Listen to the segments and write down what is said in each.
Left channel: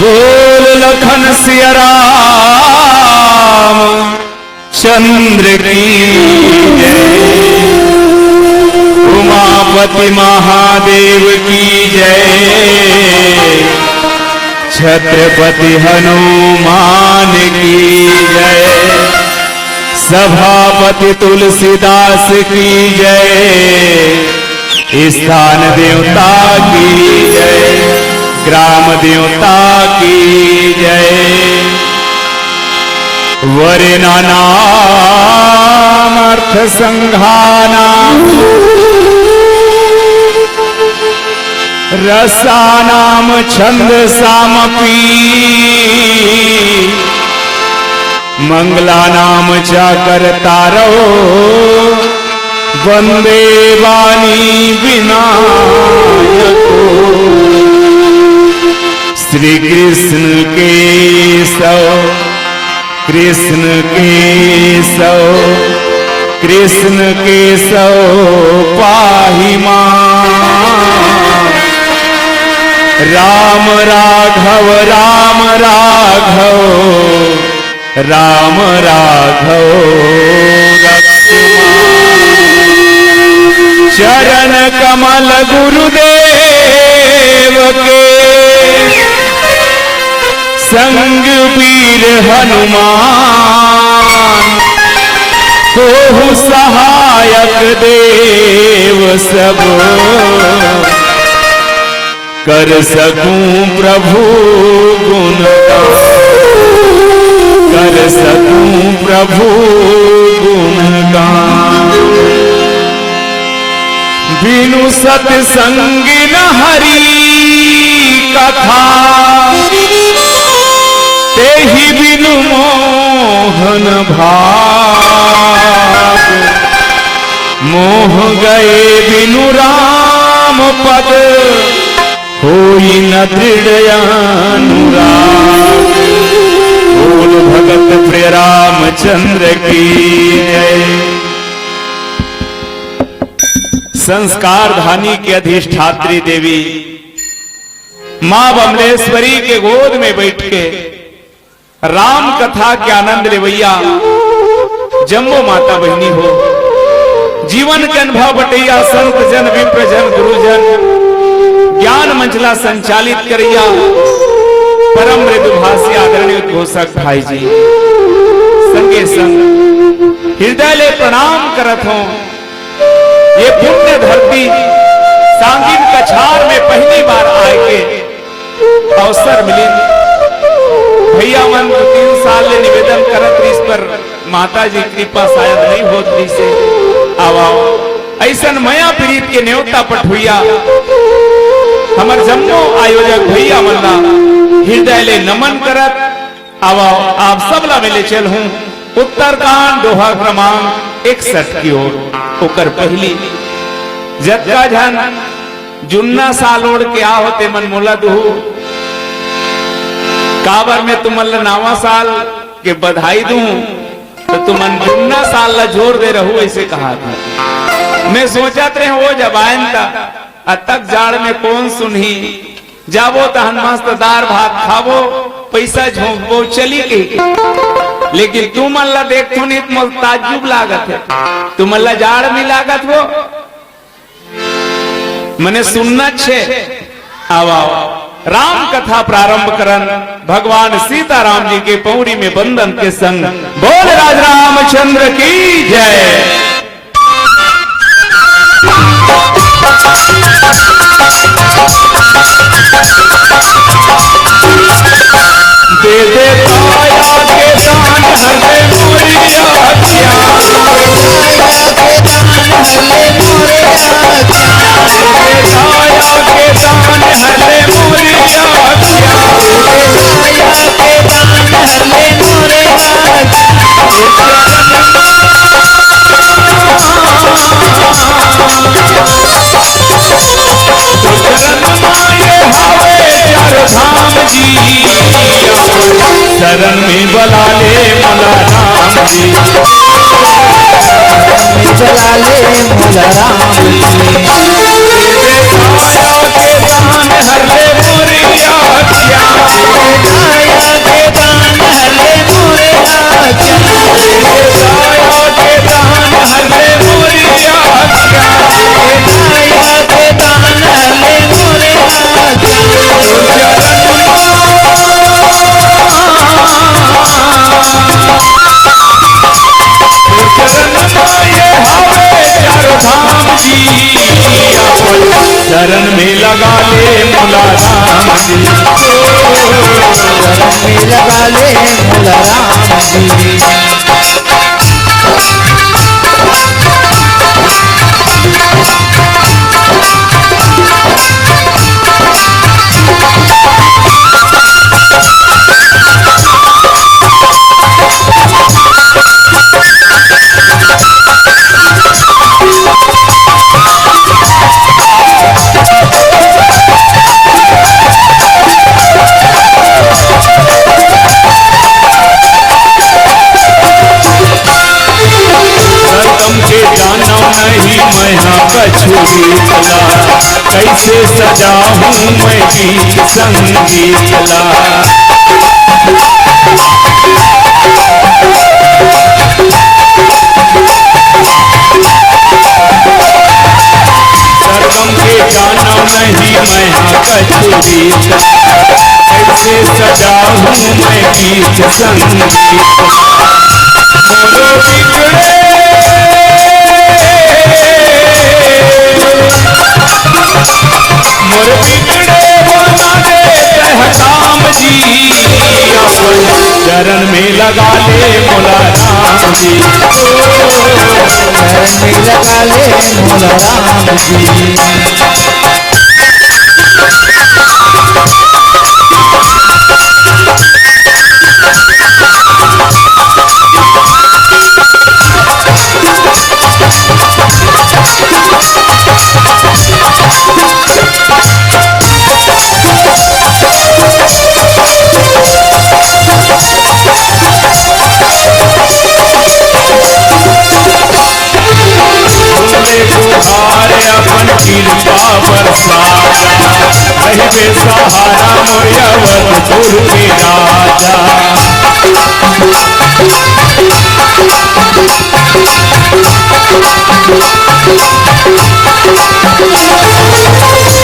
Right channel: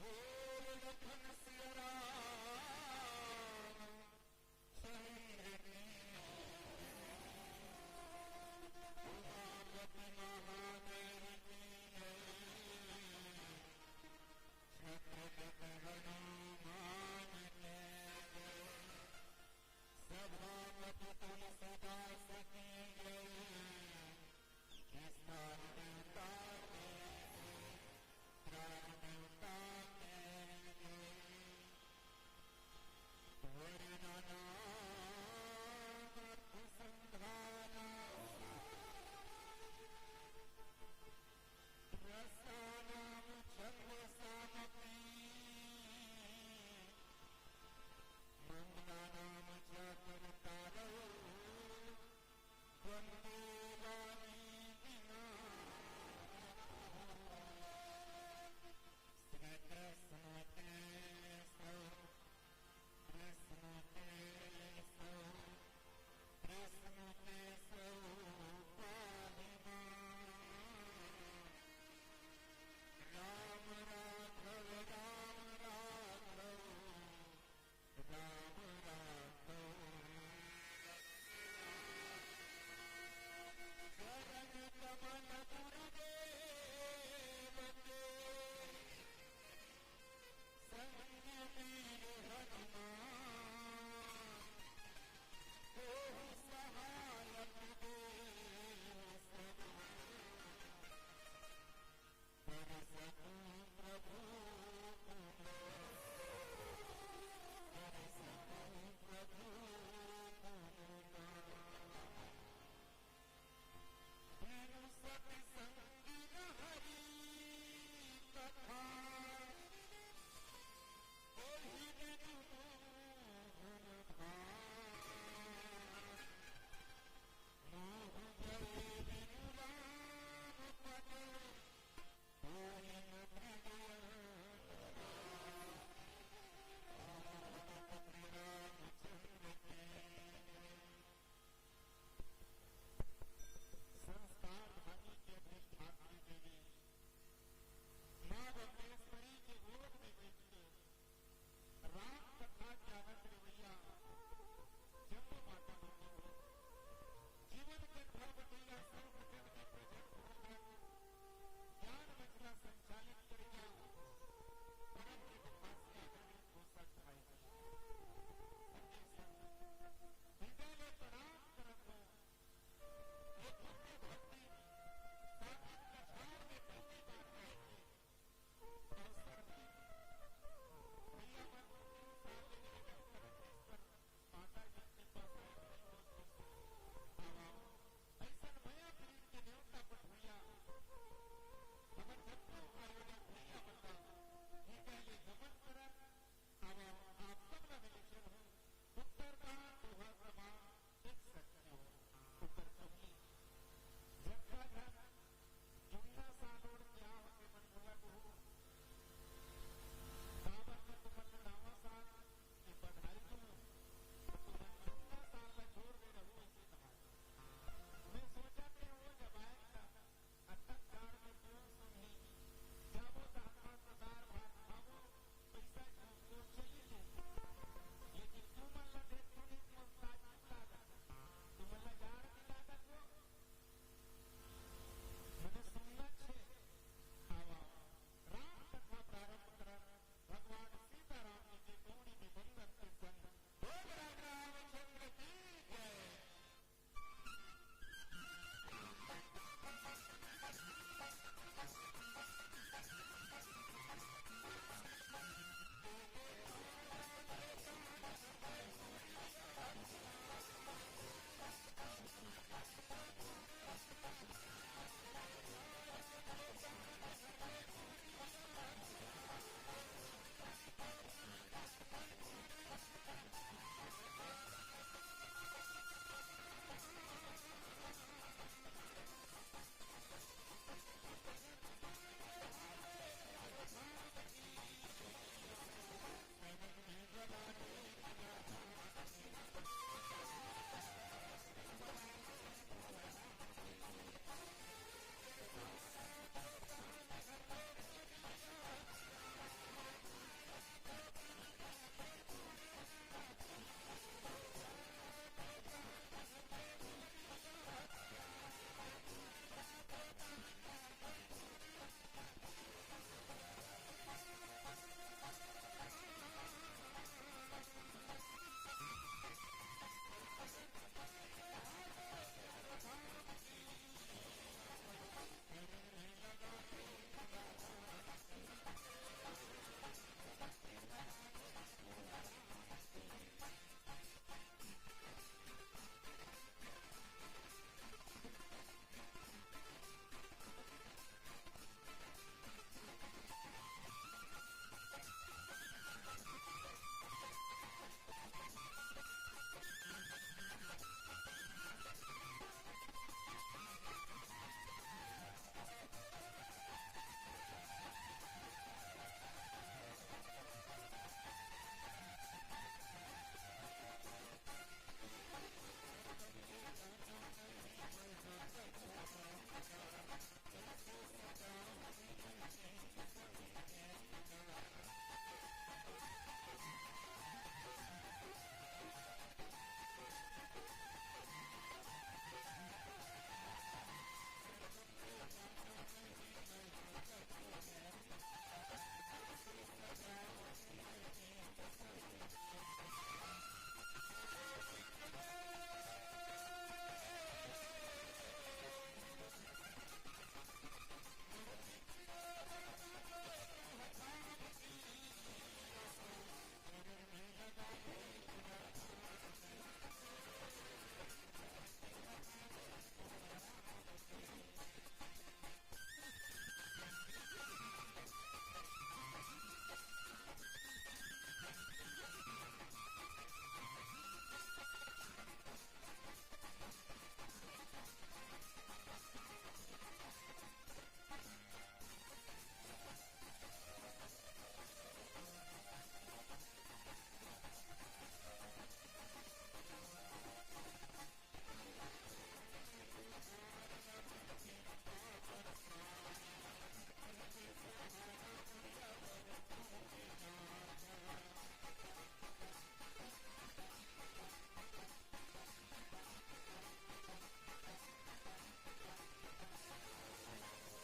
बोल लखन सिया राम चंद्र की जय। उमापति महादेव की जय। छत्रपति हनुमान की जय। सभापति तुलसीदास की जय। स्थान देवता की जय। ग्राम देवता की जय। वरेना नाम अर्थ संघाना रसानाम छंद सामपी मंगला नाम चाकर तारो वंदे वाणी विनायको। श्री कृष्ण केशव कृष्ण केशव कृष्ण केशव पाहि मां। राम राघव राम राघव राम राघव रक्ष मां। चरण कमल गुरुदेव के संग वीर हनुमान को सहायक देव सब। कर सकूं प्रभु गुणगान कर सकूं प्रभु गुणगान। बिनु सत्संग न हरि कथा तेहि बिनु मोहन भाग। मोह गए बिनु राम पद होई न दृढ़ अनुराग। बोल भगत प्रिय रामचंद्र की जय। संस्कार धानी के अधिष्ठात्री देवी मां बमलेश्वरी के गोद में बैठ के राम कथा के आनंद लेवैया जम्बो माता बहनी हो। जीवन के अनुभव बटैया संत जन विप्र जन गुरुजन ज्ञान मंचला संचालित करिया परम मृदुभाषी आदरणीय उद्घोषक भाई जी संगे संग हृदय ले प्रणाम करत हो। ये पुण्य धरती सांगीन कछार में पहली बार आए के अवसर मिली। भैया मन 3 साल ले निवेदन करत इस पर माता जी कृपा शायद नहीं होती से आओ ऐसा मया प्रीत के न्योता पठुइया हमर जम्मो आयोजक भैया मल्ला हृदय ले नमन करत आओ आप सबला मिले चल हूं उत्तरकांड दोहा क्रमांक 61 की ओर। ओकर पहली जत्का जन जुन्ना साल ओढ़ के आ होते मन मोला दुहू काबर में तुमल्ला नावा साल के बधाई दूं तो तुमन जुन्ना साल ला जोर दे रहू ऐसे कहा था। मैं सोचत रहे वो जब आयन था तक जाड़ में कौन सुनही जाबो तहन मस्त दार भात खाबो पैसा झोंकबो चली गई। लेकिन तुम अल्लाह देखो नहीं तो ताज्जुब लागत है। तुम अल्लाह जाड़ में लागत हो मने सुनना छे। आओ राम कथा प्रारंभ करन भगवान सीताराम जी के पौड़ी में बंधन के संग। बोल राज रामचंद्र की जय। दे दे काया के दान हरे मोरिया क्या। काया के दान हरे मोरिया क्या। शरण में बला ले मोला राम जी। बला ले मोला राम जी। काया के दान हर ले मोरिया क्या। संगीत ला। सरगम के गाना नहीं मैं कचूरी, ऐसे सजा हूँ मैं गीत संगीत। मोरो बिगड़े मोर बिगड़े बना दे काम जी, अपन चरण में लगा ले मोला राम जी, चरण में लगा ले मोला राम जी। अपन कृपा बरसाया रहे सहारा मोयवरपुर के राजा।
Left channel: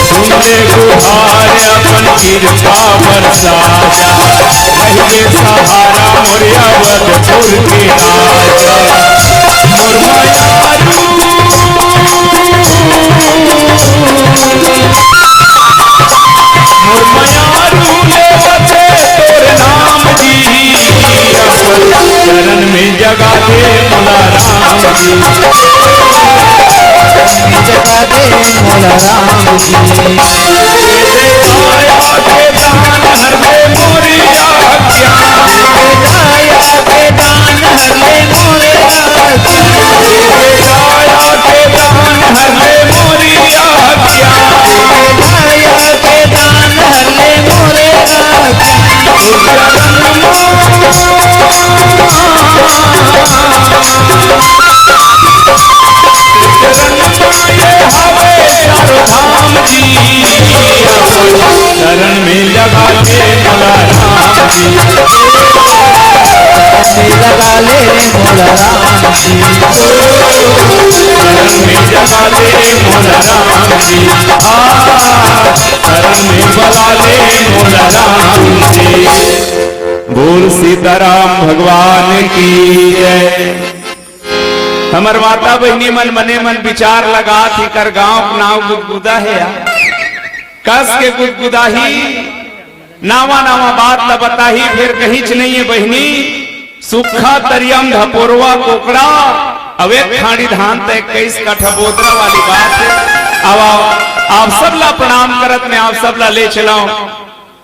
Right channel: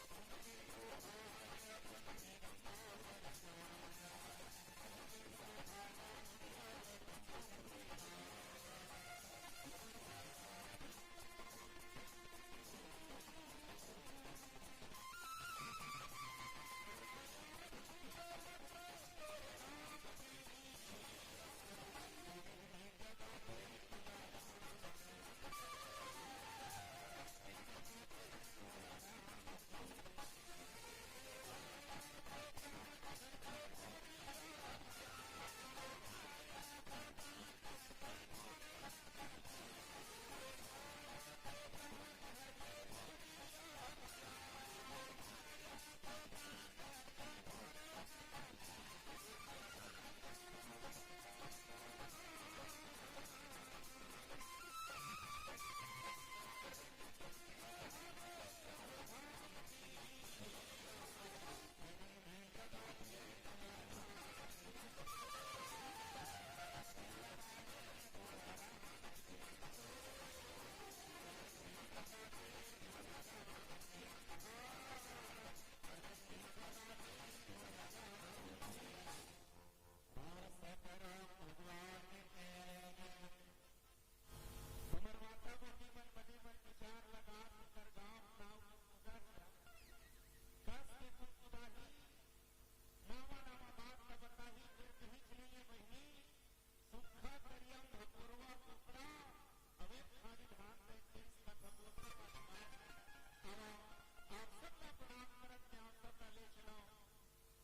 सुनले गुहार अपन कृपा बरसाया रहे सहारा मोयवरपुर के राजा। मोर मायारू चरण में जगा दे मोला राम जी, जगा दे मोला राम जी। आया के दान हर ले मोरिया ज्ञान, आया के दान हर ले मोरिया ज्ञान, आया के दान हर ले मोरिया ज्ञान, आया के दान हर ले मोरिया ज्ञान। धाम जी चरण में लगा ले मोला राम जी, लगा ले मोला राम जी, चरण में लगा ले मोला राम जी, चरण में बला ले मोला राम जी। बोल सीताराम भगवान की जय। हमर माता बहनी मन मने मन विचार लगा थी कर गांव नाव गुदगुदा है कस के गुदगुदाही नावा नावा बात ल बताही फिर कहीं च नहीं है बहनी सुखा तरियम धपोरवा कोकड़ा अवे खाड़ी धान तय 21 कठबोदरा वाली बात है। अब आप सब ला प्रणाम करत में आप सब ला ले चलाओ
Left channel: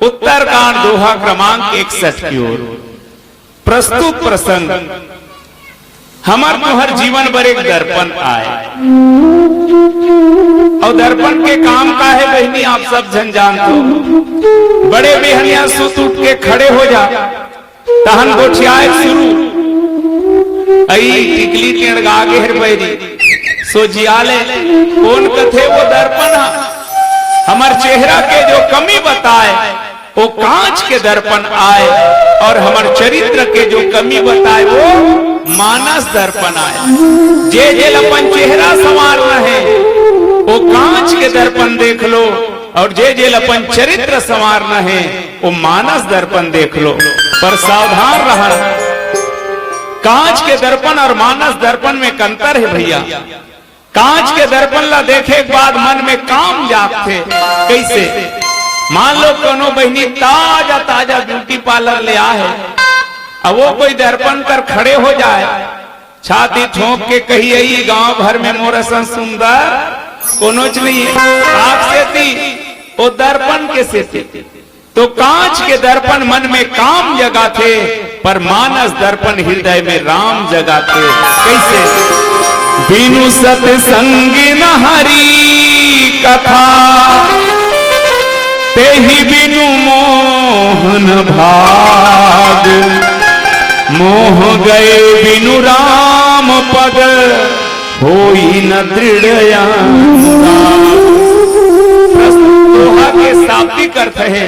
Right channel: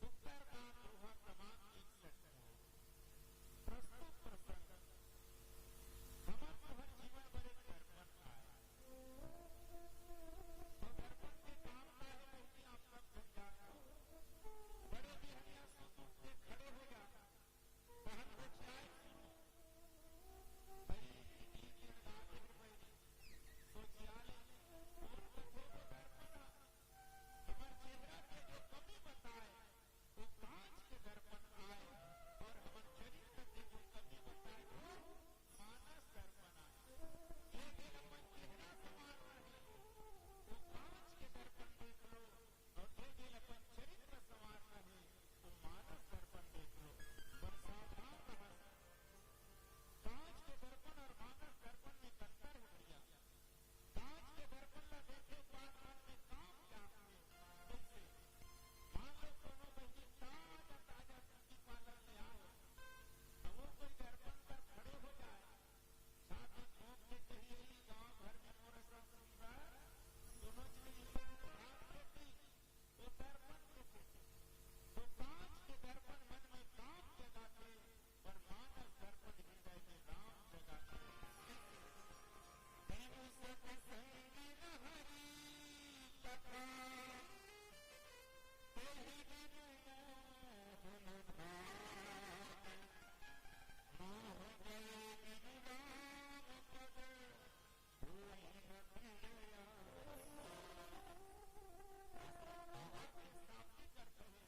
उत्तरकांड दोहा क्रमांक 61 की ओर। प्रस्तुत प्रसंग हमार तुहर जीवन पर एक दर्पण आए और दर्पण के काम का है बहनी आप सब जन जानते हो। बड़े बेहनिया सुत उठ के खड़े हो जा तहन गोठियाए शुरू आई टिकली टेढ़ आगे हर बैरी सोजियाले कौन कथे वो दर्पण हमार चेहरा के जो कमी बताए वो कांच के दर्पण आए और हमार चरित्र के जो कमी बताए वो मानस दर्पण आए। जे जे अपन चेहरा संवारना है वो कांच के दर्पण देख लो और जे जे अपन चरित्र संवारना है वो मानस दर्पण देख लो। पर सावधान रहना कांच के दर्पण और मानस दर्पण में अंतर है भैया। कांच के दर्पण ला देखे के बाद मन में काम जागते कैसे मान लो कोनो बहनी ताजा ताजा ब्यूटी पार्लर ले आए अब वो कोई दर्पण कर खड़े हो जाए छाती ठोंक के कही आई गांव भर में मोर सन सुंदर कोनो नहीं आप से थी वो दर्पण के से थी। तो कांच के दर्पण मन में काम जगाते पर मानस दर्पण हृदय में राम जगाते कैसे। बिनु सत्संगी न हरि कथा ते ही बिनु मोहन भाग मोह गए बिनु राम पद होई न दृढ़ दोहा के शाब्दिक अर्थ है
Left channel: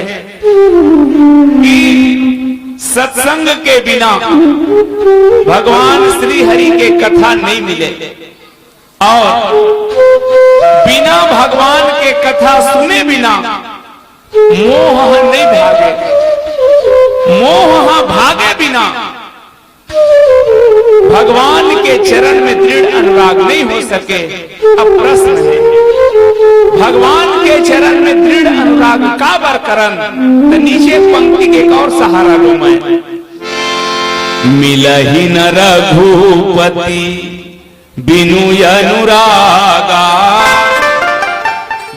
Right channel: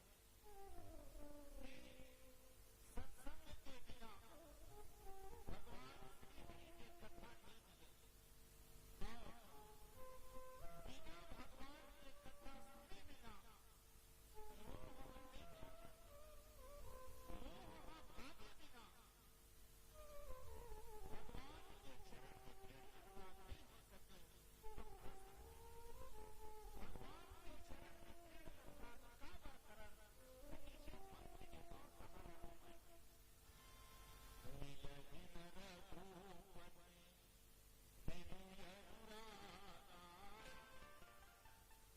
कि सत्संग के बिना भगवान श्री हरि के कथा नहीं मिले और बिना भगवान के कथा सुने बिना मोह नहीं भागे। मोह भागे बिना भगवान के चरण में दृढ़ अनुराग नहीं हो सके। अब प्रश्न है, भगवान के चरण में दृढ़ अनुराग का बरकरन? तो नीचे पंक्ति के एक और सहारा लो मैं। मिलहि न रघुपति बिनु अनुरागा।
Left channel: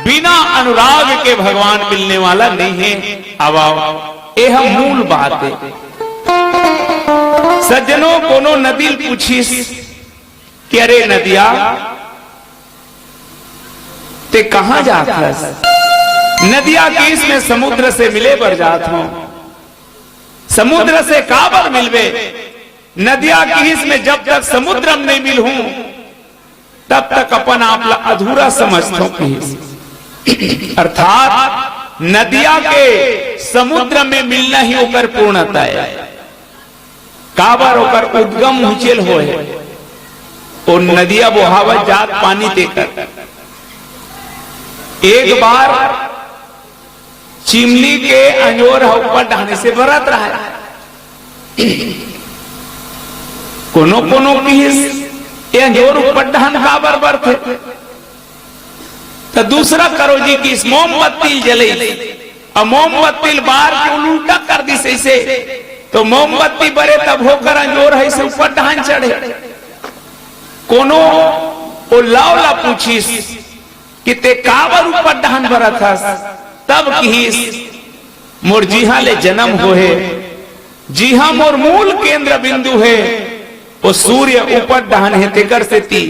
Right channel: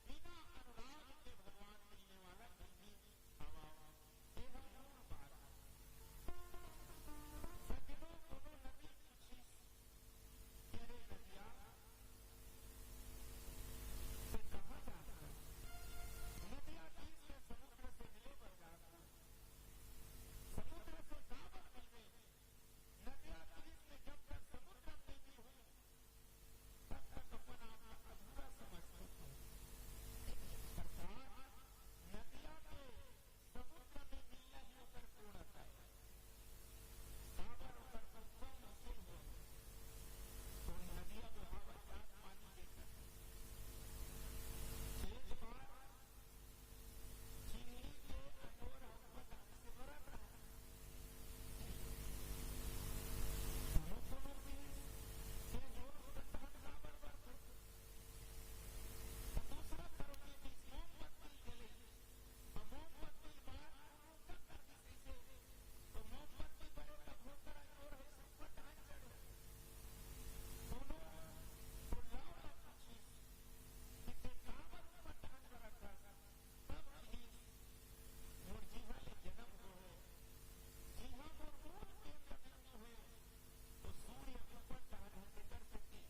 बिना अनुराग के भगवान मिलने वाला नहीं है। अब यह मूल बात है। सज्जनों कोनो नदी पूछीस कि अरे नदिया ते कहां जात हस? नदिया के इसमें समुद्र से मिले बर जात हो। समुद्र से काबर मिलवे? नदिया की इसमें जब तक समुद्र में नहीं मिल हूं तब तक अपन आप अधूरा समझतो की। अर्थात नदिया के समुद्र में मिलना ही ओकर पूर्णता है। काबर ओकर उद्गम ऊंचेल होए और नदिया बोहावत जात पानी देकर। एक बार चिमनी के अंजोर ऊपर ढाने से बरत रहा है। कोनो कोनो की अंजोर ऊपर ढान काबर बरते तो दूसरा करो जी की मोमबत्ती जले और मोमबत्ती बार के उल्टा कर दी से तो मोमबत्ती बरे तब होकर अंजोर है से ऊपर ढान चढ़े। कोनो ओ लावला पूछीस कि ते काबर ऊपर ढान बरत हस? तब कहिस मोर जीहा ले जन्म होए, जीहा मोर मूल केंद्र बिंदु है। वो सूर्य ऊपर ढान है तेकर से ती।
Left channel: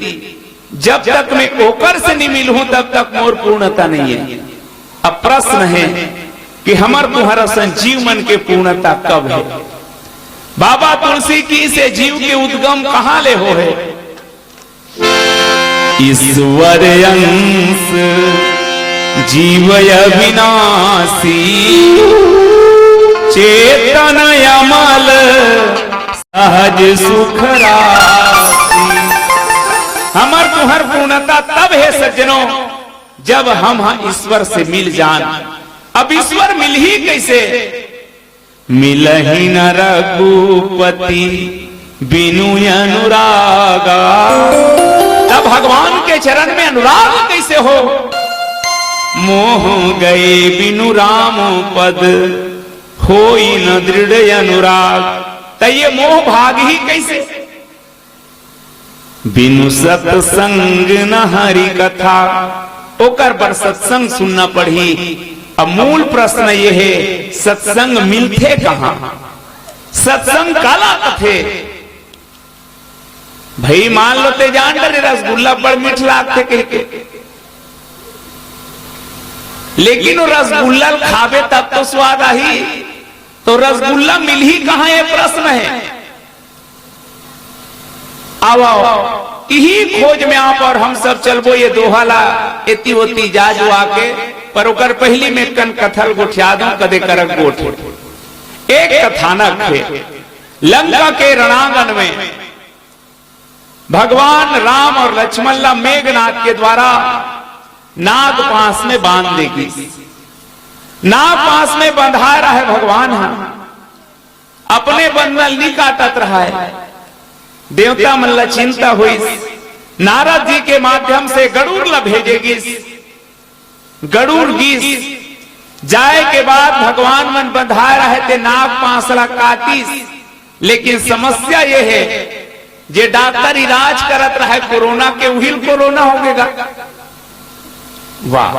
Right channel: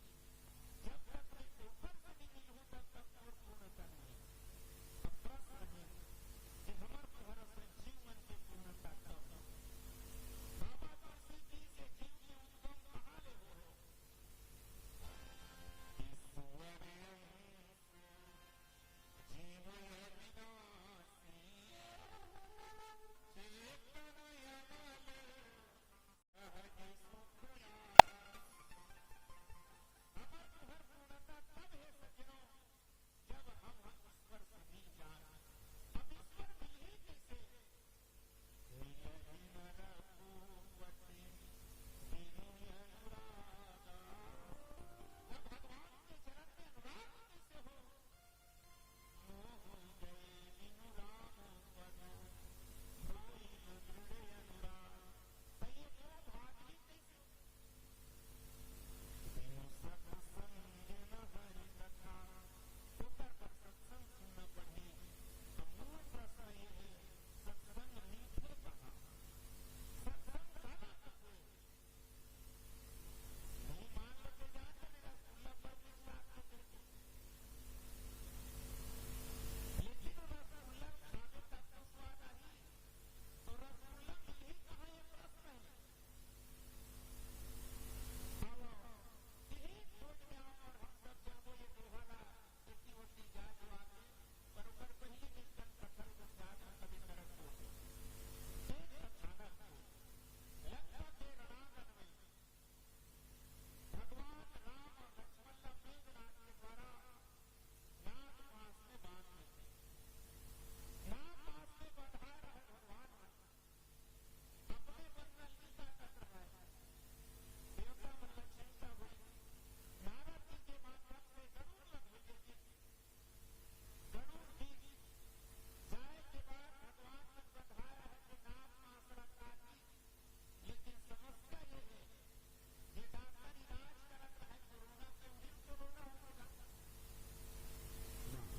जब तक मैं ओकर से नहीं मिल हूं तब तक मोर पूर्णता नहीं है। अब प्रश्न है कि हमार तुम्हारा संजीव मन के पूर्णता कब है? बाबा तुलसी की से जीव के उद्गम कहां ले हो है? ईश्वर अंश जीव अविनाशी चेतन अमल सहज सुख राशि। हमार तुहर पूर्णता तब है सज्जनों जब हम ईश्वर से मिल जान। अब ईश्वर मिल ही कैसे? मिलहि न रघुपति बिनु अनुरागा। तब भगवान के चरण में अनुराग कैसे हो? मोह गए बिनु राम पद होई न दृढ़ अनुराग। तो ये मोह भाग ही कैसे? बिनु सत्संग न हरि कथा। ओकर पर सत्संग सुनना पड़ी। अब मूल प्रश्न ये है सत्संग मिलते कहां? सत्संग काला कथे भाई मान लो ते जान डरे रसगुल्ला बड़ मीठ लागते कहके, लेकिन वो रसगुल्ला खावे तब तो स्वाद आई। तो रसगुल्ला मिल ही कहां ये प्रश्न है। आओ यही खोज में आप और हम सब चलबो ये दोहाला एती होती जाजू आके पर ओकर पहली में कन कथल गोठिया दो कदे करक गोठ। एक कथानक है लंका के रणांगण में भगवान राम और लक्ष्मण ला मेघनाथ के द्वारा नाग पास में बांध देगी। नाग पास में बंधा रहा है भगवान अपने बंधन नहीं काटत रहा है। देवता मन ला चिंता हुई। नारद जी के माध्यम से गरुड़ ला भेजेगी। गरुड़ गीस जाए के बाद भगवान मन बंधा रहे थे नाग पांसला काटिस। लेकिन समस्या ये है जे डॉक्टर इलाज करत रहे कोरोना के उहिल कोरोना हो गएगा। वाह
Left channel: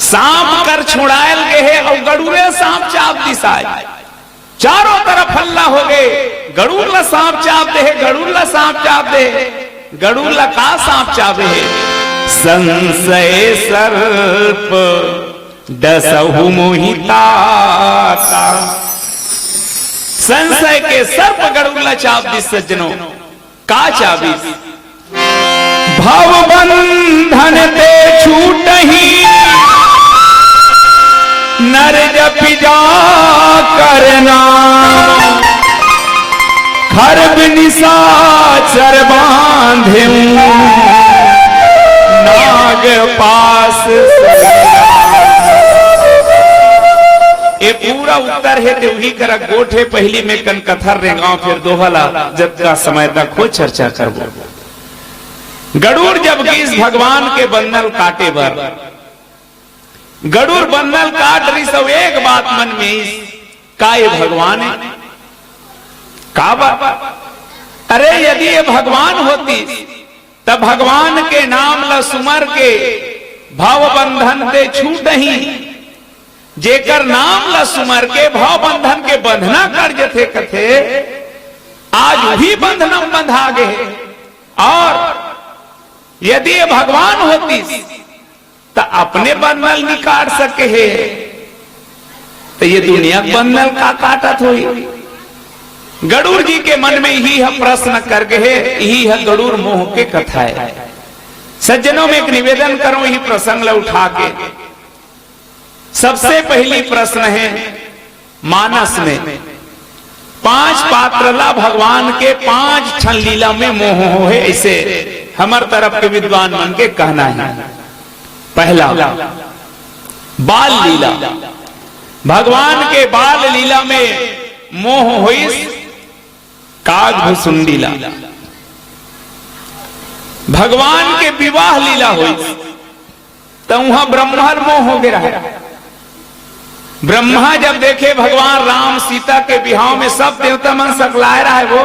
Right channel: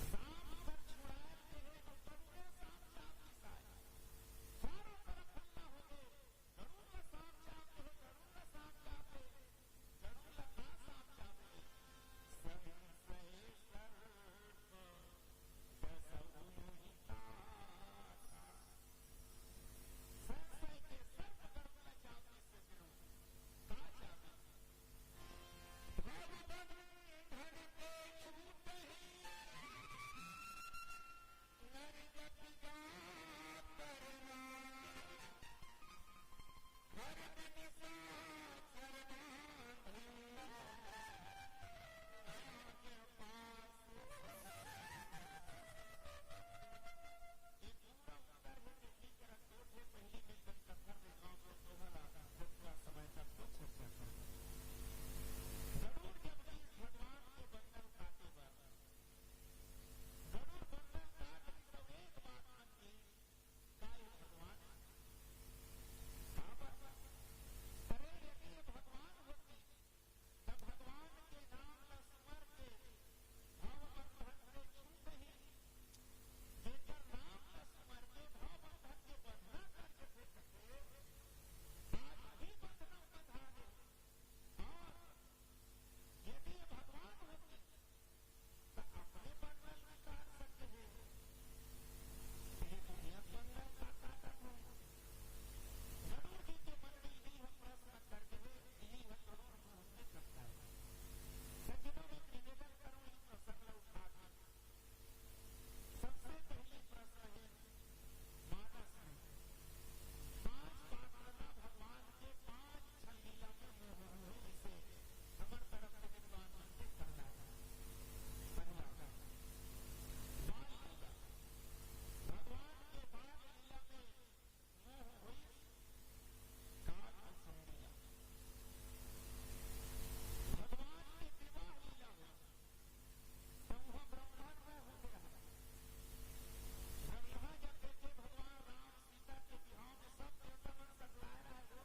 सांप कर छुड़ायल गए है और गरुड़े सांप चाप दिसाए। चारों तरफ हल्ला हो गए। गरुड़ ला सांप चाप दे, गरुड़ ला सांप चाप दे। गरुड़ ला का सांप चापे है? संशय सर्प डसहु मोहिता। संशय के सर्प गरुड़ ला चाप दी। सज्जनों का चाबी? भव बंधन ते छूटहि नर जपि जा करना खरब निशाचर बांधे नाग पास। ये पूरा उत्तर है तो वही कर गोठे पहली में कन कथर रे गांव फिर दोहला जब का समय तक हो चर्चा करबो। गरुड़ जब इस भगवान के बंधन काटे बर गरुड़ बंधन काट रही सब एक बात मन में का ये भगवान है का बात। अरे यदि ये भगवान होती तब भगवान के नाम ल सुमर के भाव बंधन ते छूट ही जेकर नाम ल सुमर के भाव बंधन के बंधना कर जथे कथे आज भी बंधनम बंधा गए। और यदि ये भगवान होती तो अपने बंधन नहीं काट सके है तो ये दुनिया बंधन का काटत हुई। गरुड़ जी के मन में यही है प्रश्न कर गए, यही है गरुड़ मोह के कथा है। सज्जनों में एक निवेदन करो यही प्रसंग ला उठा के। सबसे पहली प्रश्न है मानस में 5 पात्रला भगवान के 5 क्षण लीला में मोह हो है, ऐसे हमार तरफ के विद्वान मन के कहना है। पहला बाल लीला, भगवान के बाल लीला में मोह हुई काग भुसुंडीला। भगवान के विवाह लीला हुई तो वहां ब्रह्मर मोह हो गया है। ब्रह्मा जब देखे भगवान राम सीता के विवाह में सब देवता मन सकलाए रहा है वो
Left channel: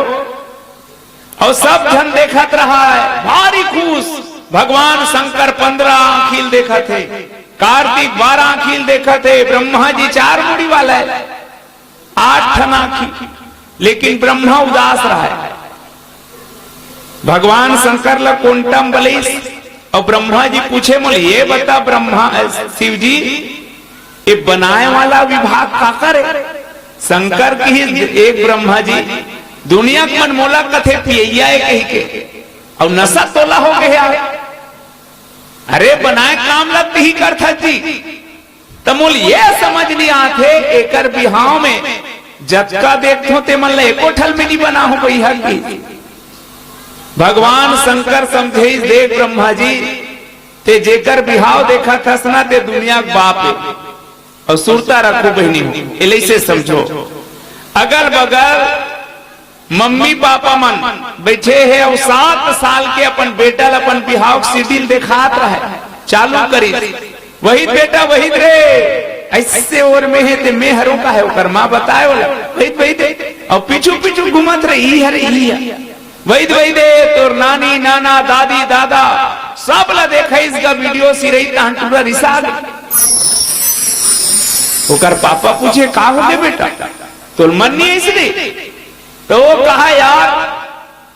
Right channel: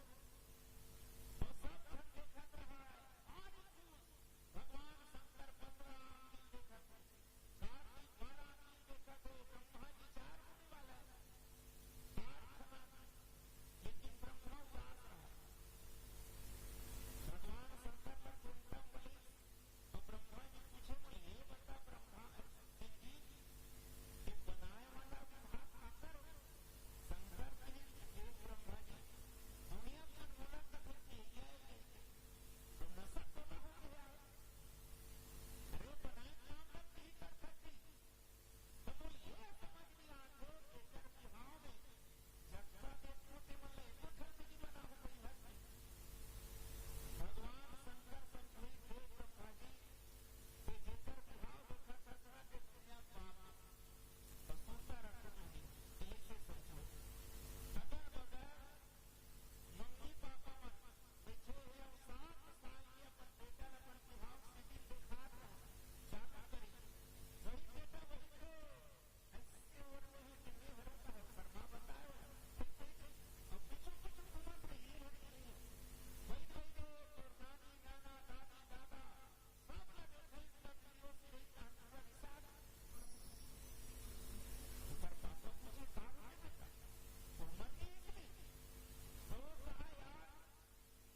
और सब जन देखत रहा है भारी खुश। भगवान शंकर 15 आंखिल देखा थे, कार्तिक 12 आंखिल देखा थे, ब्रह्मा जी 4 मुड़ी वाला है 8 ठन आंखी, लेकिन ब्रह्मा उदास रहा है। भगवान शंकर ला कोंटम बलिस और ब्रह्मा जी पूछे बोले ये बता ब्रह्मा शिव जी ये बनाए वाला विभाग का करे। शंकर की एक ब्रह्मा जी दुनिया के मन मोला कथे पिया कही के और नशा तोला हो गया। अरे बनाए काम लगती ही कर था जी तो मूल ये समझ नहीं आते एकर बिहाव में जतका देखो ते मन ले एको ठल में नहीं बना हो कोई हक की। भगवान शंकर समझे देख ब्रह्मा जी ते जेकर बिहाव देखा थसना ते दुनिया के बाप है और सुरता रखो बहनी हो से समझो। अगल बगल मम्मी पापा मन बैठे है और 7 साल के अपन बेटा अपन बिहाव सीढ़ी देखात रहे चालू करी वही बेटा वही रे ऐसे और में है ते मैं हरों का है ओकर मां बताए वाला वही दे और पीछू पीछू घुमत रही है वही दे तोर नानी नाना दादी दादा सब ला देखा इसका वीडियो सी रही पूरा रिसा ओकर पापा पूछे का हो गए बेटा तो मन नहीं इसलिए तो वो कहा यार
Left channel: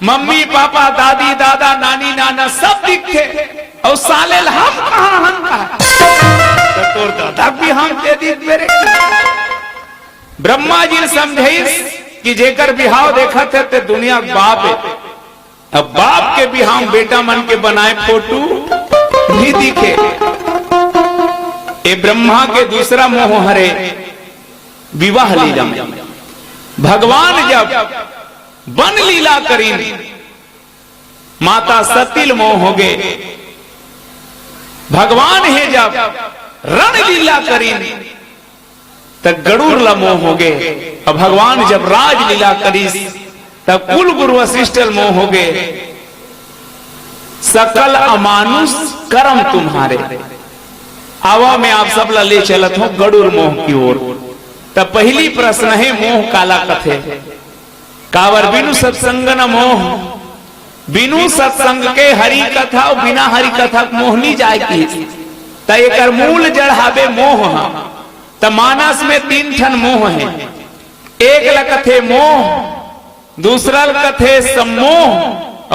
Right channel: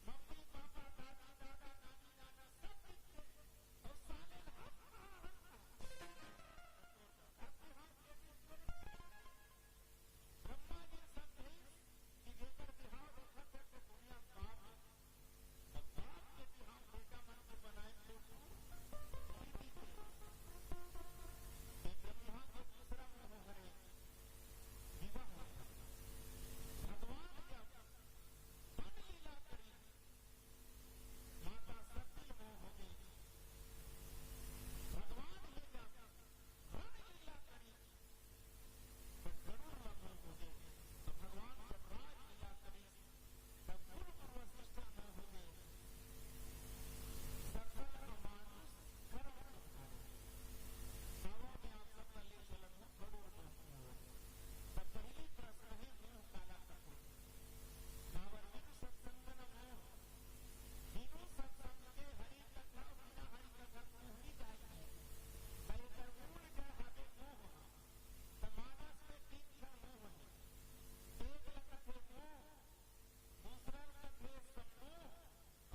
मम्मी पापा दादी दादा नानी नाना सब दिखे और साले हम कहा तो तोर दादा भी हम दे दी मेरे। ब्रह्मा जी समझे कि जेकर बिहाव देखा थे तो दुनिया बाप है। अब बाप के बिहाव बेटा मन के बनाए फोटो भी दिखे। ये ब्रह्मा के दूसरा मोह हरे विवाह लीला में भगवान जब वन लीला करी माता सतिल मोह हो गए। भगवान है जब रण लीला करी तब गरुड़ ला मोह हो गए। और भगवान जब राज लीला करी तब कुल गुरु वशिष्ठ मोह हो गए। सकल अमानुष कर्म तुम्हारे आवा में आप सब ला ले चलत हो गरुड़ मोह की ओर। तब पहली प्रश्न है मोह काला कथे कावर बिनु सत्संग न मोह। बिनु सत्संग के हरि कथा और बिना हरि कथा मोह नहीं जाएगी। तयकर मूल जड़ हावे मोह। त मानस में 3 ठन मोह है। एक लकथे मोह, दूसरा कथे सम्मोह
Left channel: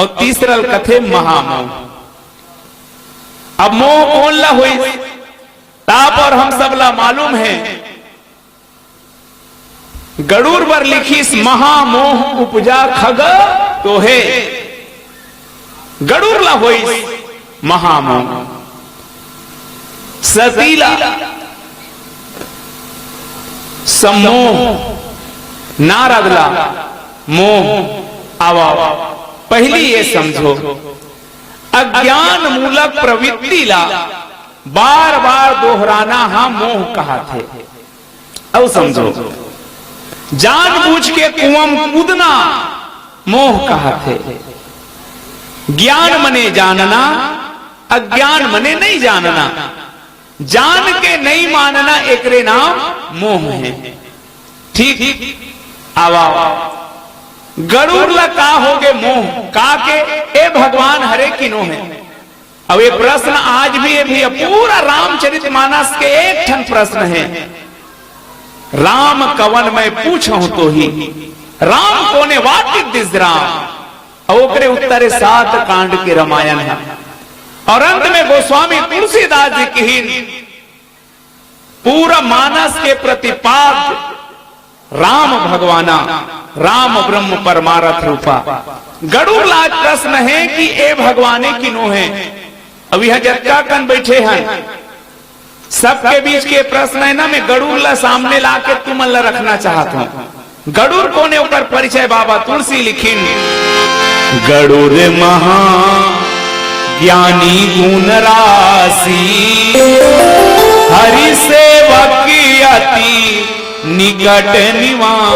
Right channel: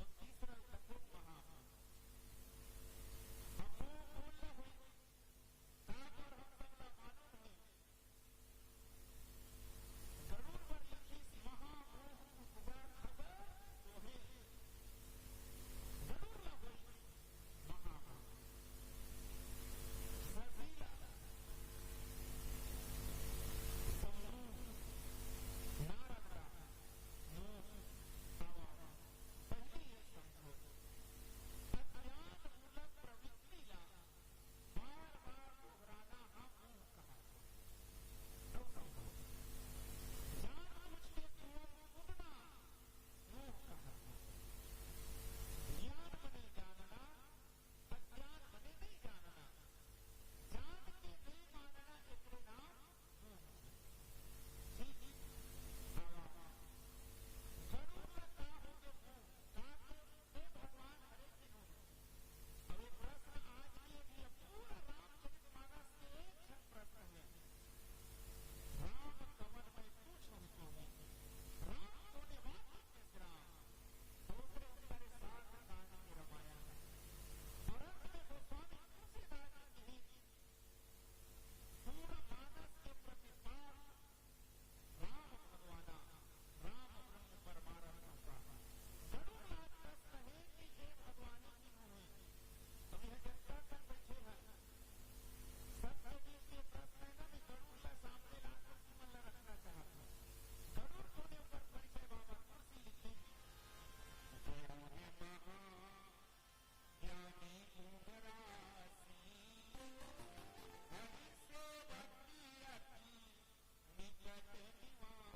और तीसरा कथे महामोह। अब मोह कौन ला हुई ताप और हम सब ला मालूम है गरुड़ पर लिखी महामोह उपजा खग तो है गरुड़ ला हुई महामोह। सतीला सम्मोह नारदला मोह आवा। पहली ये समझो, अज्ञान मूलक प्रवृत्ति ला बार बार दोहराना हम मोह कहा थे। अब समझो, जानबूझ के कुआं कूदना मोह कहा थे। ज्ञान मने जानना, अज्ञान मने नहीं जानना। जान के नहीं मानना एकरे नाम मोह है। ठीक आवा गरुड़ ला का हो गए मोह का के ए भगवान हरे किनो है। अब ये प्रश्न आज भी ये भी पूरा रामचरितमानस के एक ठन प्रश्न है। राम कवन मैं पूछूं तो ही राम कोने व्हाट इज दिस राम। और ओकरे उत्तरे 7 कांड के रामायण है। और अंत में गोस्वामी तुलसीदास जी की पूरा मानस के प्रतिपाद राम भगवाना, राम ब्रह्म परमारथ रूपा। गरुड़ लाज प्रश्न है कि ए भगवाने किनो है। अब यह जत्का कन बैठे हैं, सबके बीच के प्रश्न है ना। मैं गरुड़ ला सामने लाके तुम ला रखना चाहता हूं। गरुड़ कोने ऊपर परिचय बाबा तुलसी लिखिन। गरुड़ महा ज्ञानी गुण राशि, हरि सेवक अति निकट निवास।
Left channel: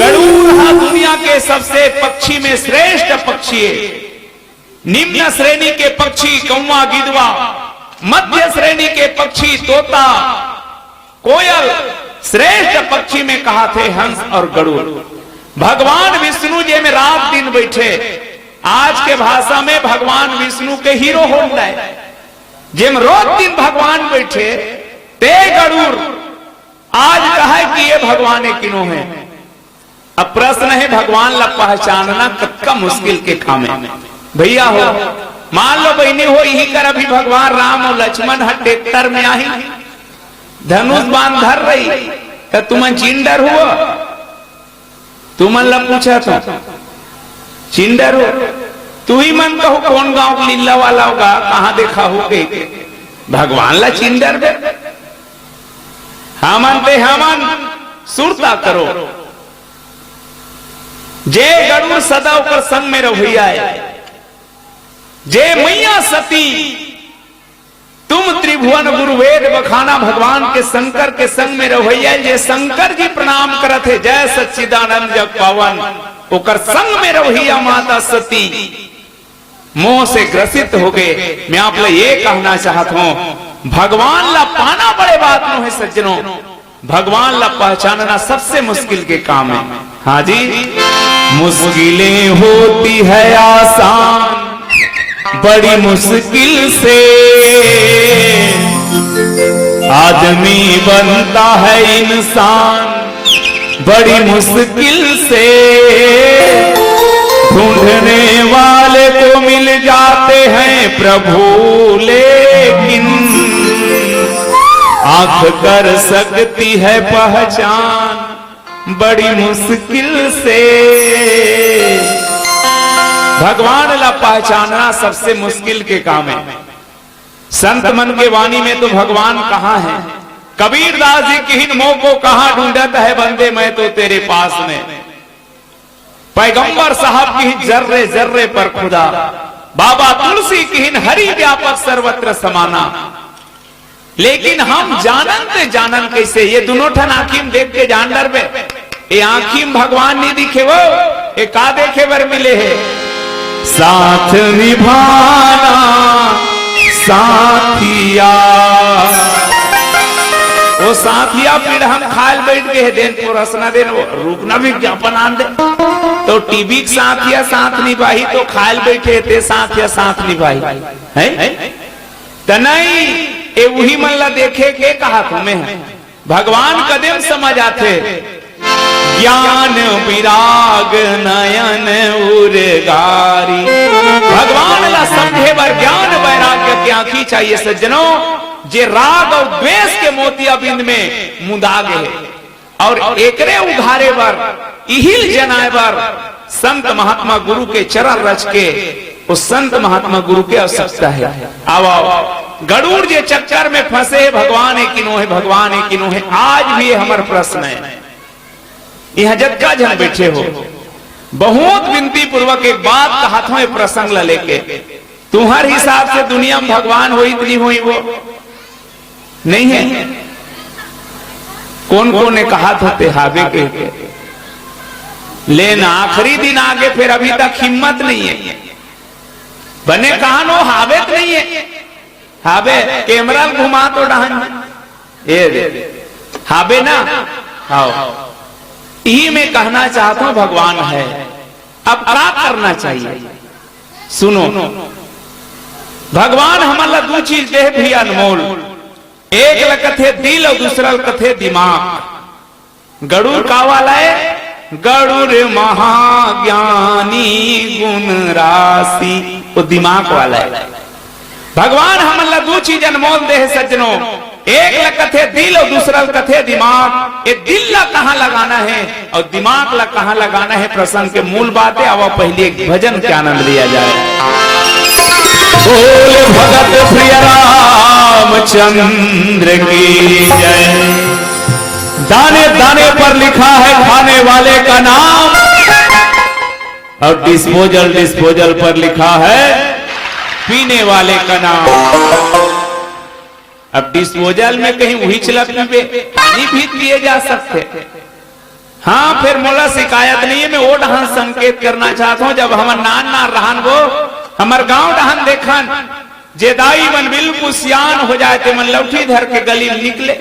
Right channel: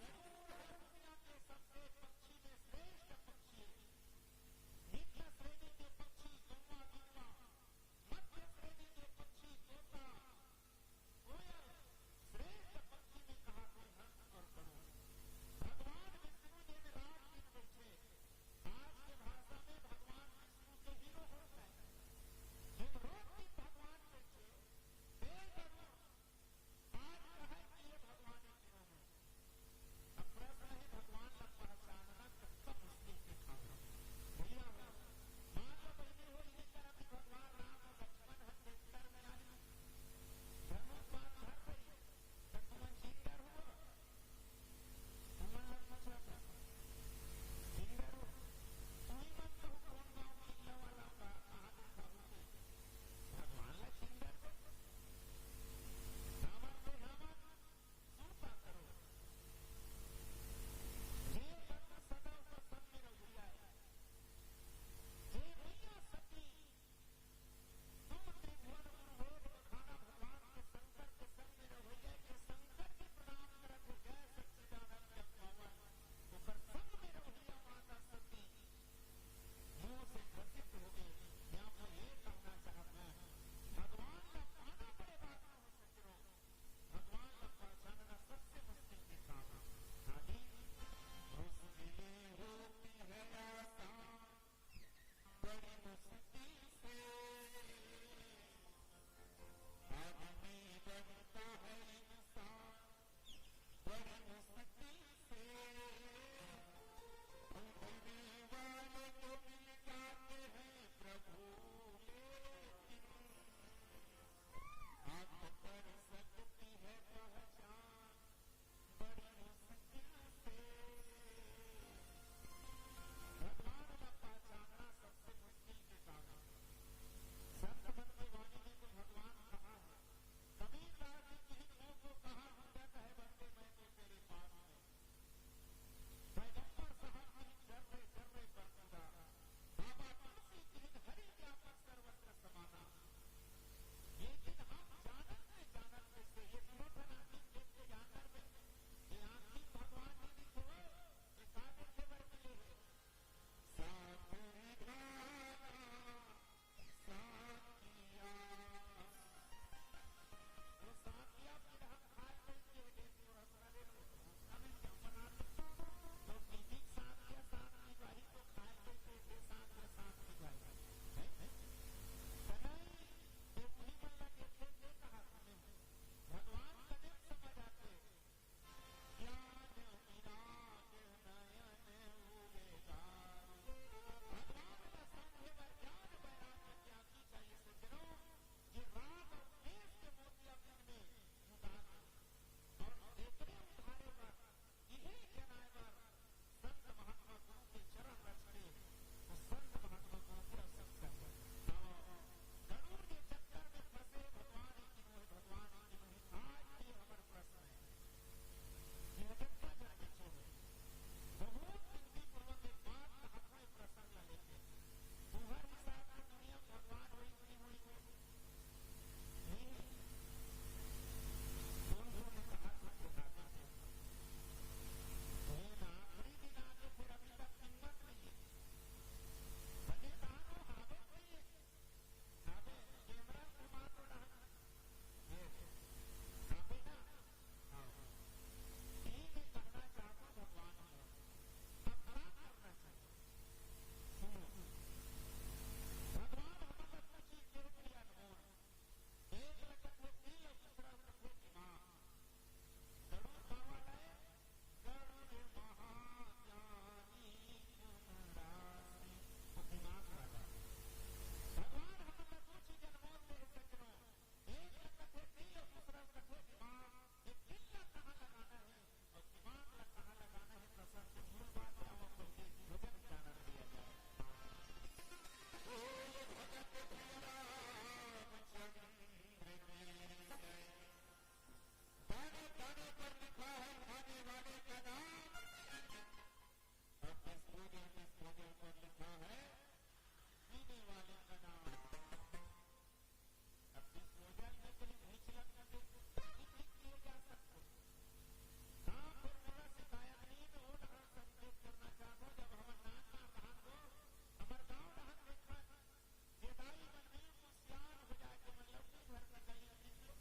गरुड़ दुनिया के सबसे पक्षी में श्रेष्ठ पक्षी है। निम्न श्रेणी के पक्षी कौवा गिद्धवा, मध्य श्रेणी के पक्षी तोता कोयल, श्रेष्ठ पक्षी में कहा थे हंस और गरुड़। भगवान विष्णु जी में रात दिन बैठे। आज के भाषा में भगवान विष्णु के हीरो हो जाए। जिम रोज दिन भगवान बैठे ते गरुड़ आज कहा कि ये भगवान किनो है। अब प्रश्न है भगवान ला पहचानना कत्का मुश्किल के काम है। भैया हो मान लो बहनी हो यही कर अभी भगवान राम और लक्ष्मण हट ट्रैक्टर में आई धनुष बांध धर रही तो तुम चिंडर हुआ। तुम ला पूछा था चिंडर हो, तू ही मन कहो कौन गांव लीला वाला होगा, कहां देखा हो गई भगवान ला चिंडर दे। हमन ते हमन सुरता करो। जे गरुड़ सदा ऊपर संग में रहिया है। जे मैया सती तुम त्रिभुवन गुरु वेद बखाना भगवान के शंकर के संग में रहिया। जे शंकर जी प्रणाम करत है जय सच्चिदानंद जग पावन, ओकर संग में रहिया माता सती मोह से ग्रसित हो गए। मैं आप लोग ये कहना चाहता हूं भगवान ला पाना बड़े बात नो है सज्जनों। भगवान ला पहचानना सबसे मुश्किल के काम है। हाँ जी, मुश्किलें होती है आसान बड़ी मुश्किल से, आदमी बनता है इंसान बड़ी मुश्किल से, ढूंढने वाले को मिल जाते हैं प्रभु लेकिन आंख कर सकती है पहचान बड़ी मुश्किल से। भगवान ला पहचानना सबसे मुश्किल के काम है। संत मन के वाणी में तो भगवान कहाँ है। कबीरदास जी की हिन मोह को कहाँ ढूंढत है बंदे मैं तो तेरे पास में। पैगंबर साहब की हिन जर्रे जर्रे पर खुदा, बाबा तुलसी की हिन हरि व्यापक सर्वत्र समाना। लेकिन हम जानन कैसे ये दोनों ठन आंखिम देख के जान डर बे। ये आंखिम भगवान नहीं दिखे वो ये का देखे बर मिले है। साथ निभाना साथिया, वो साथिया पीड़ हम खाल बैठ गए हैं देन को रसना देन रुकना भी ज्ञापन आन दे। तो टीवी साथिया साथ निभाई तो खाल बैठे थे साथिया साथ निभाई है तो नहीं। ए वही मन ला देखे के कहा तुम्हें भगवान कदम समझ आते। ज्ञान विराग नयन उर्गारी, भगवान ला समझे बर ज्ञान वैराग्य की आंखी चाहिए सज्जनों। जे राग और द्वेष के मोतिया बिंद में मुदा गए और एकरे उघारे बर इहिल जनाए बर संत महात्मा गुरु के चरण रच के उस संत महात्मा गुरु के आवश्यकता है। आओ गरुड़ जे चक्कर में फंसे भगवान है किनो है, भगवान है किनो है। आज भी हमार प्रश्न है, यह जगह जन बैठे हो, बहुत विनती पूर्वक एक बात कहा था प्रसंग ला लेके, तुम्हारे हिसाब से दुनिया में भगवान हो इतनी हुई वो नहीं है। कौन कौन ने कहा था हावे के लेना आखिरी दिन आगे, फिर अभी तक हिम्मत नहीं है। बने कहा नो हावे तो नहीं है, हावे कैमरा घुमा तो डहन ये हावे ना। आओ यही मैं कहना चाहता हूं, भगवान है। अब क्या करना चाहिए सुनो, भगवान हमारा दो चीज दे भी अनमोल, एक लकथे दिल और दूसरा लकथे दिमाग। गरुड़ का वाला है, गरुड़ महाज्ञानी गुण राशि, वो दिमाग वाला है। भगवान हमारा दो चीज अनमोल दे है सज्जनों, एक लकथे दिल और दूसरा लकथे दिमाग। ये दिल ला कहाँ लगाना है और दिमाग ला कहाँ लगाना है, प्रसंग के मूल बातें। अब पहले एक भजन के आनंद लिया जाए। बोले भगत प्रिय रामचंद्र की जय। दाने दाने पर लिखा है खाने वाले का नाम, और डिस्पोजल डिस्पोजल पर लिखा है पीने वाले का नाम। अब डिस्पोजल में कहीं वही चलत में पानी भी दिए जा सकते। हाँ फिर मोला शिकायत नहीं है, मैं वो डहान संकेत करना चाहता हूँ। जब हम नान नान रहन वो हमार गांव डहान देखन, जेदाई मन बिल्कुल सियान हो जाए थे, मन लौठी धर के गली में निकले।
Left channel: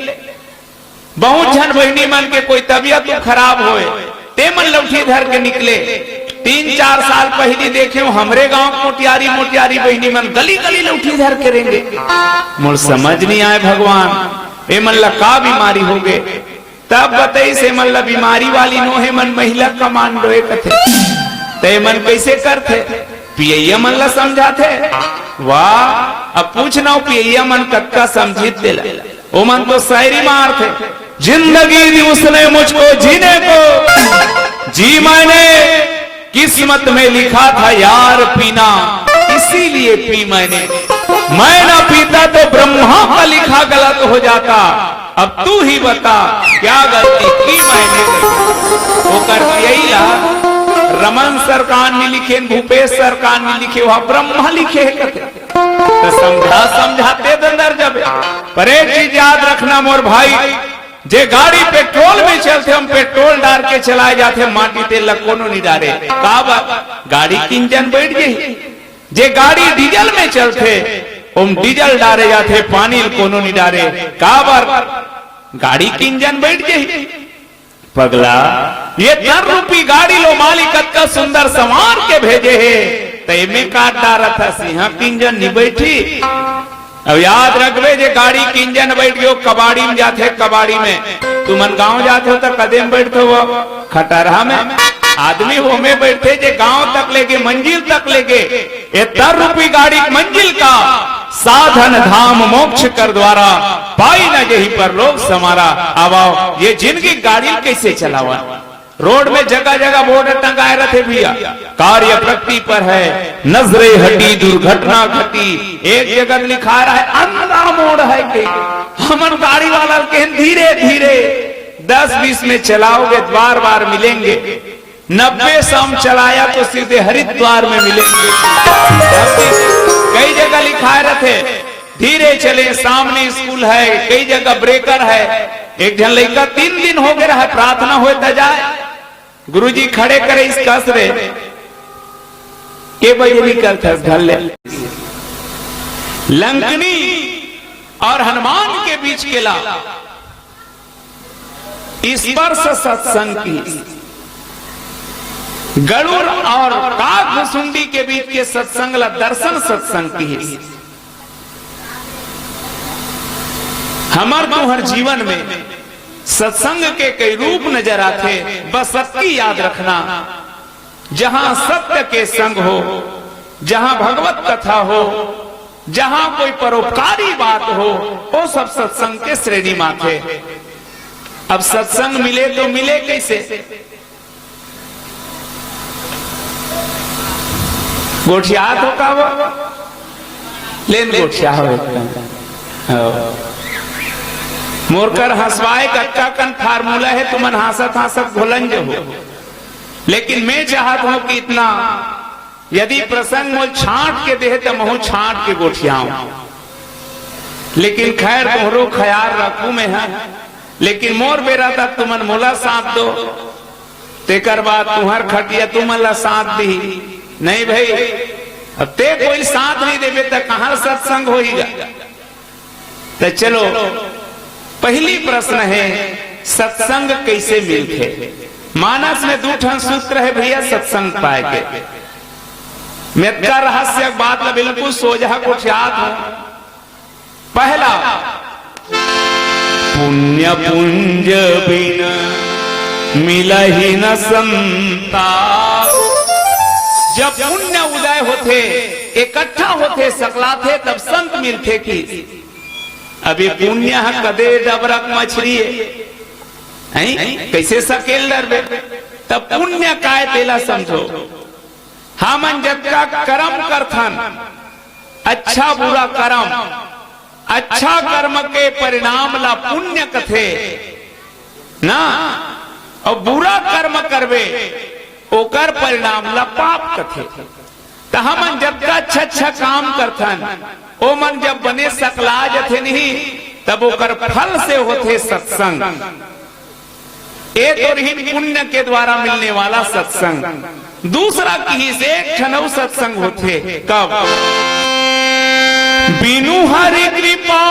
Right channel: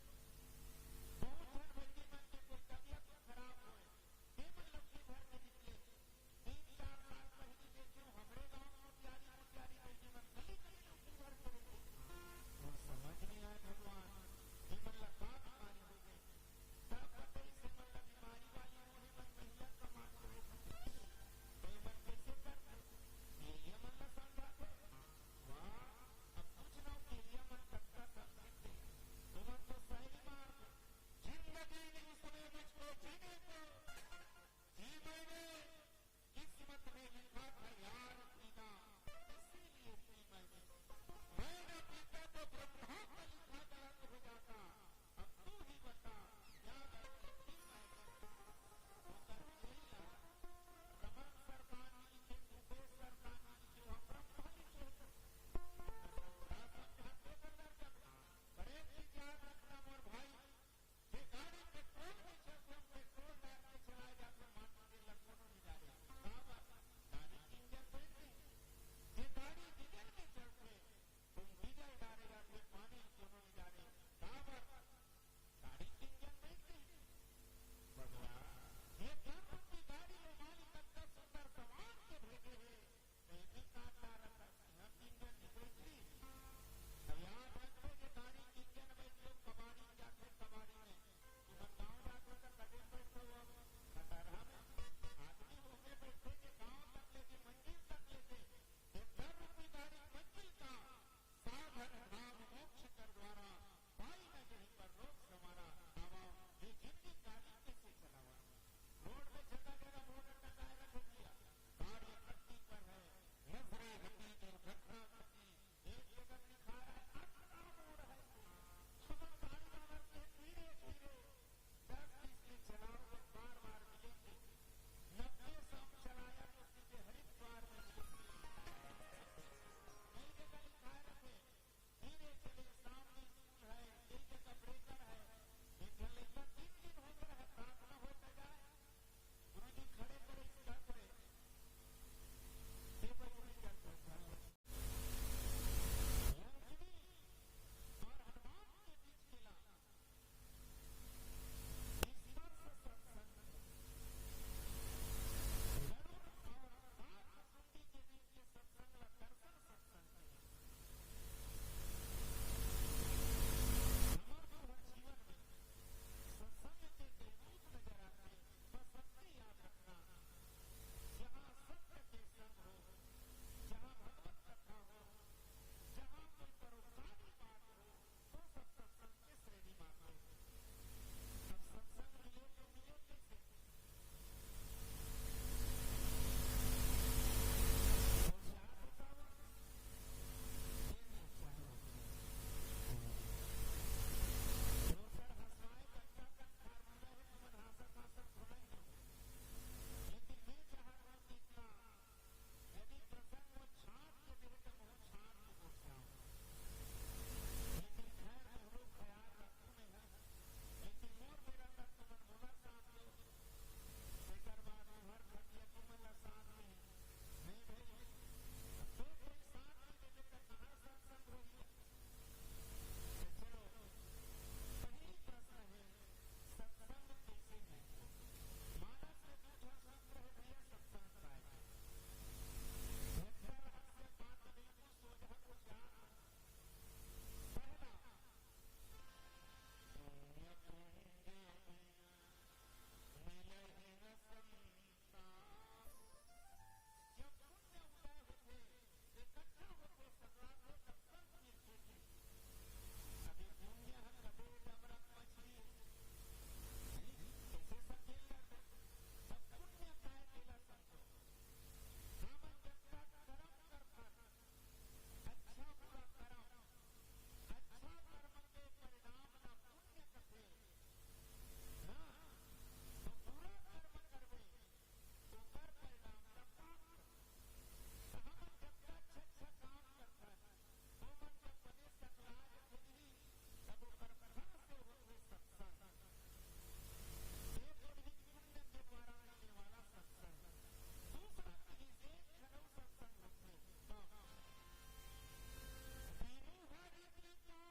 बहुत जन बहनी मन के कोई तबियत तो खराब होए, ते मन लौठी धर के निकले। 3-4 साल पहले देखे हमरे गांव मोटियारी मोटियारी बहनी मन गली गली लौठी धर के रहेंगे। मुझे समझ नहीं आए भगवान ए मन ला का बीमारी हो गए। तब बताई से मन ला बीमारी वाली नो है, मन महिला कमांडो कथे ते मन कैसे करते, पियैया मन ला समझाते। वाह अब पूछना पियैया मन कक्का समझित दिला, वो मन तो शायरी मार थे। जिंदगी दी उसने मुझको जीने को, जी मैंने किस्मत में लिखा था यार पीना, इसीलिए पी मैंने। मैं ना पीता तो ब्रह्मा का लिखा गलत हो जाता। अब तू ही बता क्या गलती की मैंने। वो कर यही ला रमन सरकार ने लिखे, भूपेश सरकार ने लिखे, वहां ब्रह्मा लिखे है तो समझा समझाते अंदर जब। पर एक चीज याद रखना मोर भाई, जे गाड़ी पेट्रोल में चलते हम पेट्रोल डाल के चलाए जाते, माटी तेल कोनो नहीं डाले का गाड़ी की इंजन बैठ गई। जे गाड़ी डीजल में चलते हम डीजल डाले जाते, पानी कोनो नहीं डाले का गाड़ी की इंजन बैठ गई। पगला ये 10 रुपी गाड़ी लो मालिक का सुंदर संवार के भेजे है, तय में काट डाला था सिंह की इंजन नहीं बैठी। अब याद रखबे जे गाड़ी की इंजन बैठ गयो कबाड़ी में जाते, कबाड़ी में तुमन गांव जाते हो तो कदम बैठते हो खटरहा में, आदमी हो में बैठते जे गांव तक लेके मंजिल तक लेके। ये 10 रुपी गाड़ी मंजिल का साधन धाम मोक्ष कर द्वारा, पाई न यही पर लोग समारा। आवाओ ये जिंदगी गाड़ी कैसे चलावा, रोड में जगह जगह बोर्ड टंगाए रहते भैया, कार्य प्रगति पर है, नजरे हटी दुर्घटना घटी। एक जगह लिखा रहा है अंधा मोड़ है के, हमर गाड़ी वाला के धीरे धीरे 10-20 में चलाओगे बार बार मिलेंगे, 90 सम चलाया तो सीधे हरिद्वार में मिलेंगे। कई जगह लिखा रहते धीरे चले, सामने स्कूल है, कई जगह ब्रेकर है। एक जन लड़का 3 दिन हो गया है, प्रार्थना हो जाए गुरुजी खड़े करे इस कसरे के बजे निकलता घर ले। लंकनी और हनुमान के बीच केला स्पर्श सत्संग की, गरुड़ और काकभुसुंडी के बीच के सत्संग ला दर्शन सत्संग की। हमार तुहर जीवन में सत्संग के कई रूप नजर आते, बस सबकी याद रखना। जहां सत्य के संग हो, जहां भगवत कथा हो, जहां कोई परोपकारी बात हो, वो सब सत्संग के श्रेणी माथे। अब सत्संग मिले तो मिले कैसे, गोठियात हो का वो लेन गोठिया हो मोरकर हंसवाए कच्चा कन फार्मूला है, तुमन हासत हासत घोलन जो हो। लेकिन मैं चाहत हूं कि इतना यदि प्रसंग मोल छांट के दे तो महू छांट के गोठियाऊं, लेकिन खैर तोहरो ख्याल रखू में है। लेकिन मोर बेरा तक तुमन मोला साथ दो, तेकर बाद तुम्हार खटिया तुमन ला साथ दी नहीं भाई। अब ते कोई साथ नहीं देवे तो कहां सत्संग होगा। तो चलो पहली प्रश्न है सत्संग कैसे मिलते। मानस में दो ठन सूत्र है भैया सत्संग पाए के। मेरा रहस्य बात ला बिल्कुल सोझा को याद हो। पहला पुण्य पुंज बिना मिलहि न संता। जब पुण्य उदय होते इकट्ठा होते सकलाते तब संत मिलते की। अभी पुण्य कदे डबरक मछली है कैसे सकेल डरबे। तब पुण्य काय तेला समझो। हमन जब का कर्म करथन अच्छा बुरा कर्म, अच्छा कर्म के परिणाम ला पुण्य कथे ना, और बुरा कर्म करबे ओकर परिणाम ला पाप कथे। तो हमन जब का अच्छा अच्छा काम करथन ओ मन जब बने सकला जथे नहीं तब ओकर फल से होते सत्संग। एक और ही पुण्य के द्वारा मिलने वाला सत्संग। दूसरा की से क्षणव सत्संग होते कब बिनु हरि कृपा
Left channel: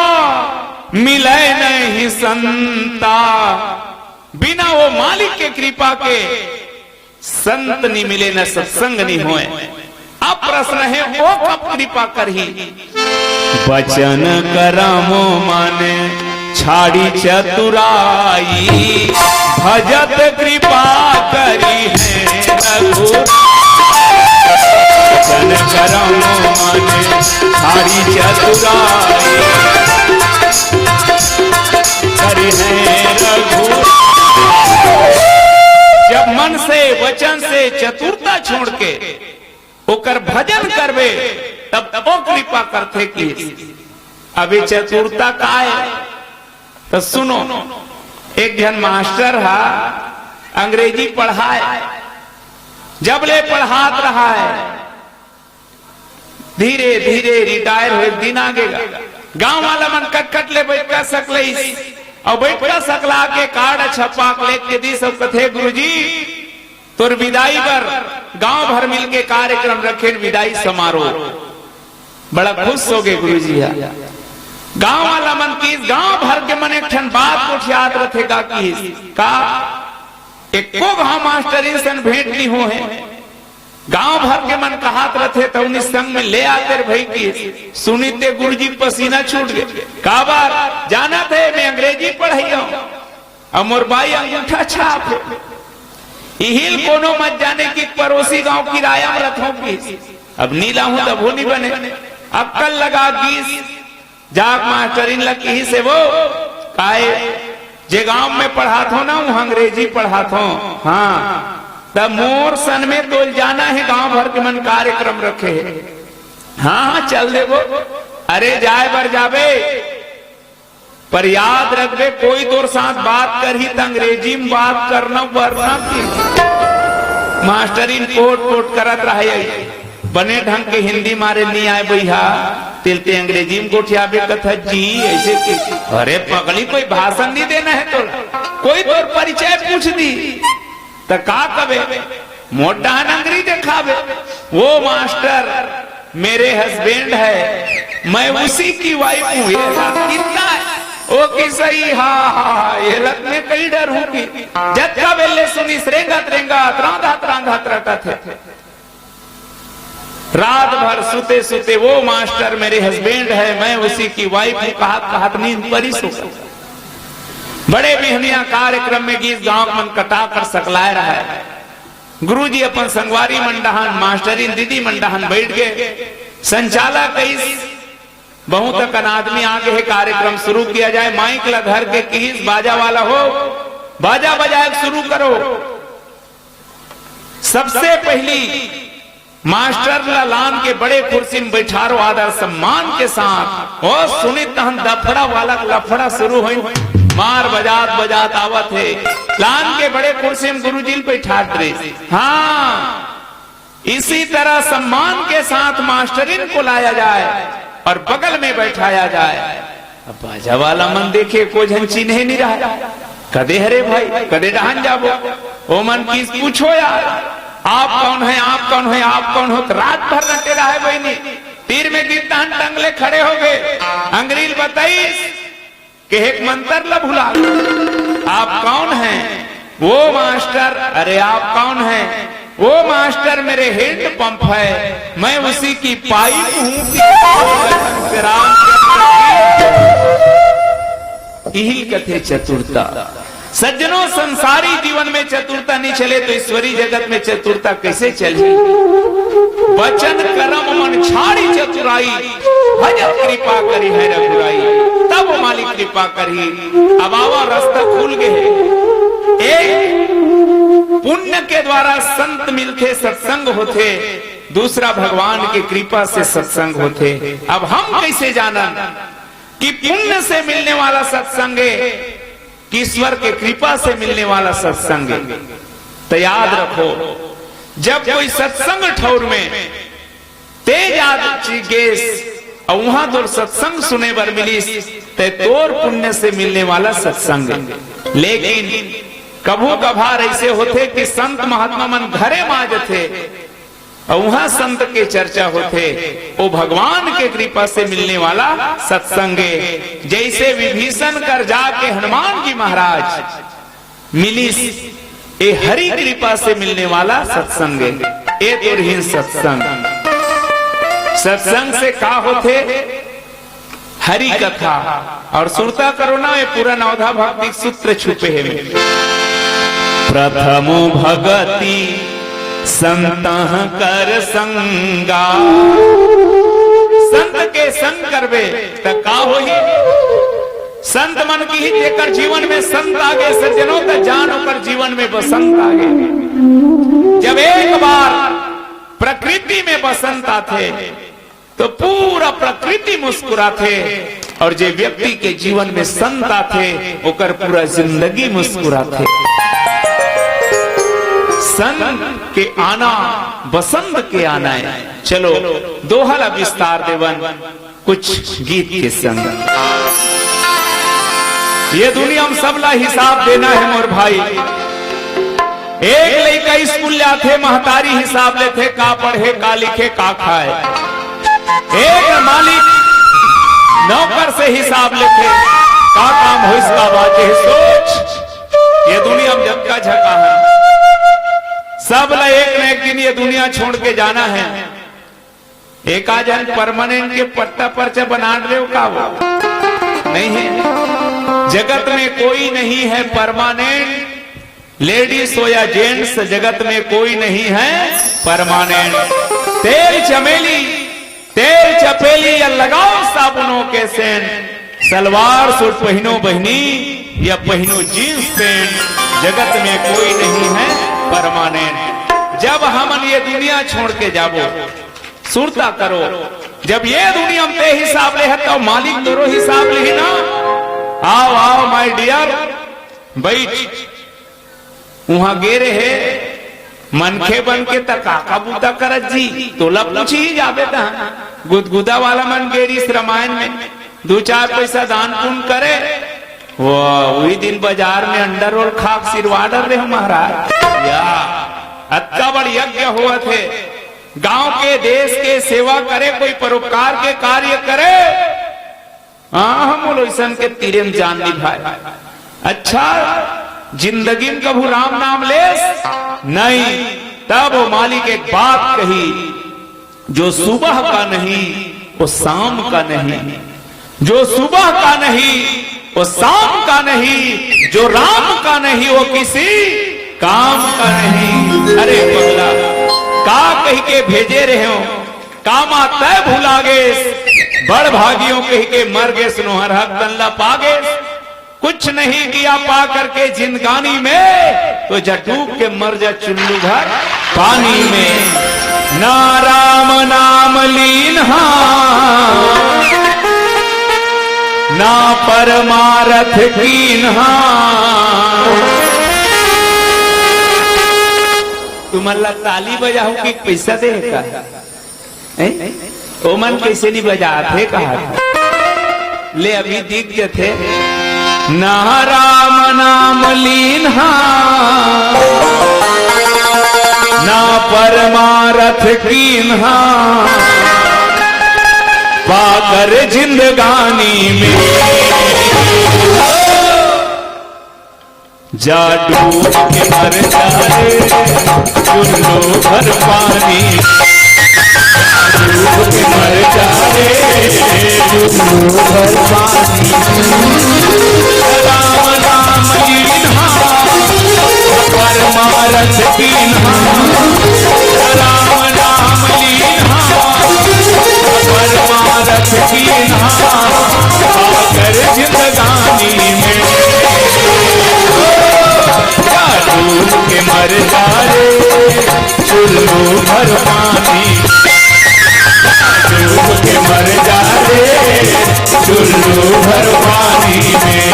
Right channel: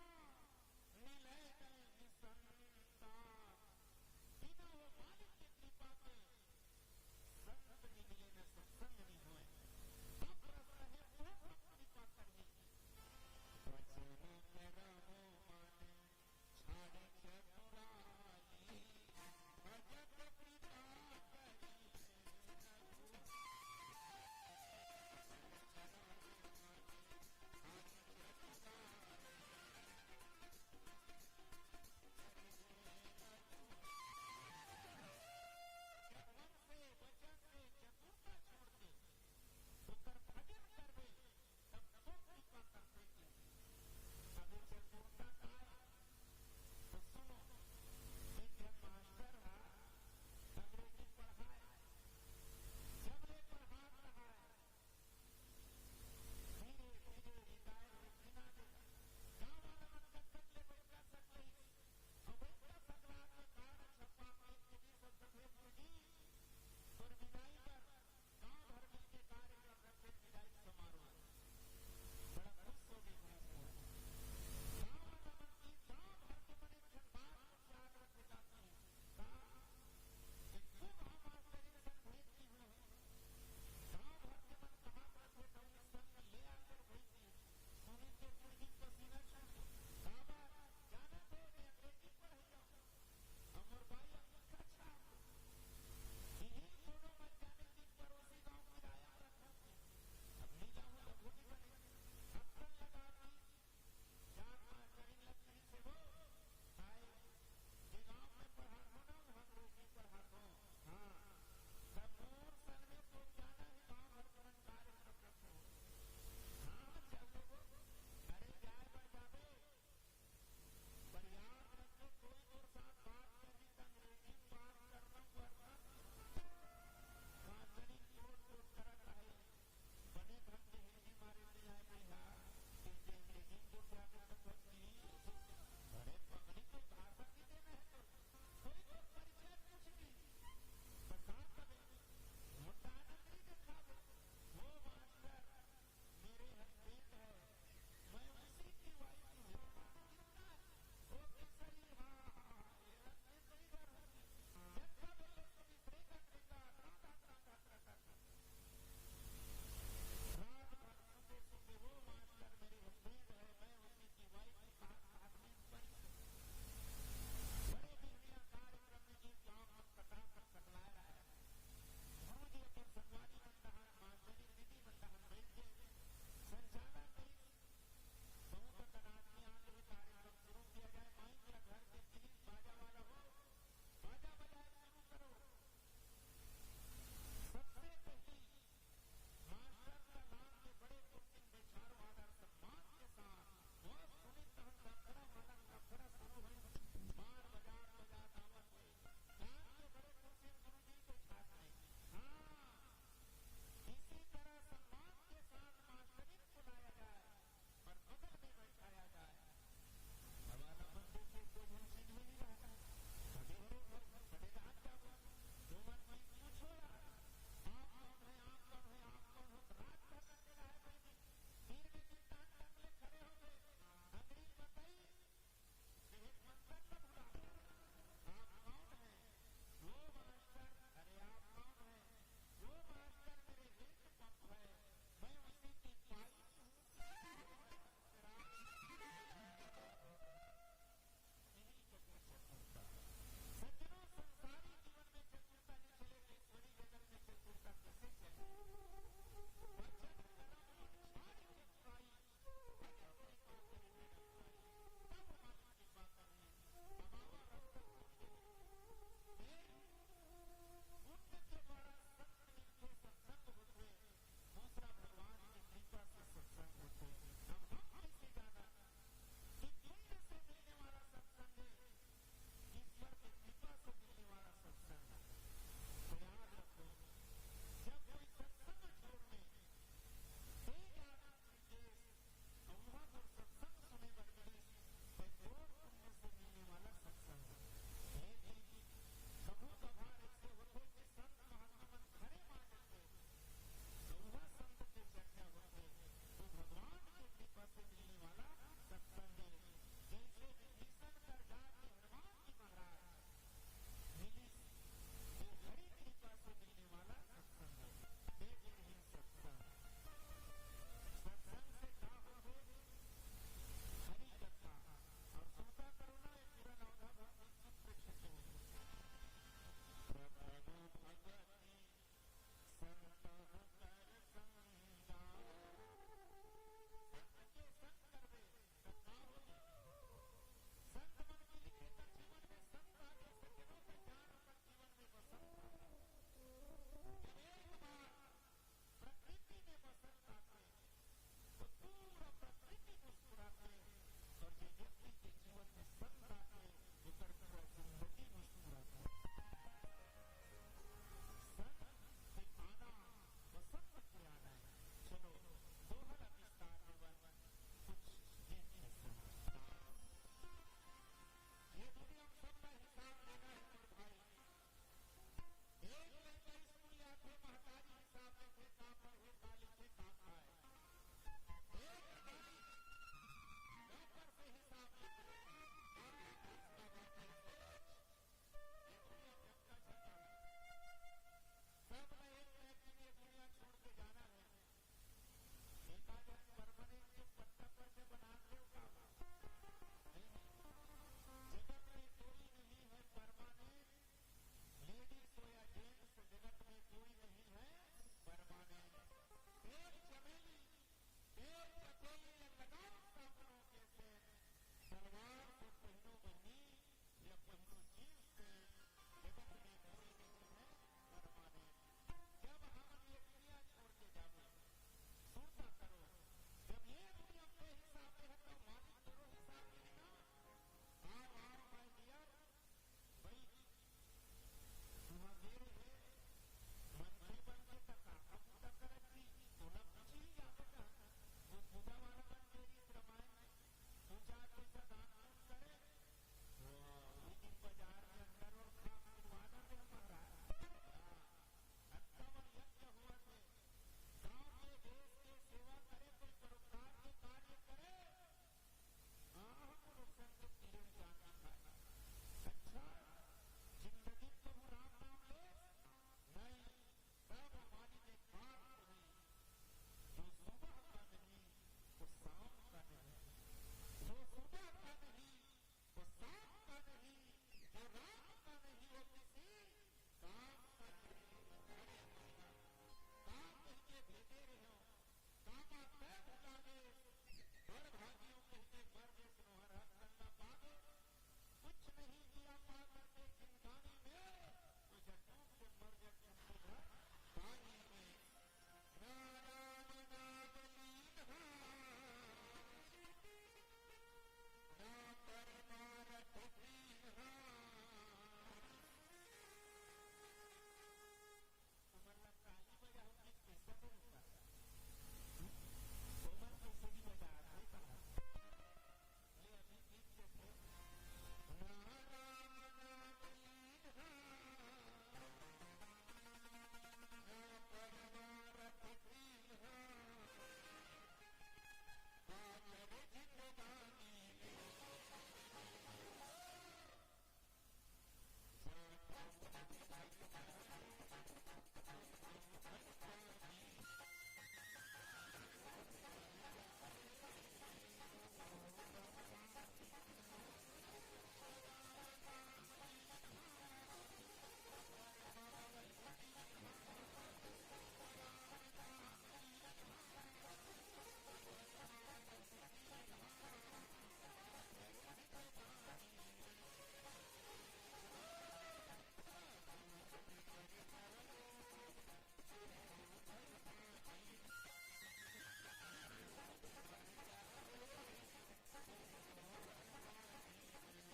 मिले नहीं संता। बिना वो मालिक के कृपा के संत नहीं मिले न सत्संग नहीं होए। अब प्रश्न है वो कब कृपा करही। वचन करमो माने छाड़ी चतुराई भजत कृपा करी है रघुराई। वचन करमो माने छाड़ी चतुराई करी है रघुराई। जब मन से वचन से चतुरता छोड़ के ओकर भजन करबे तब वो कृपा करते की। अभी चतुरता का है तो सुनो। एक जन मास्टर हा अंग्रेजी पढ़ाए, जब ले पढ़ात रहा है धीरे धीरे रिटायर हो दिन आगेगा। गांव वाला मन कट ले बैठ कर सकले और बैठ कर सकला के कार्ड छपा लेके दी सब कथे गुरुजी तोर विदाई पर गांव भर मिलके कार्यक्रम रखे विदाई समारोह। बड़ा खुश हो गए गुरुजी। गांव वाला मन की गांव भर के मन एक ठन बात को याद रखेगा कि का एको गांव मास्टरी सन भेंट नहीं हो है। गांव भर के मन कहात रथे तो उन्हीं संग में ले आते भाई की सुनीते गुरुजी पसीना छूट गए। का बार जाना थे मैं अंग्रेजी पढ़ाई हूं और मोर भाई अंगूठा छाप हिल कोनो मत जाने की पड़ोसी गांव किराया में रथों की। अब नीला हूं तब वो नहीं बने। अब कल लगा गीस जाग मास्टरीन लगी ही से वो काए जे गांव में पढ़ात हो ना वो अंग्रेजी पढ़ात हो। हाँ तब मोर सन में तो जाना है गांव भर के मन कार्यक्रम रखे। हाँ चल दे वो। अरे जाए बर जावे पर याद रखबे कोई तोर साथ बात कर ही तो अंग्रेजी में बात करना वरना की। मास्टरीन कोट कोट करत रहे बने ढंग के हिंदी मारे नहीं आए भैया तिलते अंग्रेजी में गोठियाबे कथा जी ऐसे के। अरे पगली कोई भाषण नहीं देना है तो कोई तोर परिचय पूछ दी तो का कबे मोटा अंग्रेजी दिखावे। वो मास्टर मेरे हस्बैंड है मैं उसी की वाइफ हूँ। कितना ओ की सही हाँ ये लग में कई डर हूँ कि जब का बेले सुनी रेंगत रेंगत रांधत रांधत रटा थे। रात भर सुते सुते वो मास्टर मेरे हस्बैंड है मैं उसी की वाइफ हूँ कहत नींद परी सो। बड़े बिहनिया कार्यक्रम में गीत गांव मन कटा कर सकलाए रहा है। गुरुजी अपन संगवारी मंडहान मास्टरी दीदी मंडहान बैठ गए। संचालक बहुत तक आदमी आगे है कार्यक्रम शुरू किया जाए। माइक ला धर के किस बाजा वाला हो बाजा बजाए शुरू करो। सबसे पहली मास्टर लालान के बड़े कुर्सी में बैठारो आदर सम्मान के साथ। और सुनी तहन दफड़ा वाला लफड़ा शुरू हुई, मार बजात बजात आवत है। लान के बड़े कुर्सी में गुरुजी बैठात रहे। हाँ, इसी तरह सम्मान के साथ मास्टरिन को लाया जाए और बगल में बैठाया जाए। अब बाजा वाला मन देखे को झन चिन्हे नहीं रहा, कदे हरे भाई कदे डहान जाबो। ओ मन किस पूछो यार, आप कौन है, आप कौन है, आप कौन हो। तो रात भर रटे रहा है बहनी, तीर में गिरता टंगले खड़े हो गए। अंग्रेज बताइस कि एक मंत्र ला भुला, आप कौन हैं? वो मास्टर। अरे आप कौन हैं? वो मास्टर मेरे हेड पंप है, मैं उसी की पाइप हूँ कि राम यही कथे चतुरता। सज्जनों, संसारी जीवन में चतुरता नहीं चले तो ईश्वरी जगत में चतुरता कैसे चले? वचन कर्म मन छाड़ी चतुराई, भजन कृपा करी है रघुराई, तब मालिक कृपा करी। अब आवा रास्ता खुल गए। एक पुण्य के द्वारा संत मिलते सत्संग होते, दूसरा भगवान की कृपा से सत्संग होते। अब हम कैसे जाना कि पुण्य से मिलने वाला सत्संग है कि ईश्वर के कृपा से मिलने वाला सत्संग है? तो याद रखो, जब कोई सत्संग ठौर में तेज आदि गेस और वहां तो सत्संग सुने बर मिली ते तोर पुण्य से मिलने वाला सत्संग है। लेकिन कभू कभार ऐसे होते कि संत महात्मा मन घरे माज थे और वहां संत के चर्चा होते, वो भगवान के कृपा से मिलने वाला सत्संग है। जैसे विभीषण कर जाके हनुमान जी महाराज मिली, ये हरि कृपा से मिलने वाला सत्संग है। ये तो रही सत्संग। सत्संग से का होते? हरि कथा और सुरता करो ना, ये पूरा नवधा भक्ति सूत्र छुपे है। प्रथमो भगति संत कर संगा, संत के संग करबे त का होही? संत मन की ही जेकर जीवन में संत आगे, सज्जनों का जान पर जीवन में बसंत आगे। जब एक बार प्रकृति में बसंत आते तो पूरा प्रकृति मुस्कुराते, और जो व्यक्ति के जीवन में संत आते ओकर पूरा जिंदगी मुस्कुराते। संत के आना बसंत के आना है। चलो दोहला विस्तार देवन कुछ गीत के संग। ये दुनिया में सबला हिसाब देना है मोर भाई। एक लड़का स्कूल जाते महतारी हिसाब लेते, का पढ़े का लिखे का खाए। एक मालिक नौकर से हिसाब लेते, का काम हो इसका बात है। सोच, ये दुनिया में जब का झका है, सब ला एक न एक दिन ये दुनिया छोड़ के जाना है। एक आजन परमानेंट के पट्टा पर्चा बना रहे हो का? वो नहीं है। जगत में कोई नहीं है परमानेंट, लेडीज हो या जेंट्स, जगत में कोई नहीं है परमानेंट। तेल चमेली तेल चपेली या लगाओ साबुनों के सेंट, सलवार सूट पहनो बहनी या पहनो जींस पैंट, जगत में कोई नहीं है परमानेंट। जब हम ये दुनिया छोड़ के जाबो, सुरता करो, जब ये दुनिया में हिसाब ले है तो मालिक तोरो हिसाब ले ना। आओ आओ माय डियर, बैठ। वहां गेरे है मनखे बन के तका बूता करत जी, तोला पूछी ही जाबे ता गुदगुदा वाला मन गेरी इस रामायण में 2-4 पैसा दान पुण्य करे, वो वही दिन बाजार में अंडर रोल खाक सिरवाडर रहे महाराज। या अत्ता बड़ यज्ञ हुआ थे, गांव के देश के सेवा करे, कोई परोपकार के कार्य करे। हम बोलो सन के तीरे में जान निभाए। अच्छा जिंदगी में कभू राम नाम ले नहीं। तब वो मालिक एक बात कही, जो सुबह का नहीं वो शाम का नहीं, जो सुबह का नहीं वो शाम का नहीं, जो राम का नहीं वो किसी काम का नहीं। अरे बगला का कह के भेजे रहे हो, कामा तय भुला गे, बड़ भागियों कह के मर गए, सुनोहर हक तल्ला पागे। कुछ नहीं किया पा करके जिंदगानी में, तो जटूक के मर जा चुल्लू भर पानी में। ना राम नाम लीन्हा ना परमारथ कीन्हा। तुम्हारा ताली बजाओ कि पैसा दे का ओ मन कैसे नहीं बजाते कहा ले अभी दिव्य थे। ना राम नाम लीन्हा ना परमारथ कीन्हा पाकर जिंदगानी में जा डूब के मर जाए चुल्लो भर पानी डूब के मर जाए चुल्लो भर पानी। राम नाम लीन्हा परमारथ कीन्हा राम नाम लीन्हा परमारथ कीन्हा पाकर जिंदगानी में डूब के मर जाए चुल्लू भर पानी डूब के मर जाए चुल्लू भर पानी में।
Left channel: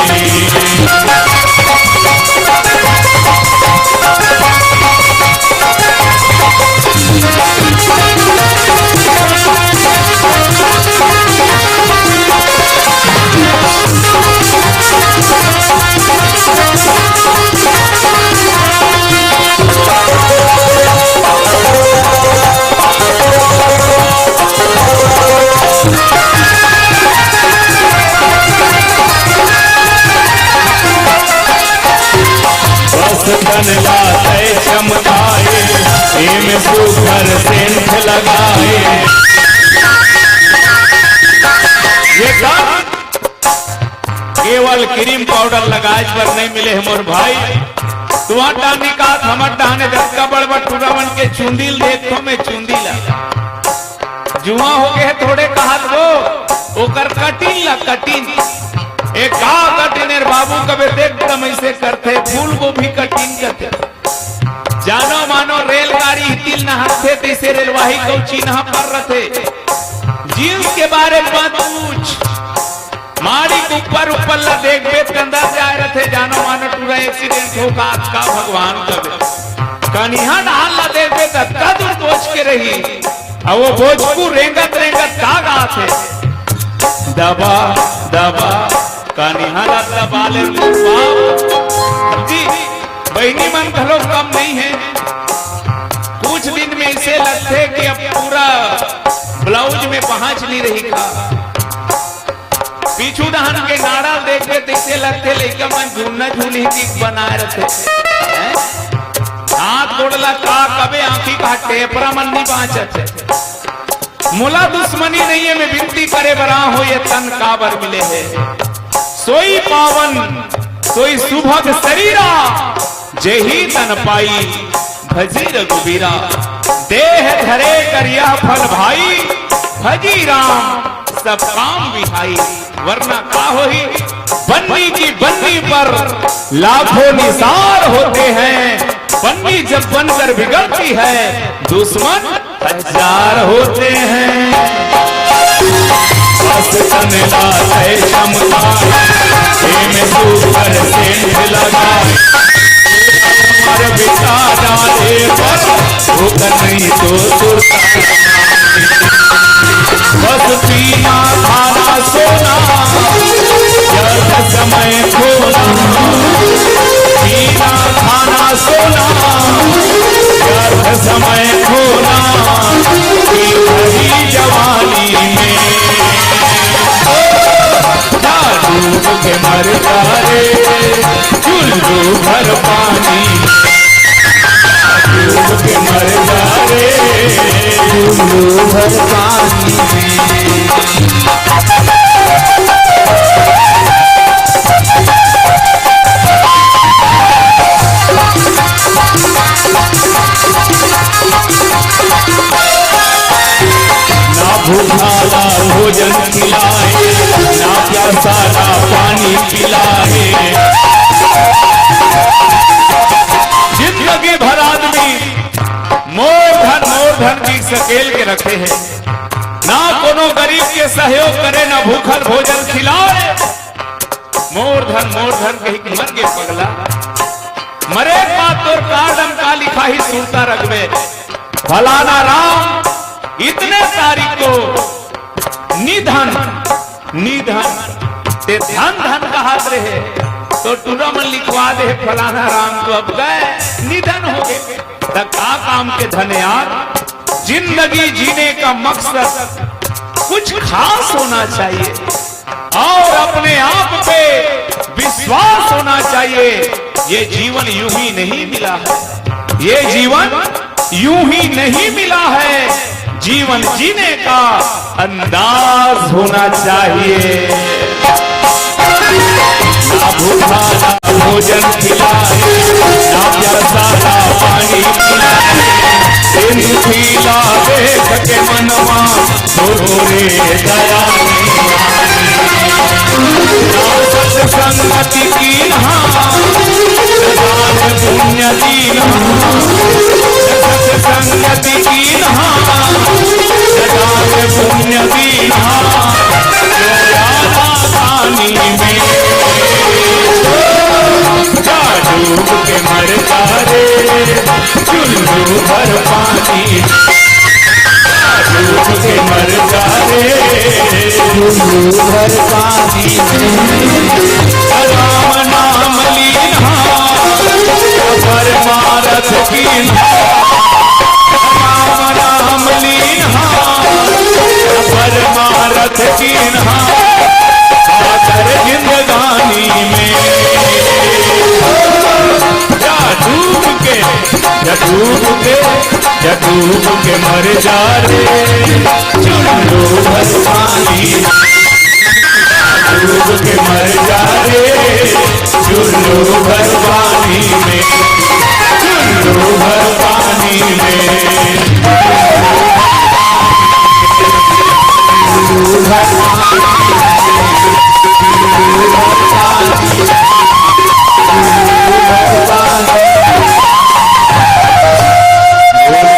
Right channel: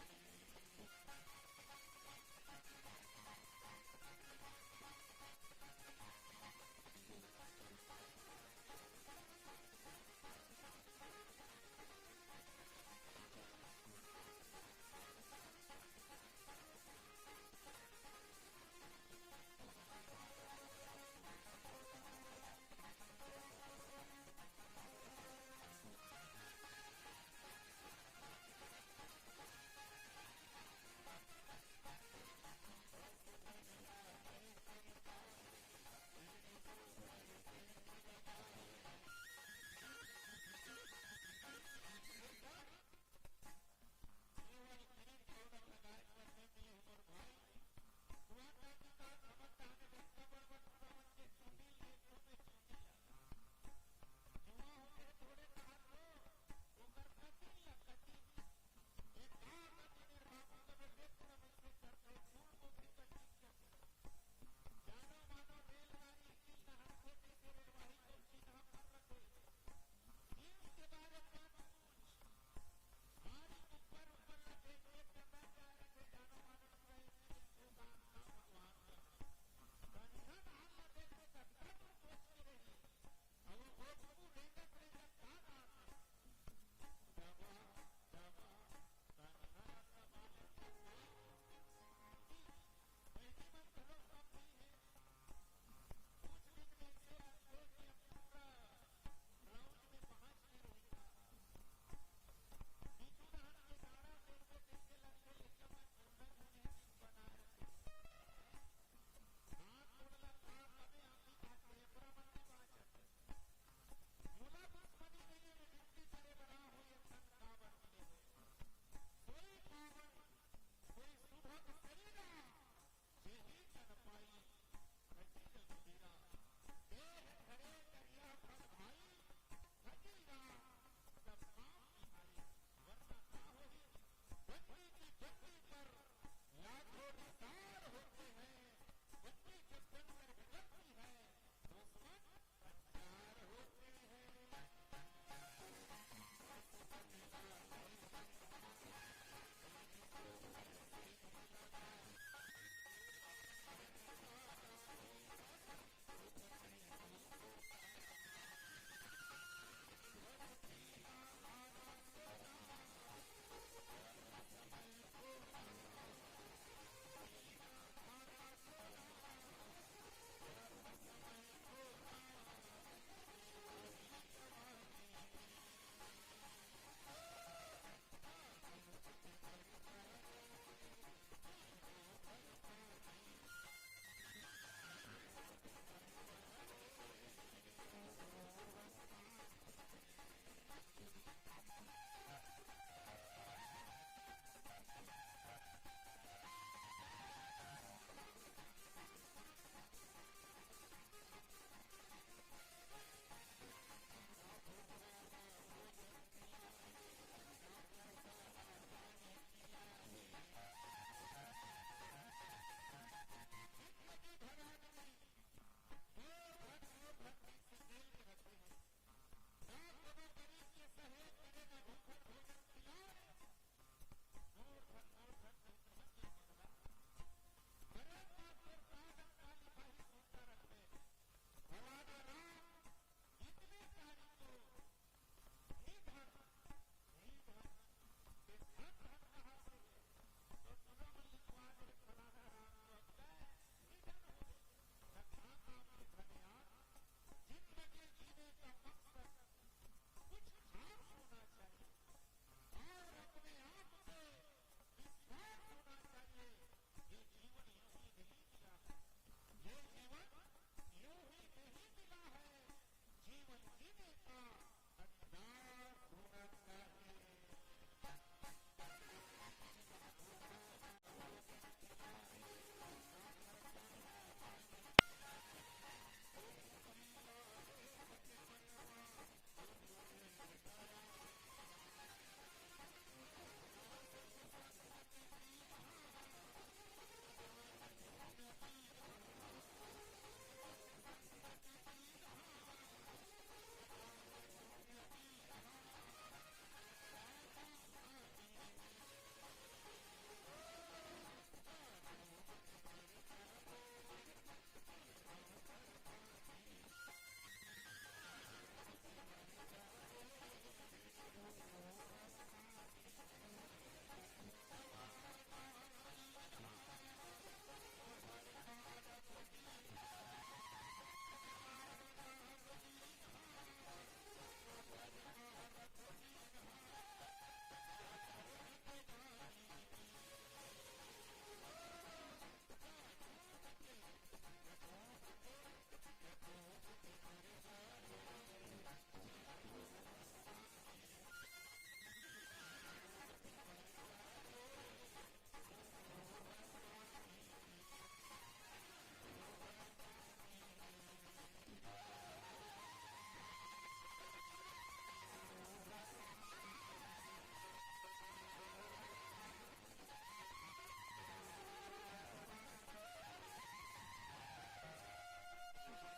लाते चमकाए एम सुघर सेंध लगाए। ये काम केवल क्रीम पाउडर लगाए पर नहीं मिले है मोर भाई। तुम्हार डानी का हमर डाने दक्का बड़बड़ टूरावन के चुंदील देखो मैं चुंदीला जुआ हो गए थोड़े कहा वो ओकर कटिन ला कटिन एक कटिनेर बाबू कबे एकदम ऐसे करते फूल को भी कटिंग करते जानो मानो रेलगाड़ी तिल नहाते तैसे रेलवाही को चिन्ह पर रथे जींस के बारे में मत पूछ मारी के ऊपर ला देख बेत अंदर जाए रथे जानो मानो टूरा एक्सीडेंट हो का भगवान कबे कनिहा डाल ला देख बेत कद सोच के रही अब वो भोजपू रेंगत रेंगत का गाथे दबा दबा कनिहाला दबाले जी बहनी मन घलो कम नहीं है। कुछ दिन में इसे लगते कि अब पूरा ब्लाउज में पहुंच नहीं रही का पीछू दहन के नाड़ा देखते तैसे लगते लेकिन मन झूलना झूली की बनाए रखे हाथ गोड़ला का कबे आंखी का टेपरा मन नहीं पहुंचते मुला दुश्मनी नहीं है मैं विनती करे बरा हो ये तन काबर मिले है सोई पावन सोई सुभग शरीरा जेही तन पाई भजी रघुबीरा देह धरे करिया फल भाई भजी राम सब काम विहाई वरना का होही बन्नी की बन्नी पर लाखों निसार होते हैं बन्नी जब बनकर बिगड़ती है दुश्मन हजार होते हैं। तन लाते चमकाए एम सुघर सेंध लगाए मर बिता डाले पर होकर नहीं तो सुरता बस पीना खाना सोना जब समय खोना पीना खाना सोना जब समय खोना जवानी में डूब के मर जाए चुल्लू भर पानी डूब के मर जाए चुल्लू भर पानी ना भूखाला भोजन खिलाए ना प्यासा ना पानी पिलाए जिंदगी भर आदमी मोर धन की सकेल के रखे हैं, ना कोनो गरीब के सहयोग करे, ना भूखल भोजन खिलाए। मोर धन कही मर के पगला, मरे बात तोर कार्डम का लिखा ही सुनता रखबे। फलाना राम इतने तारीख को निधन ते धन का हाथ रहे तो टूरामन लिखवा दे फलाना राम तो अब गए निधन हो गए। का काम के धन यार, जिंदगी जीने का मकसद कुछ खास होना चाहिए और अपने आप पे विश्वास होना चाहिए। ये जीवन यूं ही नहीं मिला है, ये जीवन यूं ही नहीं मिला है, जीवन जीने का अंदाज होना चाहिए। ना भूखा ना भोजन खिलाए, ना प्यासा ना पानी पिलाए, खिला देख के मनवा रे दया। सत्संगति की पुण्य दीन, सत्संगति की पुण्य दीन, पानी में डूब के मर जारे, चुल्लू भर पानी डूब के मर जारे, चुल्लू भर पानी राम नाम लीना परमारथ की, राम नाम लीना परमारथ की, खातर जिंदगानी में डूब के मर जा रे, चुल्लू भर पानी डूब के मर जा रे, चुल्लू भर पानी में, चुल्लू भर पानी में, चुल्लू भर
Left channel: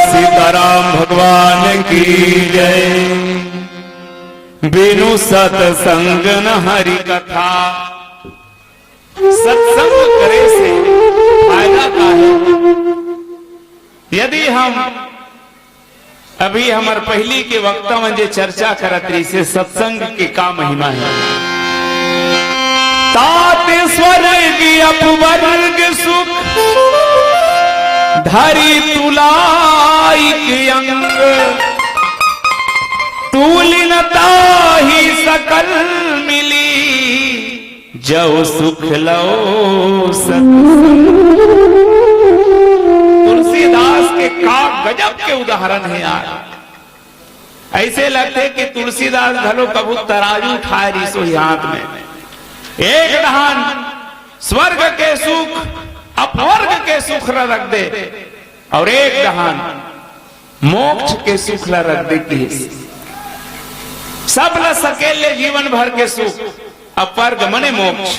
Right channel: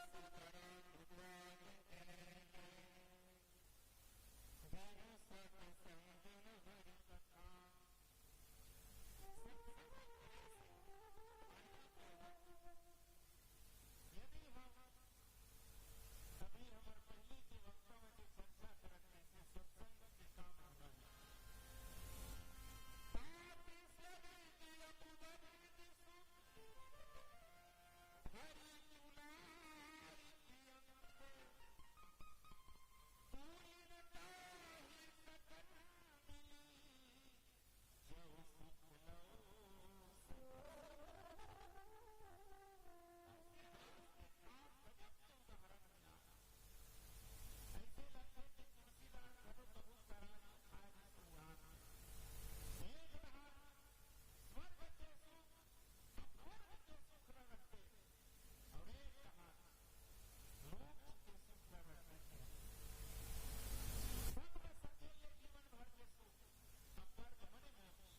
सीताराम भगवान की जय। बिनु सत्संग न हरि कथा, सत्संग करे से फायदा का है। यदि हम अभी हमार पहली के वक्ता में जो चर्चा करत रही से सत्संग के का महिमा है। तात स्वर्ग अपवर्ग सुख धरी तुलाइक अंग, तूलिनता ही सकल मिली, जो सुख लो सत्संग। तुलसीदास के का गजब के उदाहरण है यार। ऐसे लगते कि तुलसीदास घलो कबू तराजू उठाए रिसो हाथ में। एक दहान स्वर्ग के सुख अपवर्ग के सुख रख दे और एक दहान मोक्ष के सुख रख दे की सब ल सकेले जीवन भर के सुख। अपवर्ग मने मोक्ष,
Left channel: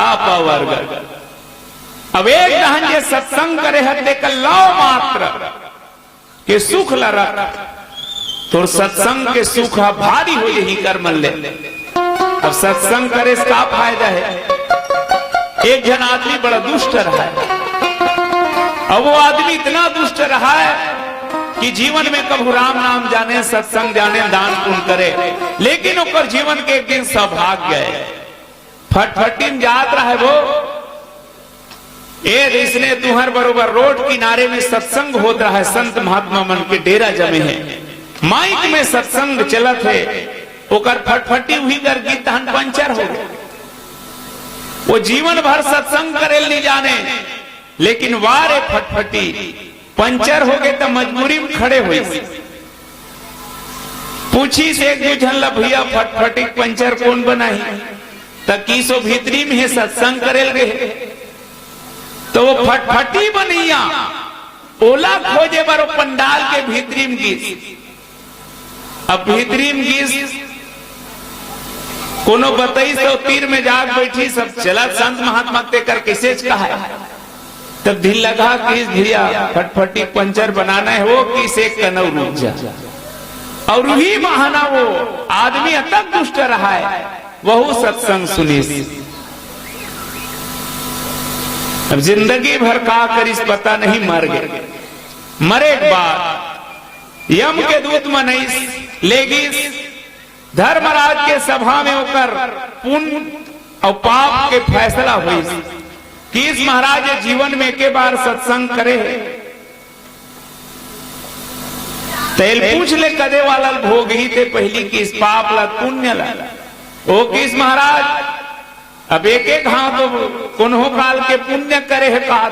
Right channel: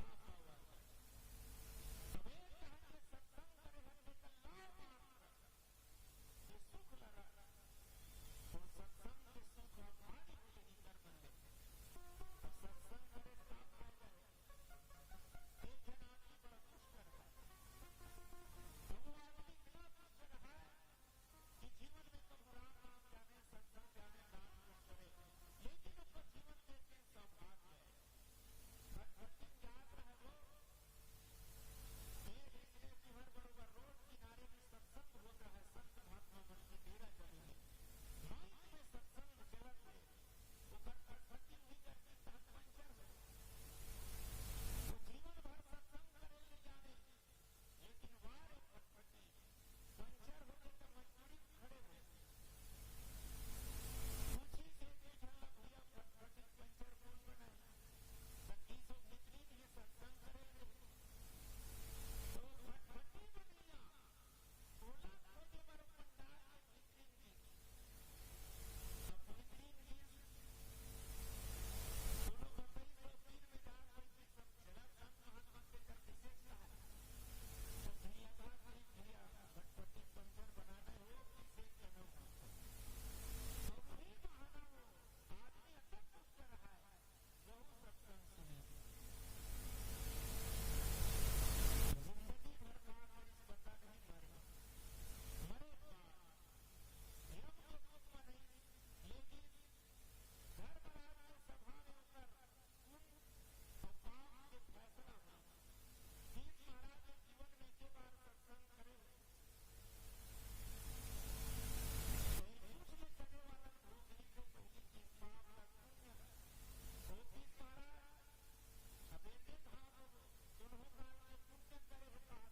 अपवर्ग। अब एक दहान ये सत्संग करे हते कल्लाओ मात्र के सुख ला रख तो सत्संग के सुख भारी हो यही कर मन ले। अब सत्संग करे इसका फायदा है। एक जन आदमी बड़ा दुष्ट रहा है, अब वो आदमी इतना दुष्ट रहा है कि जीवन में कभी राम नाम जाने, सत्संग जाने, दान पुण्य करे, लेकिन ओकर जीवन के एक दिन सौभाग्य है फटफटी में जात रहा है वो। इसने तुहर बरोबर रोड किनारे में सत्संग होता रहा है, संत महात्मा मन के डेरा जमे हैं, माइक में सत्संग चलत है, ओकर फटफटी हुई कर गीत पंचर हो गए। वो जीवन भर सत्संग करे नहीं जाने, लेकिन वारे फटफटी पंचर हो गए तो मजबूरी में खड़े हुए। पूछी से एक दूजन ला भैया फटफटी पंचर कौन बनाई, तकीसो भीतरी में है सत्संग करेल गए तो वो फटफटी बनैया ओला खोजे बारो पंडाल के भीतरी में गीस। अब भीतरी में गीस कोनो बताई सो तीर में जाग बैठी सब चला संत महात्मा ते कर कैसे कहा तब ढील लगा कि भैया फटफटी पंचर बनाना है, वो किस एक कनौ रुक जा। और वही बहाना वो आदमी अतक दुष्ट रहा है, वह सत्संग सुनी। अब जिंदगी भर का करिस पता नहीं, मर गए। मरे के बाद यम के दूत मनीस लेगिस धर्मराज के सभा में होकर पुण्य और पाप के फैसला हुई कि इस महाराज जीवन में के बार सत्संग करे। तेल पूछ ले कदे वाला भोग ही थे पहली की इस पाप ला पुण्य ला ओ किस महाराज अब एक एक हाथ कुन्हो काल के पुण्य करे है कहा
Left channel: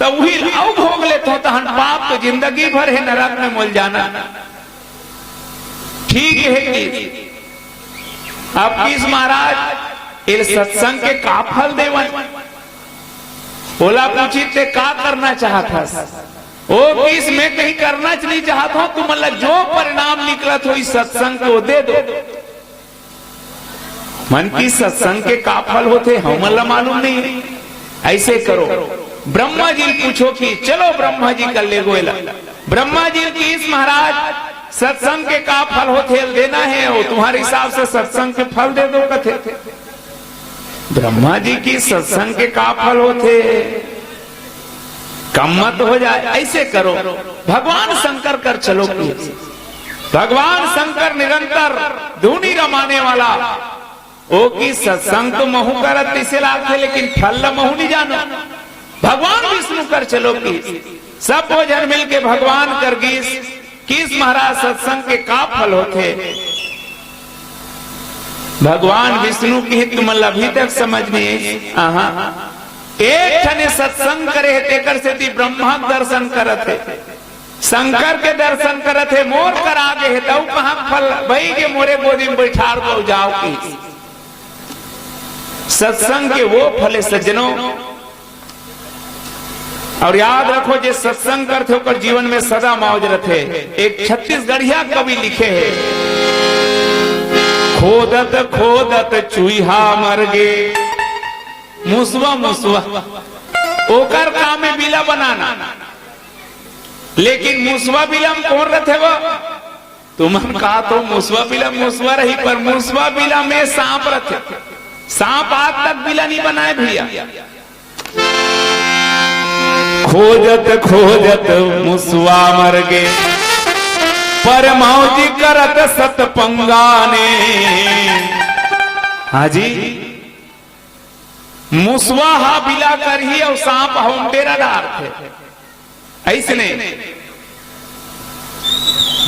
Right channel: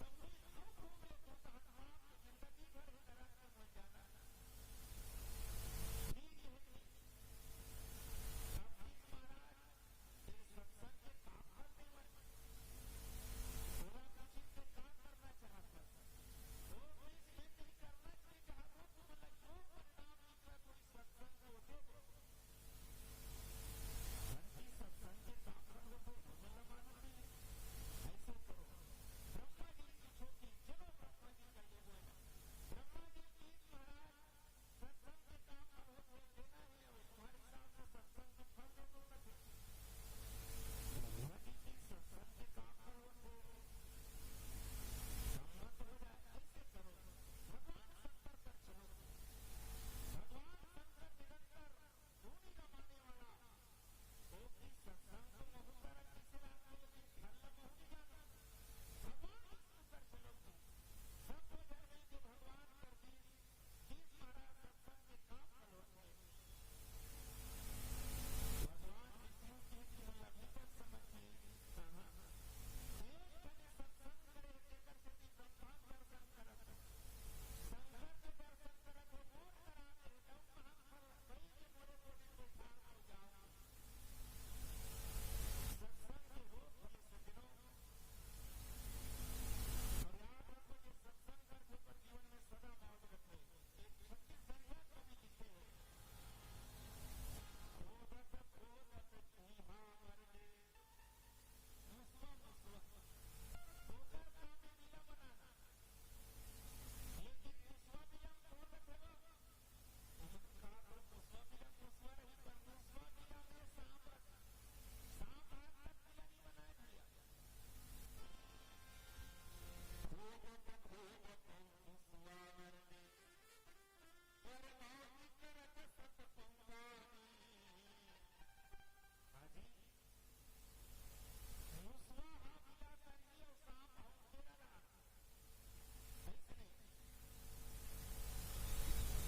तो वही आओ भोग ले तो हन पाप तो जिंदगी भर है नरक में मुल जाना। ठीक है कि अब किस महाराज इस सत्संग के का फल देवन बोला पूछी ते का करना चाहता ओ किस में कहीं करना नहीं चाहता हूं, तुम मतलब जो परिणाम निकलत हो इस सत्संग को दे दो। मन की सत्संग के का फल होते हम मतलब मालूम नहीं। ऐसे करो ब्रह्मा जी पूछो कि चलो ब्रह्मा जी कर ले गोयला। ब्रह्मा जी की इस महाराज सत्संग के का फल होते देना है, वो तुम्हारे हिसाब से सत्संग के फल दे दो कथे। ब्रह्मा जी की सत्संग के का फल होते कम मत हो जाए। ऐसे करो भगवान शंकर कर चलो। भगवान शंकर निरंतर धुनी रमाने वाला ओ की सत्संग तो महू करत इसे लाभ थे, लेकिन फल महू नहीं जानो। भगवान विष्णु कर चलो की सब जन मिल के भगवान कर गीस किस महाराज सत्संग के का फल होते। भगवान विष्णु की तुम अभी तक समझ नहीं। एक ठने सत्संग करे तेकर से ती ब्रह्मा दर्शन करते, शंकर के दर्शन करते, मोर कर आगे है तब कहां फल भाई के मोरे गोदी में बैठार को जाओ की सत्संग के वो फले सज्जनों। और याद रखो जे सत्संग करते होकर जीवन में सदा मौज रखे। एक छत्तीसगढ़िया कवि लिखे है, खोदत खोदत चूहा मर गे मुसवा मुसवा ओकर काम में बिला बनाना, लेकिन मुसवा बिला में कौन रहते वो तुम कहा तो मुसवा बिला मुसवा रही, पर मुसवा बिला में सांप रहते। सांप आज तक बिला नहीं बनाए भैया। खोजत खोजत मुसवा मर गे पर मौजी करत सत पंगाने। हाजी मुसवा हा बिला कर ही और सांप हम तेरा डार थे। ऐसने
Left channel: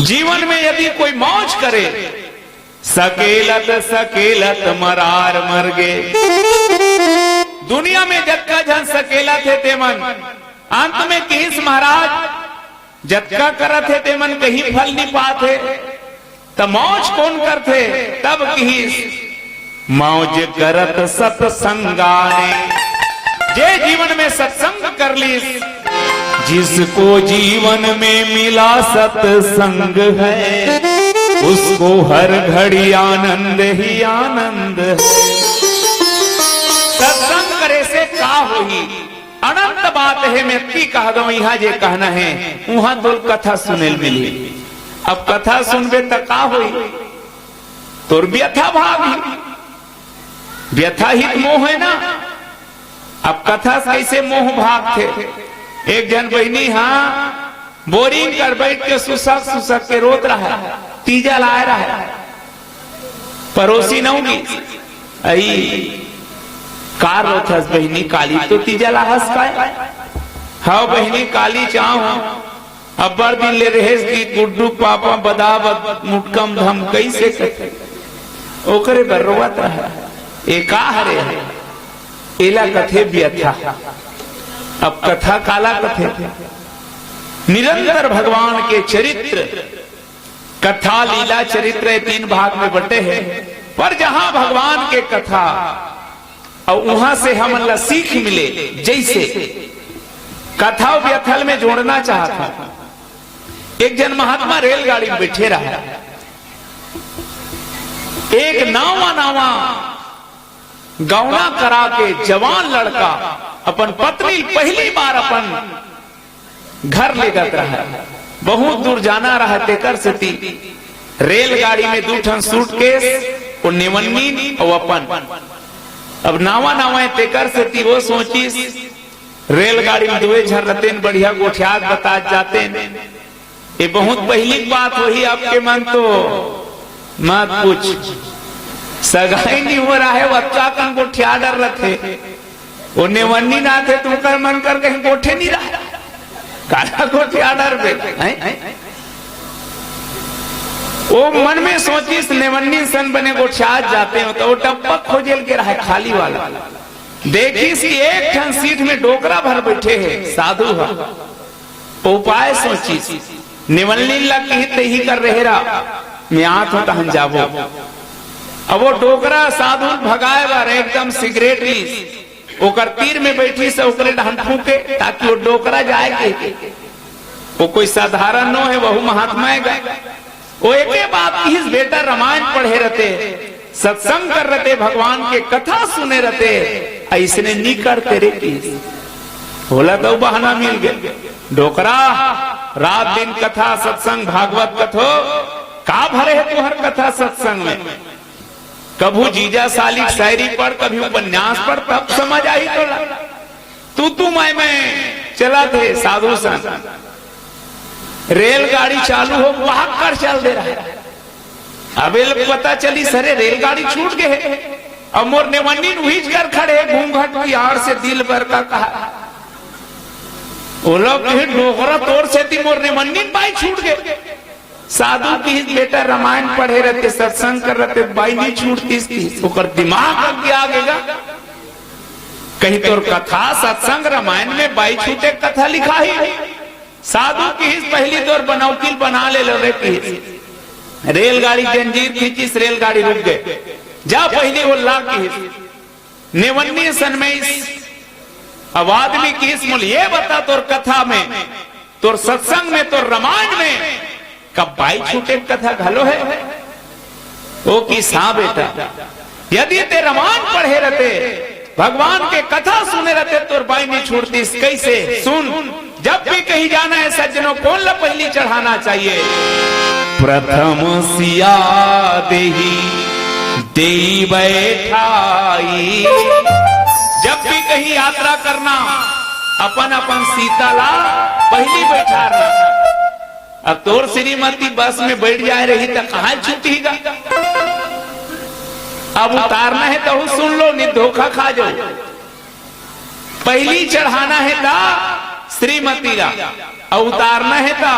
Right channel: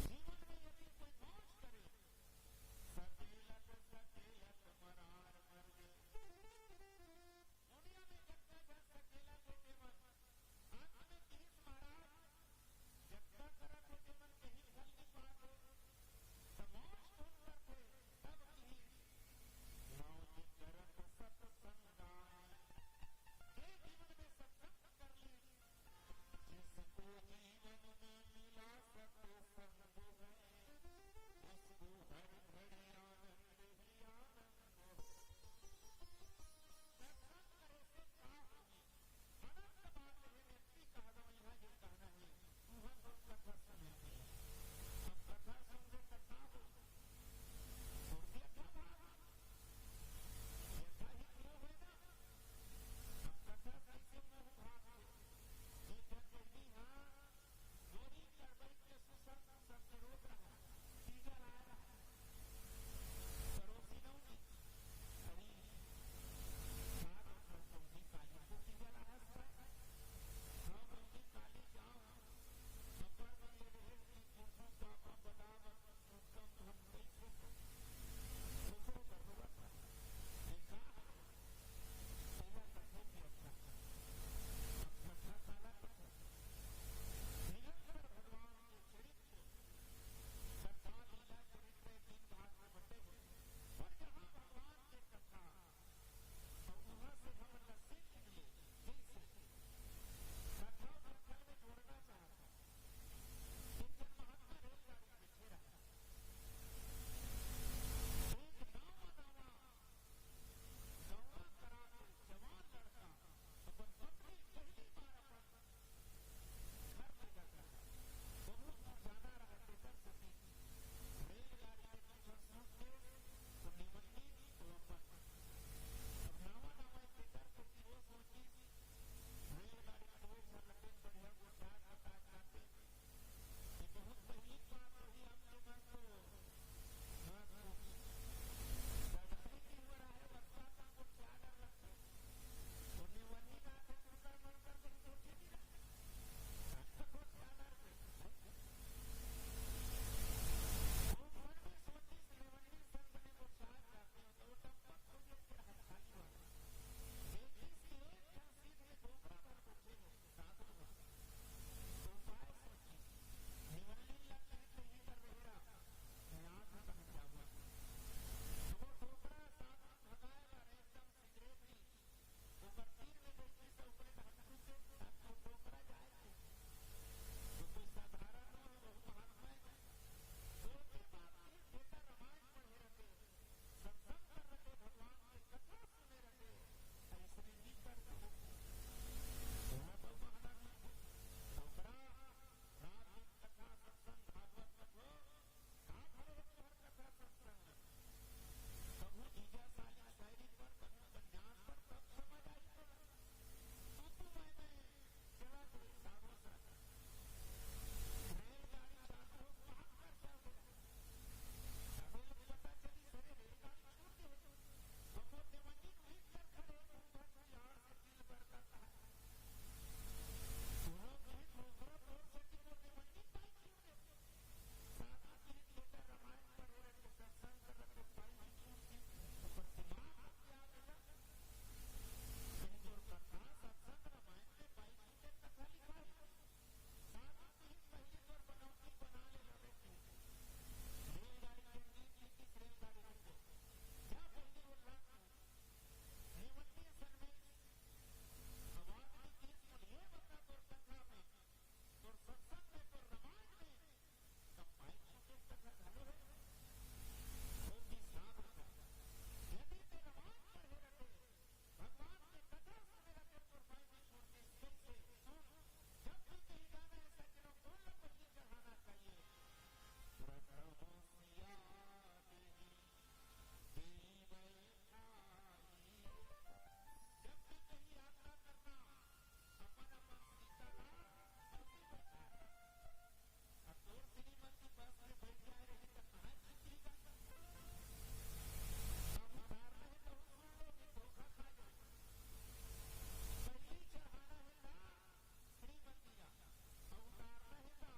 जीवन में यदि कोई मौज करे सकेलत सकेलत मरार मर गे। दुनिया में जत्का जन सकेला थे ते मन अंत में किस महाराज जत्का करत थे ते मन कहीं फल नहीं पाते। तो मौज कौन करते तब किस मौज करत सत्संगाने। जे जीवन में सत्संग कर ली जिसको जीवन में मिला सत्संग है उसको हर घड़ी आनंद ही आनंद है। सत्संग करे से का होगी अनंत बात है। मैं की कह दो यहाँ जे कहना है वहां तो कथा सुने मिली। अब कथा सुनबे तो का होई तोर व्यथा भागी व्यथा हित मोह है ना। अब कथा कैसे मोह भाग थे। एक जन बहनी हाँ बोरिंग कर बैठ के सुसक सुसक के रोत रहा है, तीजा लाए रहा है, पड़ोसी न होगी आई कार रोथस बहनी काली तो तीजा लाहस का हाँ बहनी काली चाह अब बड़ दिन ले रहे की गुड्डू पापा बदावत मुटकम धम कैसे करते ओकरे बर्रोवत रहा एका हरे एला कथे व्यथा। अब कथा काला कथे निरंतर भगवान के चरित्र कथा लीला चरित्र तीन भाग में बटे हैं। पर जहां भगवान के कथा और वहां से हम अल्लाह सीख मिले। जैसे कथा व्यथल में जोड़ना चाहता एक जन महात्मा रेलगाड़ी में बैठे रहा। एक नावा नावा गौना करा के जवान लड़का अपन पत्नी पहली बार अपन घर ले गत रहा, बहुत दूर जाना रहा तेकर से ती रेलगाड़ी में 2 ठन सूटकेस और नेवन्नी और अपन अब नावा नावा तेकर से ती वो सोचिस रेलगाड़ी में 2 झर रहते बढ़िया गोठियात बता जाते। ये बहुत पहली बात वही आपके मन तो मत पूछ, सगाई नहीं हो रहा है, बच्चा कन गोठिया डर रखे वो नेवन्नी ना थे तुमकर मन कर कहीं गोठे नहीं रहा काला गोठिया डर पे वो मन में सोचिस नेवन्नी सन बने गोठिया जाते हो तो वो टप्पक खोजेल के रहा खाली वाला देखिस कि एक ठन सीट में डोकरा भर बैठे है साधु है, उपाय सोचिस निवलनी लग ही कर रहे रहा मैं आठ होता हम जाबो। अब वो डोकरा साधु भगाए बार एकदम सिगरेट ली ओकर तीर में बैठी से ओकरे ढहन फूके ताकि वो डोकरा जाए के वो कोई साधारण नो है, वहु महात्मा है। वो एक बात की बेटा रामायण पढ़े रहते, सत्संग कर रहते, भगवान के कथा सुने रहते, ऐसने नहीं करते रे की बोला तो बहाना मिल गया। डोकरा रात दिन कथा सत्संग भागवत कथो का भरे है तुहर कथा सत्संग में, कभू जीजा साली शायरी पढ़ कभी उपन्यास पढ़ तब समझ आई तो तू मैं चला थे साधु सन रेलगाड़ी चालू हो वहां कर चल दे रहा है। अब पता चली सरे रेलगाड़ी छूट गए, अब मोर नेवन्नी उहीच कर खड़े घूंघट की आड़ से दिल भर का कहा वो लोग डोकरा तोड़ से थी मोर नेवन्नी बाई छूट गए। साधु की बेटा रामायण पढ़े रहते, सत्संग कर रहते, बाई नहीं छूटती दिमाग आगे आगेगा कहीं तोर कथा सत्संग रामायण में बाई छूटे कथा लिखा ही। साधु की पहली तोर बनौकील बना ले लो रे की रेलगाड़ी जंजीर खींची रेलगाड़ी रुक गए जा पहली वो लाख की नेवन्नी सन में अब आदमी की मूल ये बता तोर कथा में तोर सत्संग में तोर रामायण में कब बाई छूटे कथा घलो है वो की सा बेटा यदि ते रामायण पढ़े रहते भगवान के कथा सुने रहते तोर बाई नहीं छूटती। कैसे सुन, जब भी कहीं जाना है सज्जनों कौन ला पहली चढ़ाना चाहिए, प्रथम सिया देही देई बैठाई। जब भी कहीं यात्रा करना अपन अपन सीता ला पहली बैठा रहा। अब तोर श्रीमती बस में बैठ जाए रही तो कहां छूटेगा, अब उतारना है तो सुन लो नहीं धोखा खा जाओ। पहली चढ़ाना है ता श्रीमती ला और उतारना है ता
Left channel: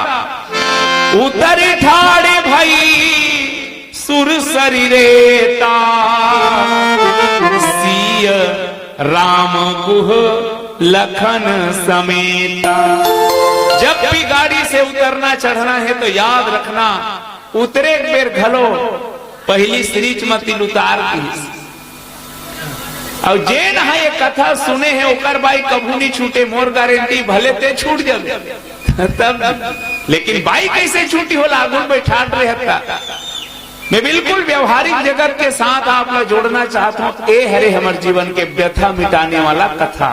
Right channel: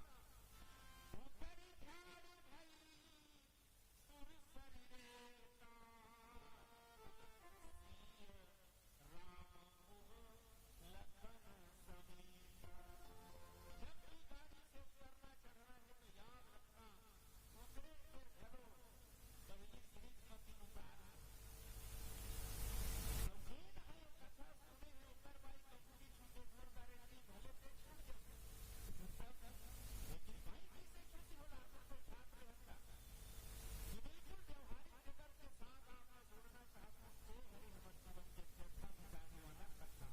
उतरी ठाड़े भाई सुर शरीरेता सिय राम गुह लखन समेता। जब भी गाड़ी से उतरना चढ़ना है तो याद रखना उतरे बेर घलो पहली श्रीमती उतार की। और जे न ये कथा सुने हैं ओकर बाई कभू नहीं छूटे, मोर गारंटी भले ते छूट जाए तब, लेकिन बाई कैसे छूटी हो लागुल बैठा रहता। मैं बिल्कुल व्यवहारिक जगत के साथ आप लोग जोड़ना चाहता हूँ। ए हरे हमारे जीवन के व्यथा मिटाने वाला कथा।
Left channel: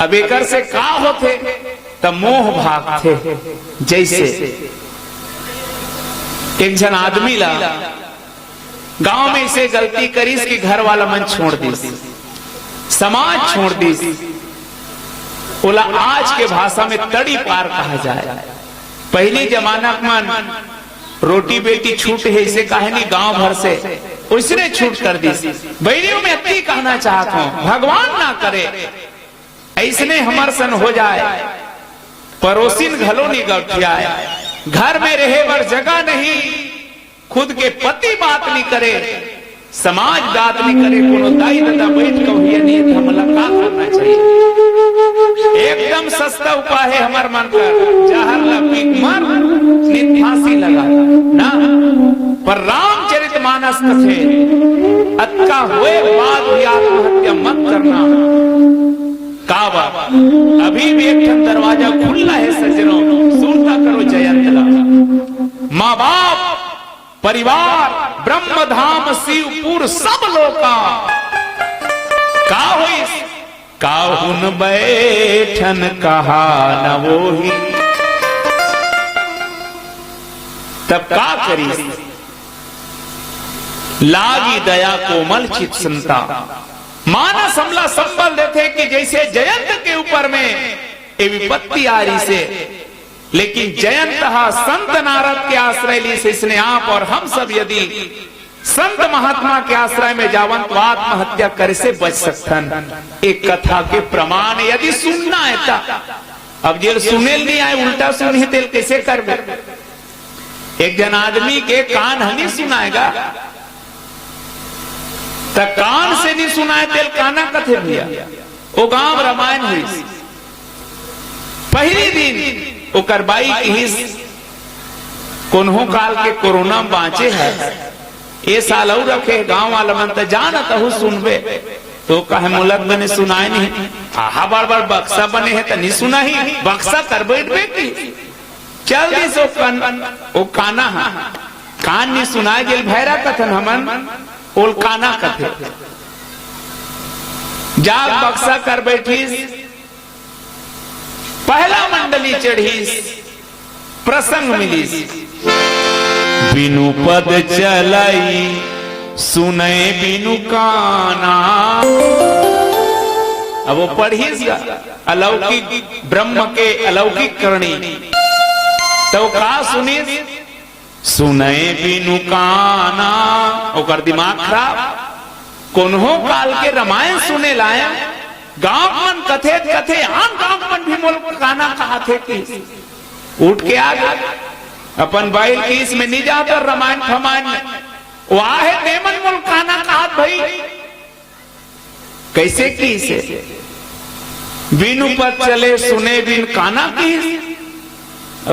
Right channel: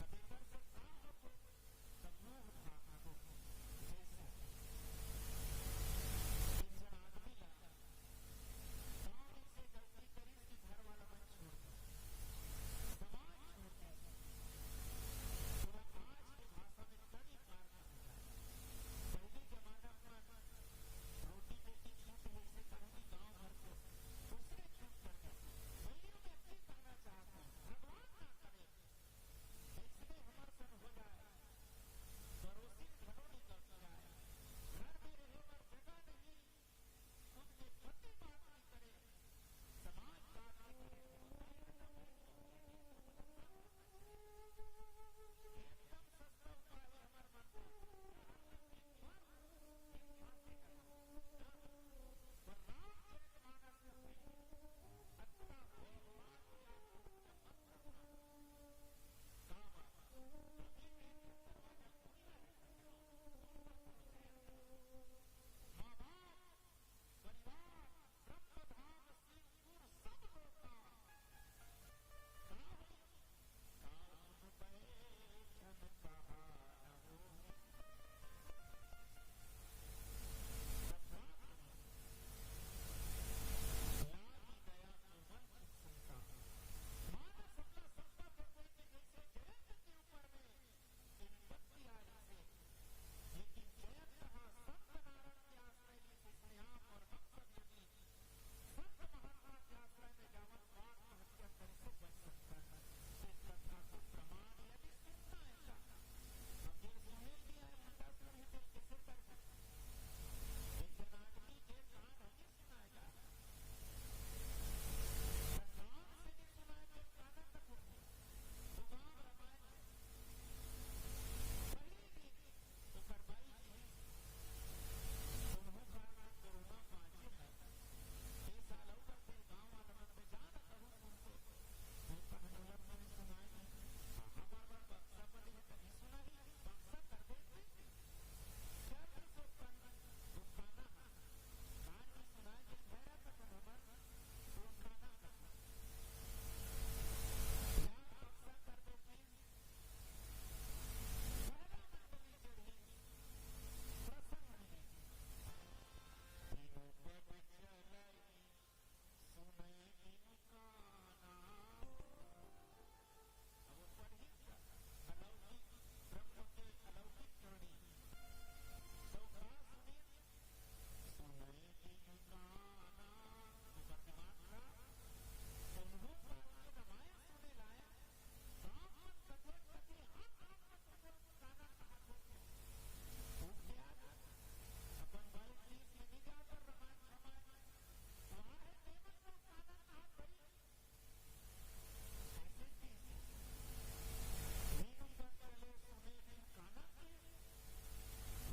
अब एकर से का होते तब मोह भाग थे। जैसे एक जन आदमी ला गांव में इसे गलती करी कि घर वाला मन छोड़ दी, समाज छोड़ दी, बोला आज के भाषा में तड़ी पार कहा जाए। पहले जमाना मन रोटी बेटी छूट है इसे कहे नहीं गांव भर से उसने छूट कर दी। बैरियों में अति कहना चाहता हूं भगवान ना करे ऐसने हमर सन हो जाए। पड़ोसिन घलो नहीं गठियाए, घर में रहे वर जगह नहीं, खुद के पति बात नहीं करे, समाज बात नहीं करे, कोनो दाई दादा बैठ के नहीं हमला का करना चाहिए। एकदम सस्ता उपाय है हमार मन का जहर लपी मर नित फांसी लगा ना। पर रामचरितमानस कथे अक्का हुए बाद भी आत्महत्या मत करना। काबा अभी भी एक दरवाजा खुला है सज्जनों, सुनता करो जयंतला। माँ बाप परिवार ब्रह्मधाम शिवपुर सब लोग का हुई काहुन बैठन कहा न वोही। तब का करी लागी दया कोमल चित संता। मानस हमला संबल देते कि जैसे जयंत के ऊपर में ये विपत्ति आ रही से, लेकिन जयंत संत नारद के आश्रय ली से इसने आप और हम सब यदि संत महात्मा के आश्रय में जावन तो आत्महत्या करे से बच सकतन। एक कथा के प्रमाण यदि सुनना है ता, अब जेल सुने नहीं आए उल्टा सुनी तेल कैसे कर बे? एक जन आदमी के कान हनी सुनाएगा तो कान से नहीं सुनाए तेल काना कथे भैया। वो गांव रामायण हुई पहली दिन ओकर बाई की कोन्हो काल के कोरोना में बाँचे है। ये साल और रखे गांव वाला मन तो जानत हूँ सुनबे तो कहे मुलक बने सुनाए नहीं। आहा बार बार बक्सा बने है तो नहीं सुना ही बक्सा कर बैठबे की चल दी सो ओ काना हा कान नहीं सुनाए गेल भैरा कथन हमन ओल काना कथे जाग बक्सा कर बैठीस। पहला मंडली चढ़ीस प्रसंग मिलीस। बिनु पद चलाई सुने बिनु काना। अब वो पढ़ीस अलौकिक ब्रह्म के अलौकिक करणी तो का सुनीस सुने बिनु काना। ओकर दिमाग खराब कोन्हो काल के रामायण सुने लाया। गांव मन कथे कथे आम गांव मन भी मोल काना कहा थे कि उठ के आ गए अपन बैल की इसमें नहीं जाकर रामायण फमायण वहां है देमन मोल काना कहा भाई कैसे की से बिनु पद चले सुने बिन काना की।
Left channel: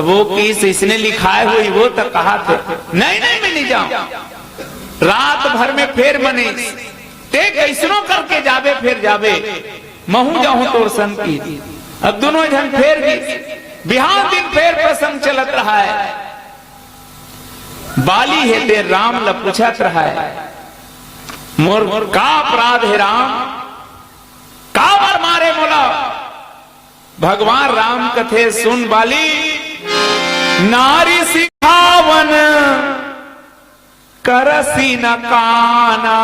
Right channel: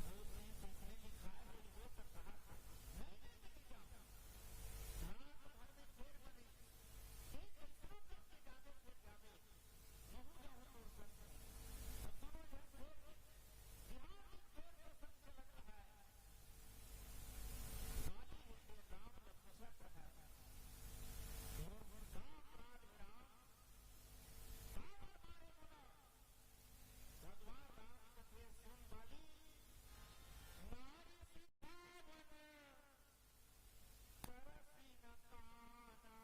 वो किस इसने लिखाए हुई वो तो कहा थे नहीं नहीं मैं नहीं जाऊं। रात भर में फेर बने ते कैसनो करके जावे फिर जावे महू जाऊं तोर सन की। अब दोनों जन फेर गई बिहार दिन फेर प्रसंग चलत रहा है। बाली है ते राम ल पूछत रहा है मोर का अपराध है राम का बार मारे मोला। भगवान राम कथे सुन बाली नारी सिखावन करसी न काना।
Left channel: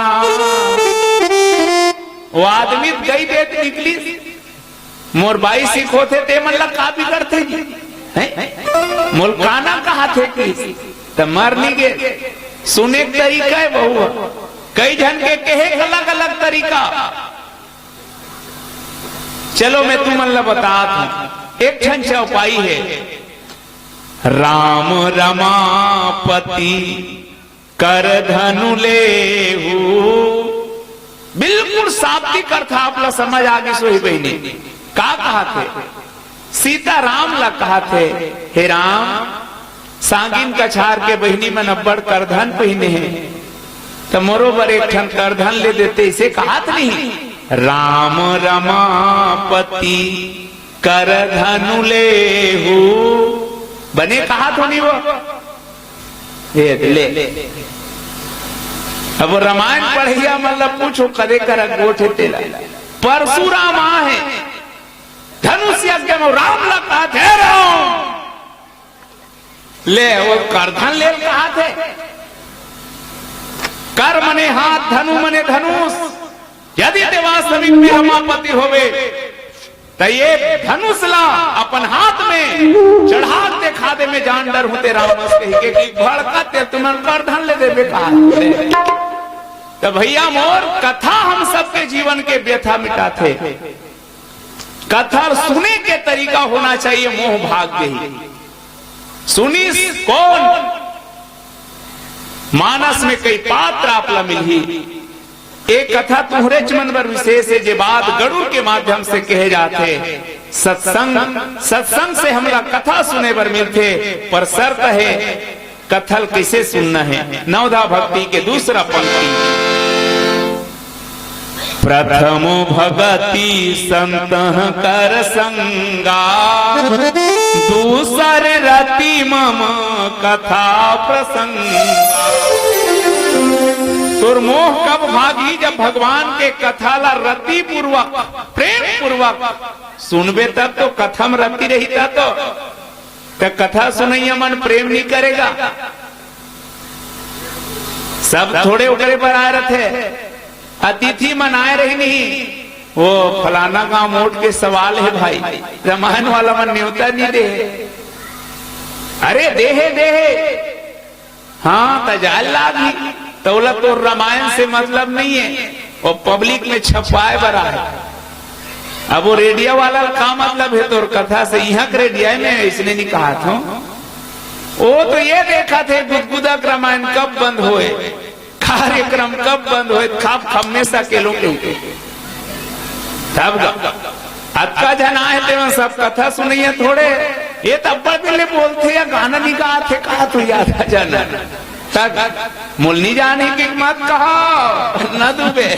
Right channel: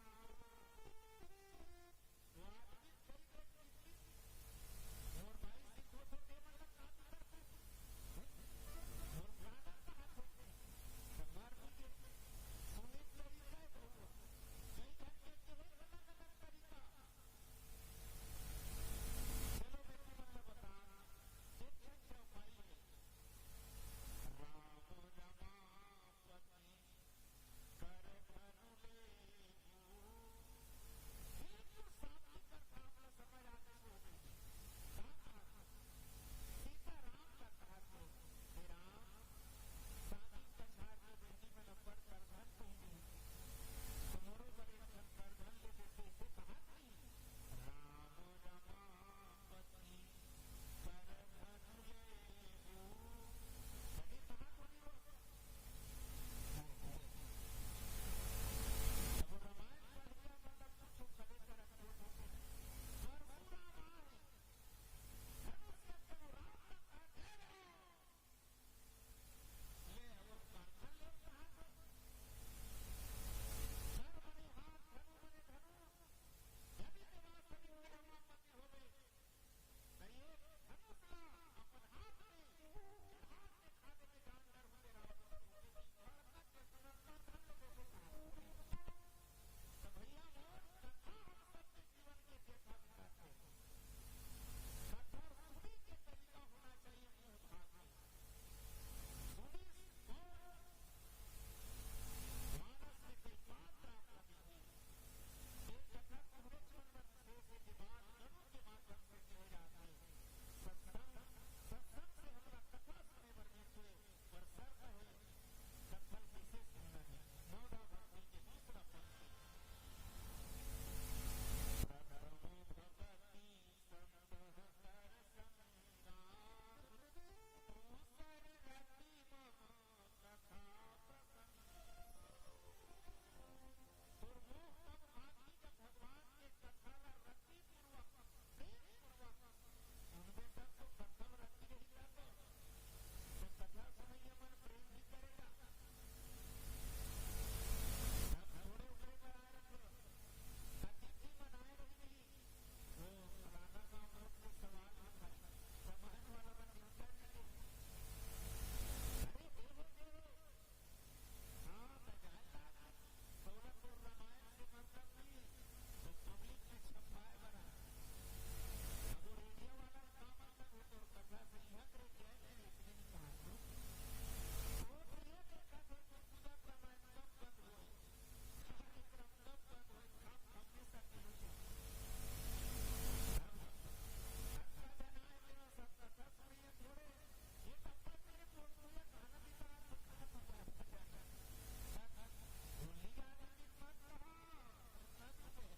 वो आदमी गई देत निकली मोर बाई सीखो थे ते मन का बिगड़ते मोल काना कहा थे कि तो मर नहीं गए। सुने तरीका है बहु कई जन के कहे अलग अलग तरीका। चलो मैं तुम अल्लाह बता दूं एक ठन चौपाई है। राम रमापति कर धनु लेहू। बिल्कुल शाब्दिक अर्थ आप लोग समझ आगे सोई बहनी का कहा थे। सीता राम ला कहा थे हे राम सांगिन कछार के बहनी में नब्बड़ करधन पहने हैं तो मोरोबर एक ठन करधन ले देते इसे कहा नहीं। राम रमापति कर धनु लेहू बने कहा तो नहीं वो ले। अब वो रामायण पढ़िया मतलब पूछो कदे कर गोठे तेला परशुराम है धनुष यज्ञ में राम ला कहा थे राम ले वो करधन ले कहा थे। कर मने हाथ धनु मने धनुष। यदि देवास समीप में रमापति होवे तो ये धनुष ला अपन हाथ में चढ़ा दे खादे में जान डर होते राम कही के भड़कते तुम्हारे करधन ले देवे कहा। तो भैया मोर कथा हम सबके जीवन के व्यथा मिटाते। कथा सुने के तरीका होना चाहिए मोह भाग गई। सुनी कौन मानस में कई पात्र आपला मिली। एक कथा तुहरे चमनवर विशेष है जे बात गरुड़ के माध्यम से कहे जाते। सत्संग से हमला कथा सुने पर मिलते पर शर्त है कथल कैसे सुनना है। नवधा भक्ति के दूसरा पंक्ति प्रथम भगति संत कर संगा दूसर रति मम कथा प्रसंगा। तोर मोह कब भागी जब भगवान के कथा ला रति पूर्वक प्रेम पूर्वक सुनबे तब तो कथा में रति रही तो कथा सुनैया मन प्रेम नहीं करेगा। सब थोड़े उकरे पर आए रहे, अतिथि मनाए रही नहीं, वो फलाना गांव मोट के सवाल है भाई, रामायण वाला मन न्योता नहीं दे, अरे देहे देहे हाँ तजाल लागी तोला तो रामायण से मतलब नहीं है, वो पब्लिक में छपाए बरा है। अब वो रेडियो वाला का मतलब है तो कथा से यहाँ के रेडियो में इसने नहीं कहा था, वो तो ये देखा थे गुदगुदा रामायण कब बंद होए, कार्यक्रम कब बंद होए, खाप हमेशा के लोग तब अक्का जना है तेरा सब कथा सुनिए थोड़े, ये तब पहले बोलते या गाना नहीं गा थे कहा तो याद आ जाना तक मुलनी जाने की मत कहा न डूबे।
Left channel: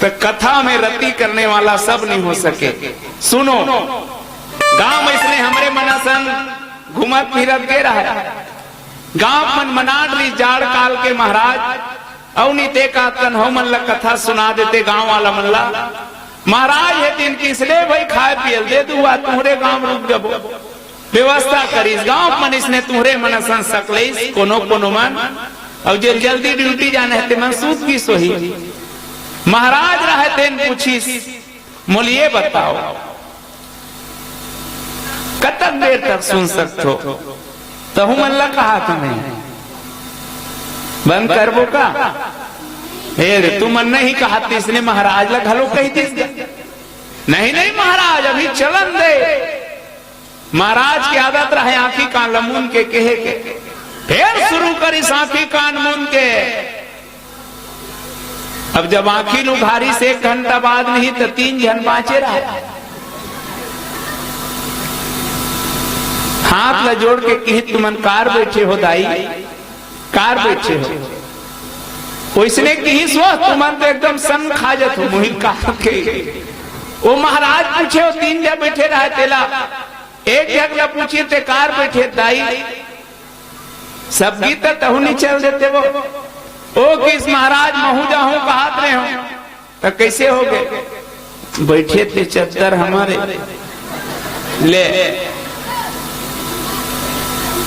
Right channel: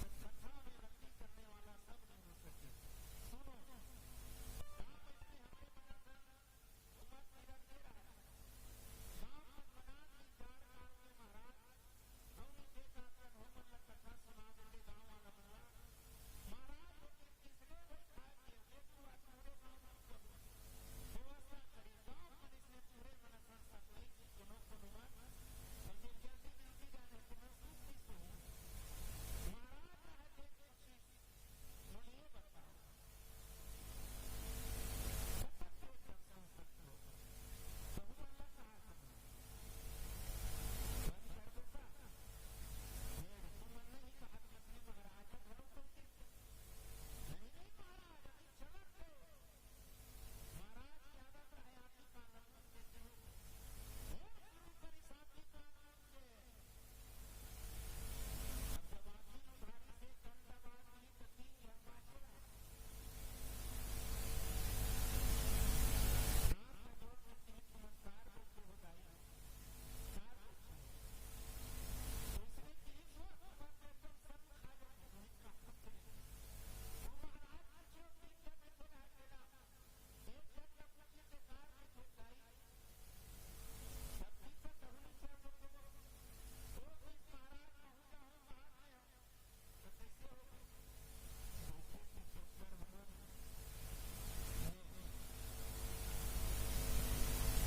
तो कथा में रति करने वाला सब नहीं हो सके। सुनो गांव में इसने हमारे मनसन घुमत फिरत गे रहा है, गांव मन मनाट ली जाड़ काल के महाराज अवनी ते का तन हो मन ला कथा सुना देते गांव वाला मन ला, महाराज है दिन किसने भाई खाए पियल दे दूआ तुम्हारे गांव रुक जबो व्यवस्था करीस, गांव मन इसने तुम्हारे मनसन सकलेस कोनो कोनो मन और जो जल्दी ड्यूटी जाने है मन सूत की सोही। महाराज रहते पूछीस मोलिए बताओ कतक देर तक सुन सकते हो, तो हूं मन ला कहा तुम्हें बंद करबो का, हे तू मन नहीं कहा इसने महाराज ला घलो कही दिस, नहीं नहीं महाराज अभी चलन दे। महाराज की आदत रहे आंखी कान लमुन के कहे के, फिर शुरू करी आंखी कान मुन के। अब जब आंखी लुघारी से 1 घंटा बाद नहीं तो 3 जन बाँचे रहा, हाथ ला जोड़ के कही तुमन कार बैठे हो दाई, कार बैठे हो वैसने कही स्व तुमन तो एकदम सन खा जात हो मुहि कहा के। वो महाराज पूछे हो 3 जन बैठे रहे तेला, एक जगह पूछिए थे कार बैठे दाई, सब गीत तहु नहीं चल देते वो ओ किस महाराज महू जाऊं कहात रहे हो तो कैसे हो गए, बैठे थे चद्दर हमारे ले,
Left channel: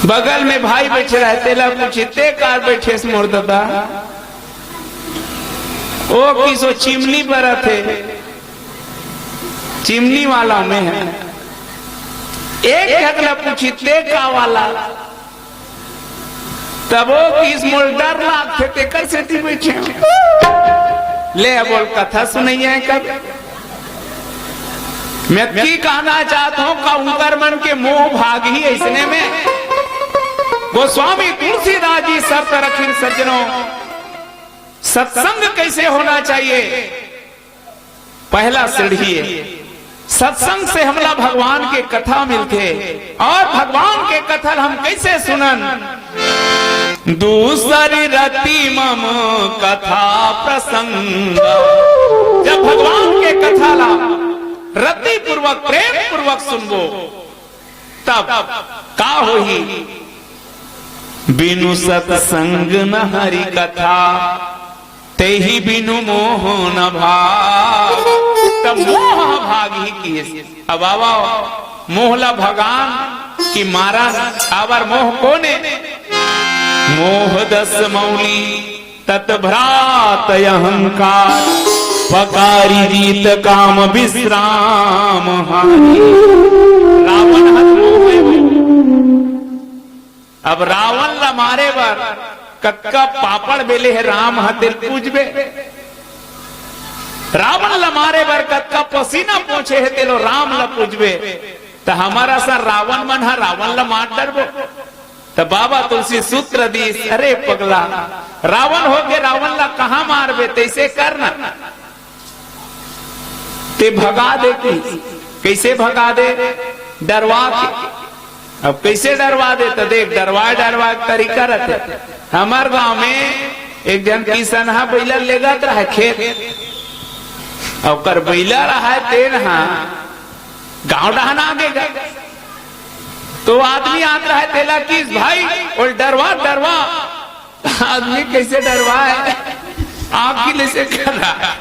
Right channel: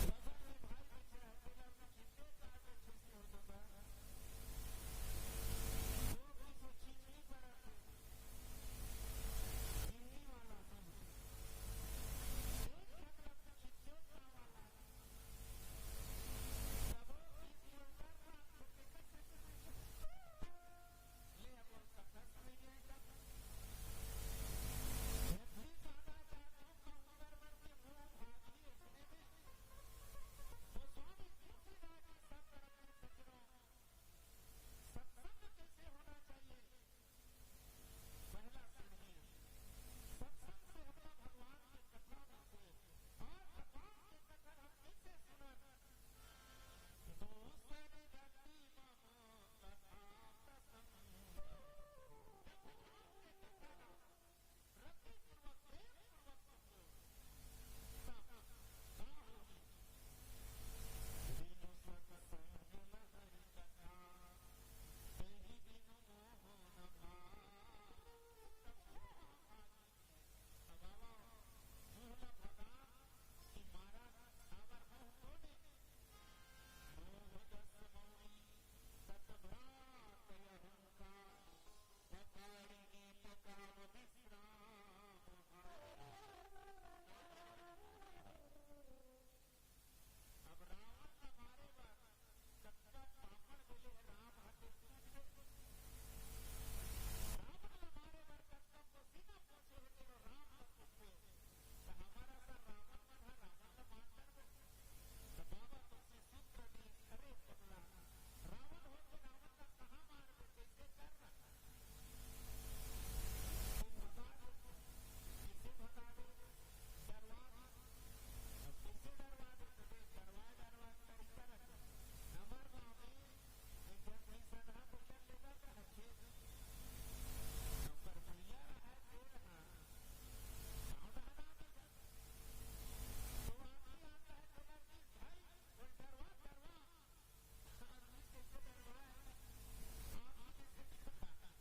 बगल में भाई बैठे रहते ला पूछते कार बैठे मोर दादा, ओ किसो चिमनी पर थे, चिमनी वाला में है, एक अगला पूछते का वाला, तब वो किस मोर डर लागते थे कैसे थी बैठे ले बोल कथा सुनैया कब। मैं की कहना चाहता हूं का उनकर मन के मोह भाग ही ऐसने में गोस्वामी तुलसीदास जी शर्त रखी सज्जनों, सत्संग कैसे होना चाहिए, पहला सीढ़ी है सत्संग से हमला भगवान के कथा मिलते, और भगवान के कथा हम कैसे सुनन, दूसरी रति मम कथा प्रसंग, जब भगवान के कथा ला रति पूर्वक प्रेम पूर्वक सुनबो तब का होही, बिनु सत्संग न हरि कथा ते ही बिनु मोह न भाग, तब मोह भाग ही किए। अब आवा मोहला भगान की मारा आवर मोह कोने, मोह 10 मौली तत्भ्रात अहंकार, पकारी जीत काम विश्राम हानि, रावण अब रावण ला मारे बर कक्का पापड़ बेले है राम हथिर पूजबे, रावण ला मारे बर कक्का पसीना पोछे है तेलो राम ला पूजबे, तो हमारा सा रावण मन है रावण ला मार डरबो, तो बाबा तुलसी सूत्र दी, अरे पगला रावण हो के रावण ला कहा मारबे, तैसे करना ते भगा दे, कैसे भगा दे, डरवा के। अब कैसे डरवा दे, तो देख डरवा तरीका रहते। हमार गांव में एक जन किसान हा बैला लेगत रहा खेत, और कर बैला रहा तेन हा गांव डहना आगे तो आदमी आता है तेला किस भाई और डरवा डरवा, आदमी कैसे डरवा है, आँख की से कर रहा है।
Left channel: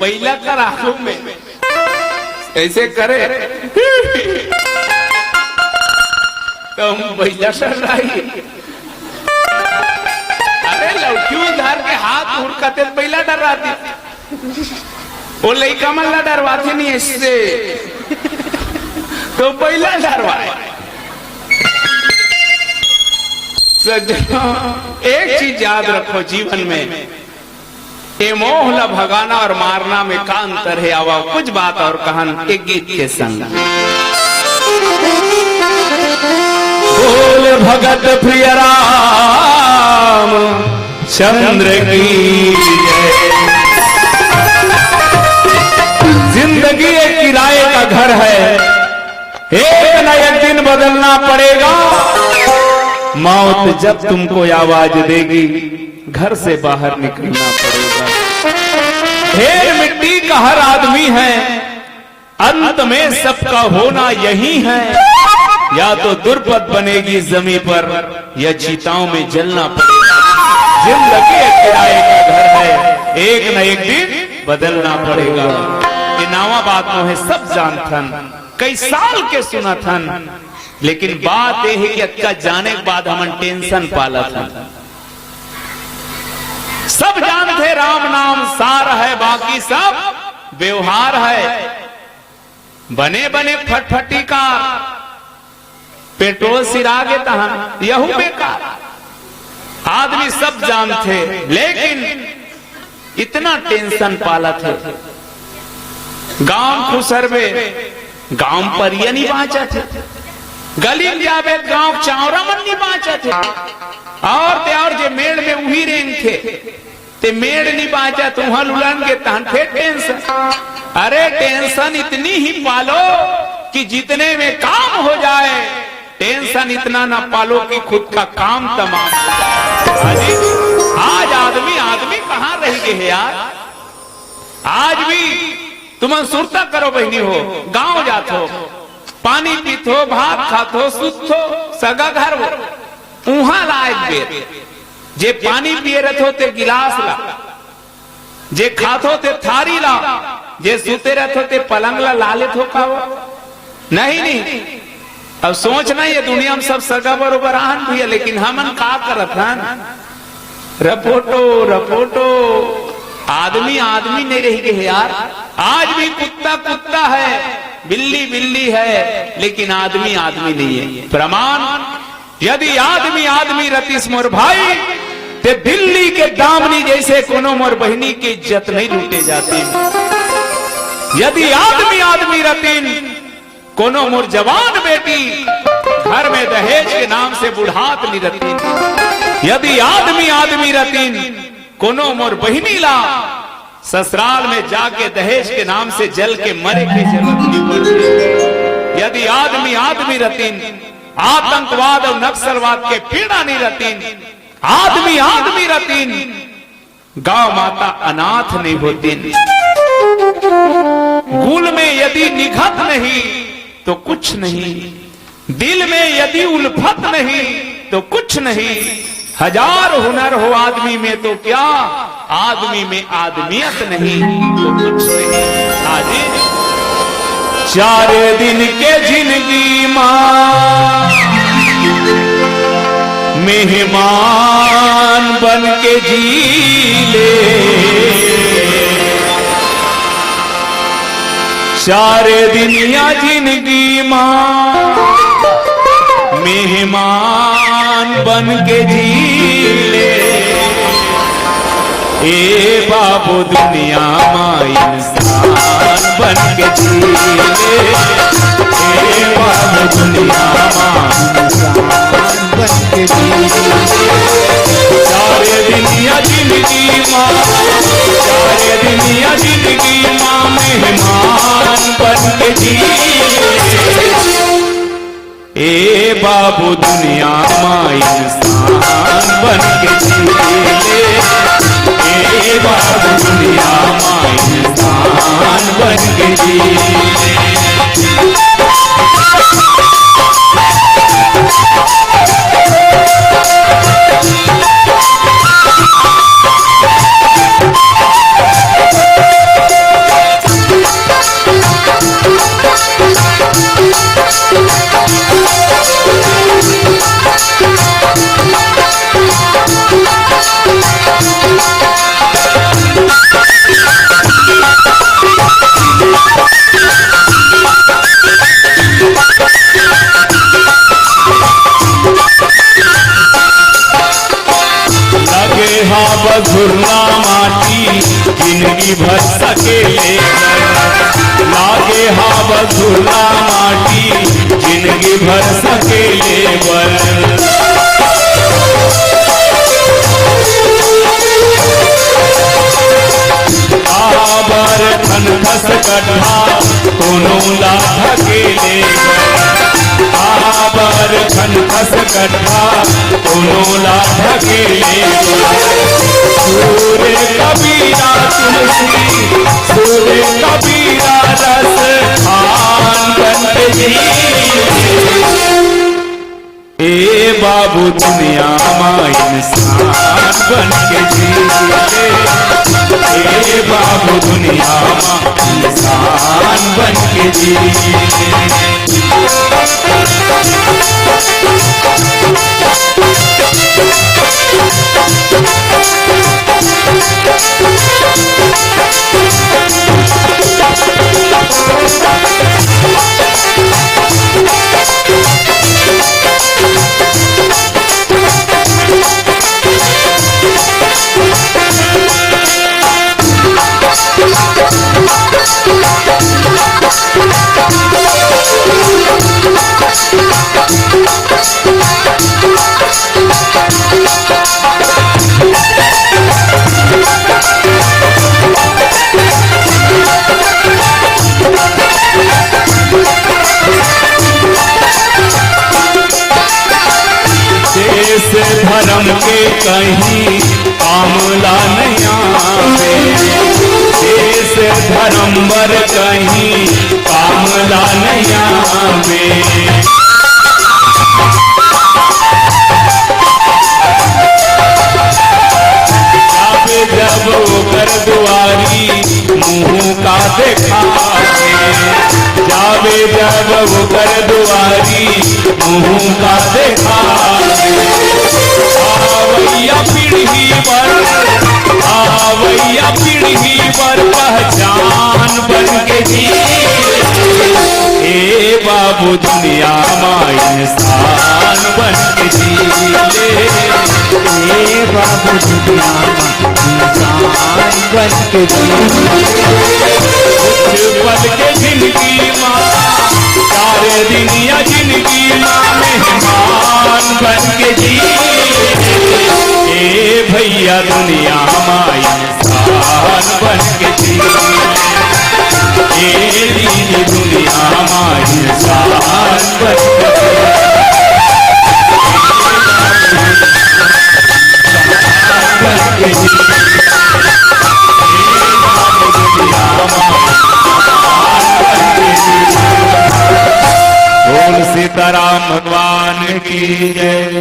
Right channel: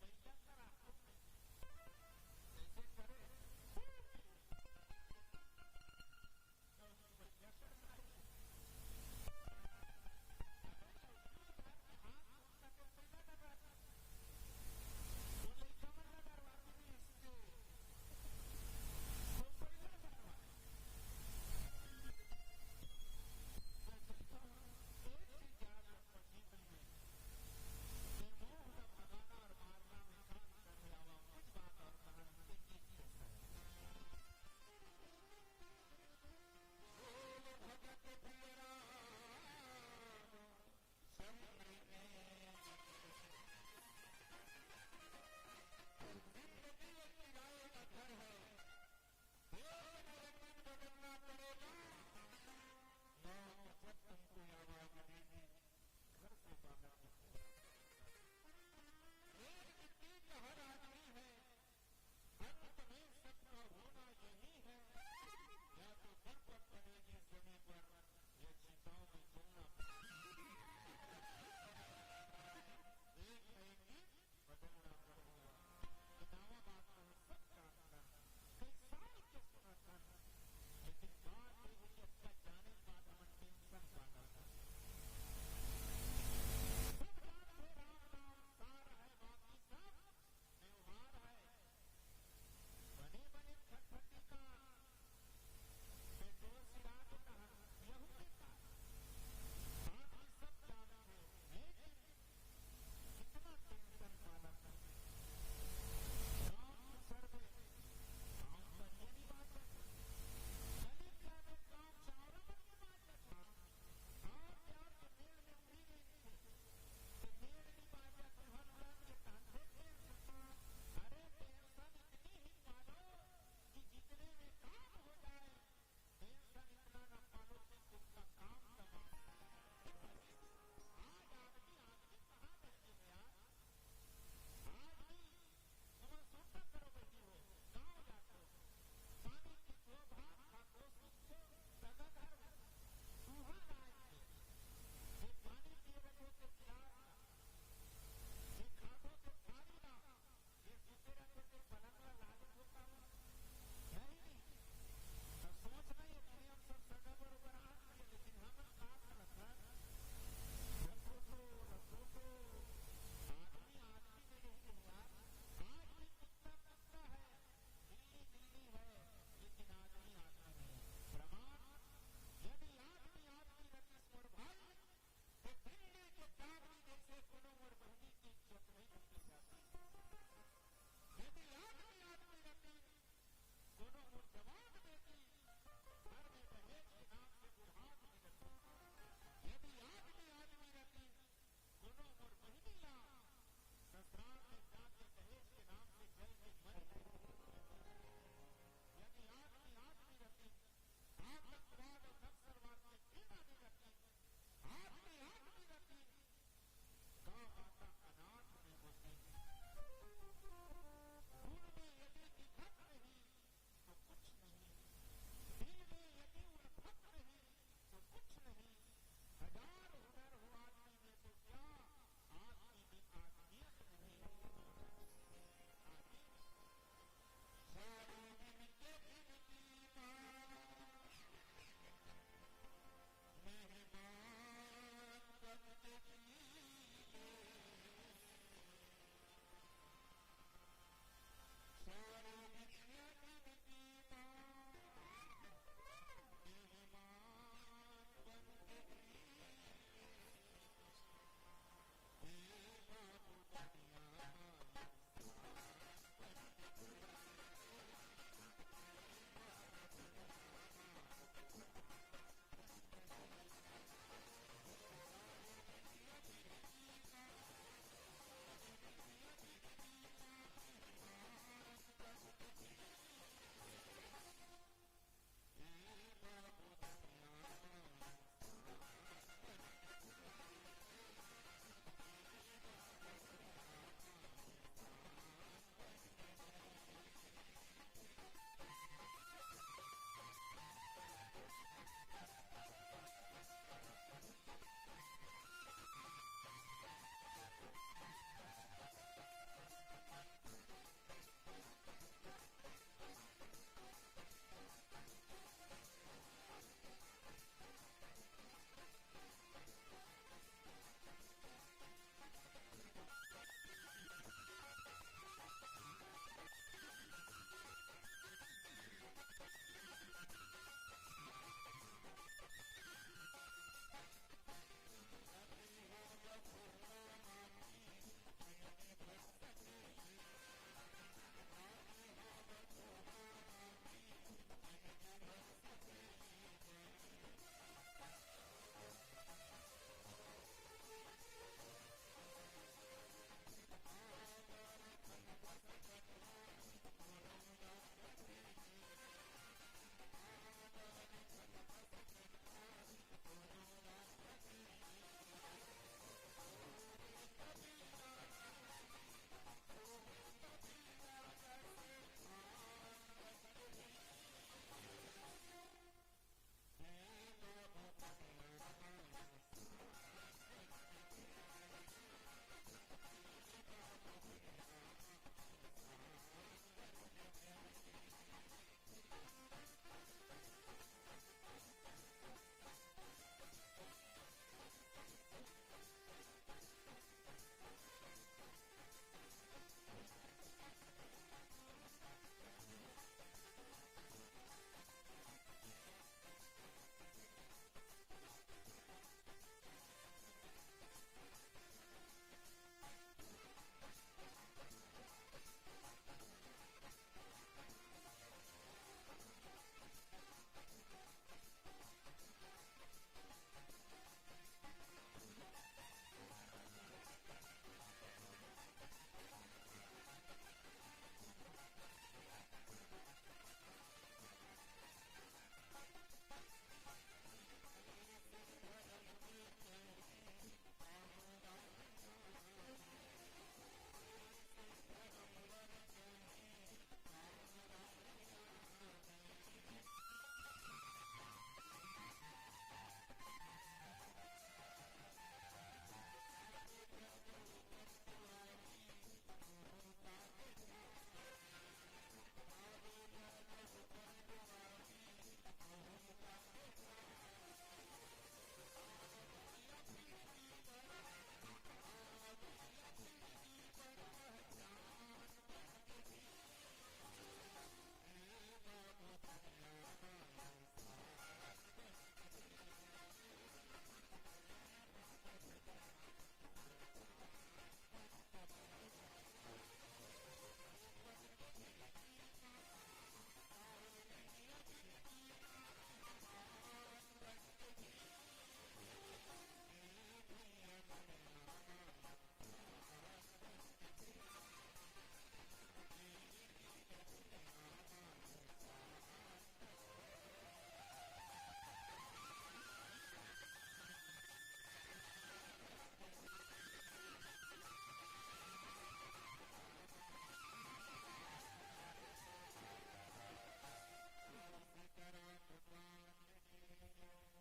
बैला का आंखों में ऐसे करे तो हम बैला डर रही। अरे लौकी उधार के हाथ हुड़कते बैला डर रहा थी, वो लड़का मल्ला डरवाते नहीं इससे, तो बैला डरवाए। एक चीज याद रखो जीवन में, ये मोह ला भगाना और मारना में का अंतर है। आवा कुछ बात और कहन एक गीत के संग। बोल भगत प्रिय राम चंद्र की जय। जिंदगी एक किराए का घर है, एक न एक दिन बदलना पड़ेगा। मौत जब तुमको आवाज देगी, घर से बाहर निकलना पड़ेगा। ढेर मिट्टी का हर आदमी है, अंत में सबका होना यही है। या तो दुर्पद बनेगी जमीन पर, या चिताओं में जलना पड़ेगा। जिंदगी एक किराए का घर है, एक न एक दिन बदलना पड़ेगा। ये नावा बात है सब जानथन, कई साल के सुना थन, लेकिन बात यह है कि अक्का जाने के बाद हम टेंशन पाला था। सब जानते राम नाम सार है, बाकी सब व्यवहार है। बने बने फटफटी का पेट्रोल सिरागे तहन यहू बेकार। आदमी सब जानते, लेकिन इतना टेंशन पाला थे। गांव खुसरबे, गांव पर ये नहीं बाँचा थे। गली में जावे गांव चावरा मन नहीं बाँचा थे। और जे मेड़ में उही रेंग थे, ते मेड़ नहीं बाँचा तो वहां लुलन के तहन थे टेंशन। अरे टेंशन इतनी ही पालो कि जितने में काम हो जाए, टेंशन इतना ना पालो कि खुद का काम तमाम हो जाए। आज आदमी कहाँ रह गए है यार। आज भी तुम सुरता करो बहनी हो, गांव जात हो, पानी पीत हो, भात खात हो, सुत हो, सगा घर हो, उहा लायक बेर जे पानी पिए रहते हो ते गिलास ला, जे खातो ते थारी ला, जे सूते रहते हो ते पलंग ला लालित हो खाओ। नहीं अब सोचना ये दुनिया में सब सगा बरोबर आन भी है, लेकिन हमन का करत हन रपोटो आदमी नहीं रही गए यार। आज भी कुत्ता है, बिल्ली है, लेकिन आदमी नहीं है। प्रमाण यदि आदमी रतीस मोर भाई, ते बिल्ली के दामनी जैसे कोनो मोर बहनी की इज्जत नहीं लूटे जाती। यदि आदमी रतीन कोनो मोर जवान बेटी, घर में दहेज के नाम से बुढ़ात नहीं रतीन। यदि आदमी रतीन कोनो मोर बहनी ला, ससुराल में जाके दहेज के नाम से जल के मरे की जरूरत नहीं पड़ती। यदि आदमी रतीन आतंकवाद और नक्सलवाद के पीड़ा नहीं रतीन, आदमी रतीन गांव माता अनाथ नहीं होती। गुल में यदि निघत नहीं तो कुछ नहीं, दिल में यदि उल्फत नहीं तो कुछ नहीं। हजार हुनर हो आदमी में तो क्या, आदमी में आदमियत नहीं तो कुछ नहीं। आज 4 दिन के जिंदगी मां मेहमान बन के जी ले। 4 दिन या जिंदगी मां मेहमान बन के जी ले। ए बाबू दुनिया मां इंसान बन के जी ले। ए बाबू दुनिया मां इंसान बन के जी ले। 4 दिन या जिंदगी मां, 4 दिन या जिंदगी मां मेहमान बन के जी ले। ए बाबू दुनिया मां इंसान इंसान बन के जीले। ए बाबू दुनिया माँ इंसान बन के जीले। बधुरना माटी जिंदगी भर सकेले लागे हा बधुरना माटी जिंदगी भर सकेले बर। आबर धन खस कट्ठा कोनो ला धकेले आबर धन खस कट्ठा कोनो ला धकेले। सूर्य कबीरा तुलसी सूर्य कबीरा रस खान बन के जीले। ए बाबू दुनिया माँ इंसान बन के जीले। ए बाबू दुनिया माँ इंसान बन के जीले। धर्म के कहीं कामला नहीं आवे। देश धर्म बर कहीं कामला नहीं आवे। जब ओकर दुआरी मुंह का देखावे जावे जब ओकर दुआरी मुंह का देखावे। आवैया पीढ़ी पर पहचान बन के जीले। ए बाबू दुनिया माँ इंसान बन के जीले। ए बाबू दुनिया इंसान बन के जीले। कुछ पल के जिंदगी माँ 4 दिन या जिंदगी माँ मेहमान बन के जीले। ए भैया दुनिया माँ इंसान बन के जीले। ए दीदी दुनिया माँ इंसान बन के बोल सीताराम भगवान की जय।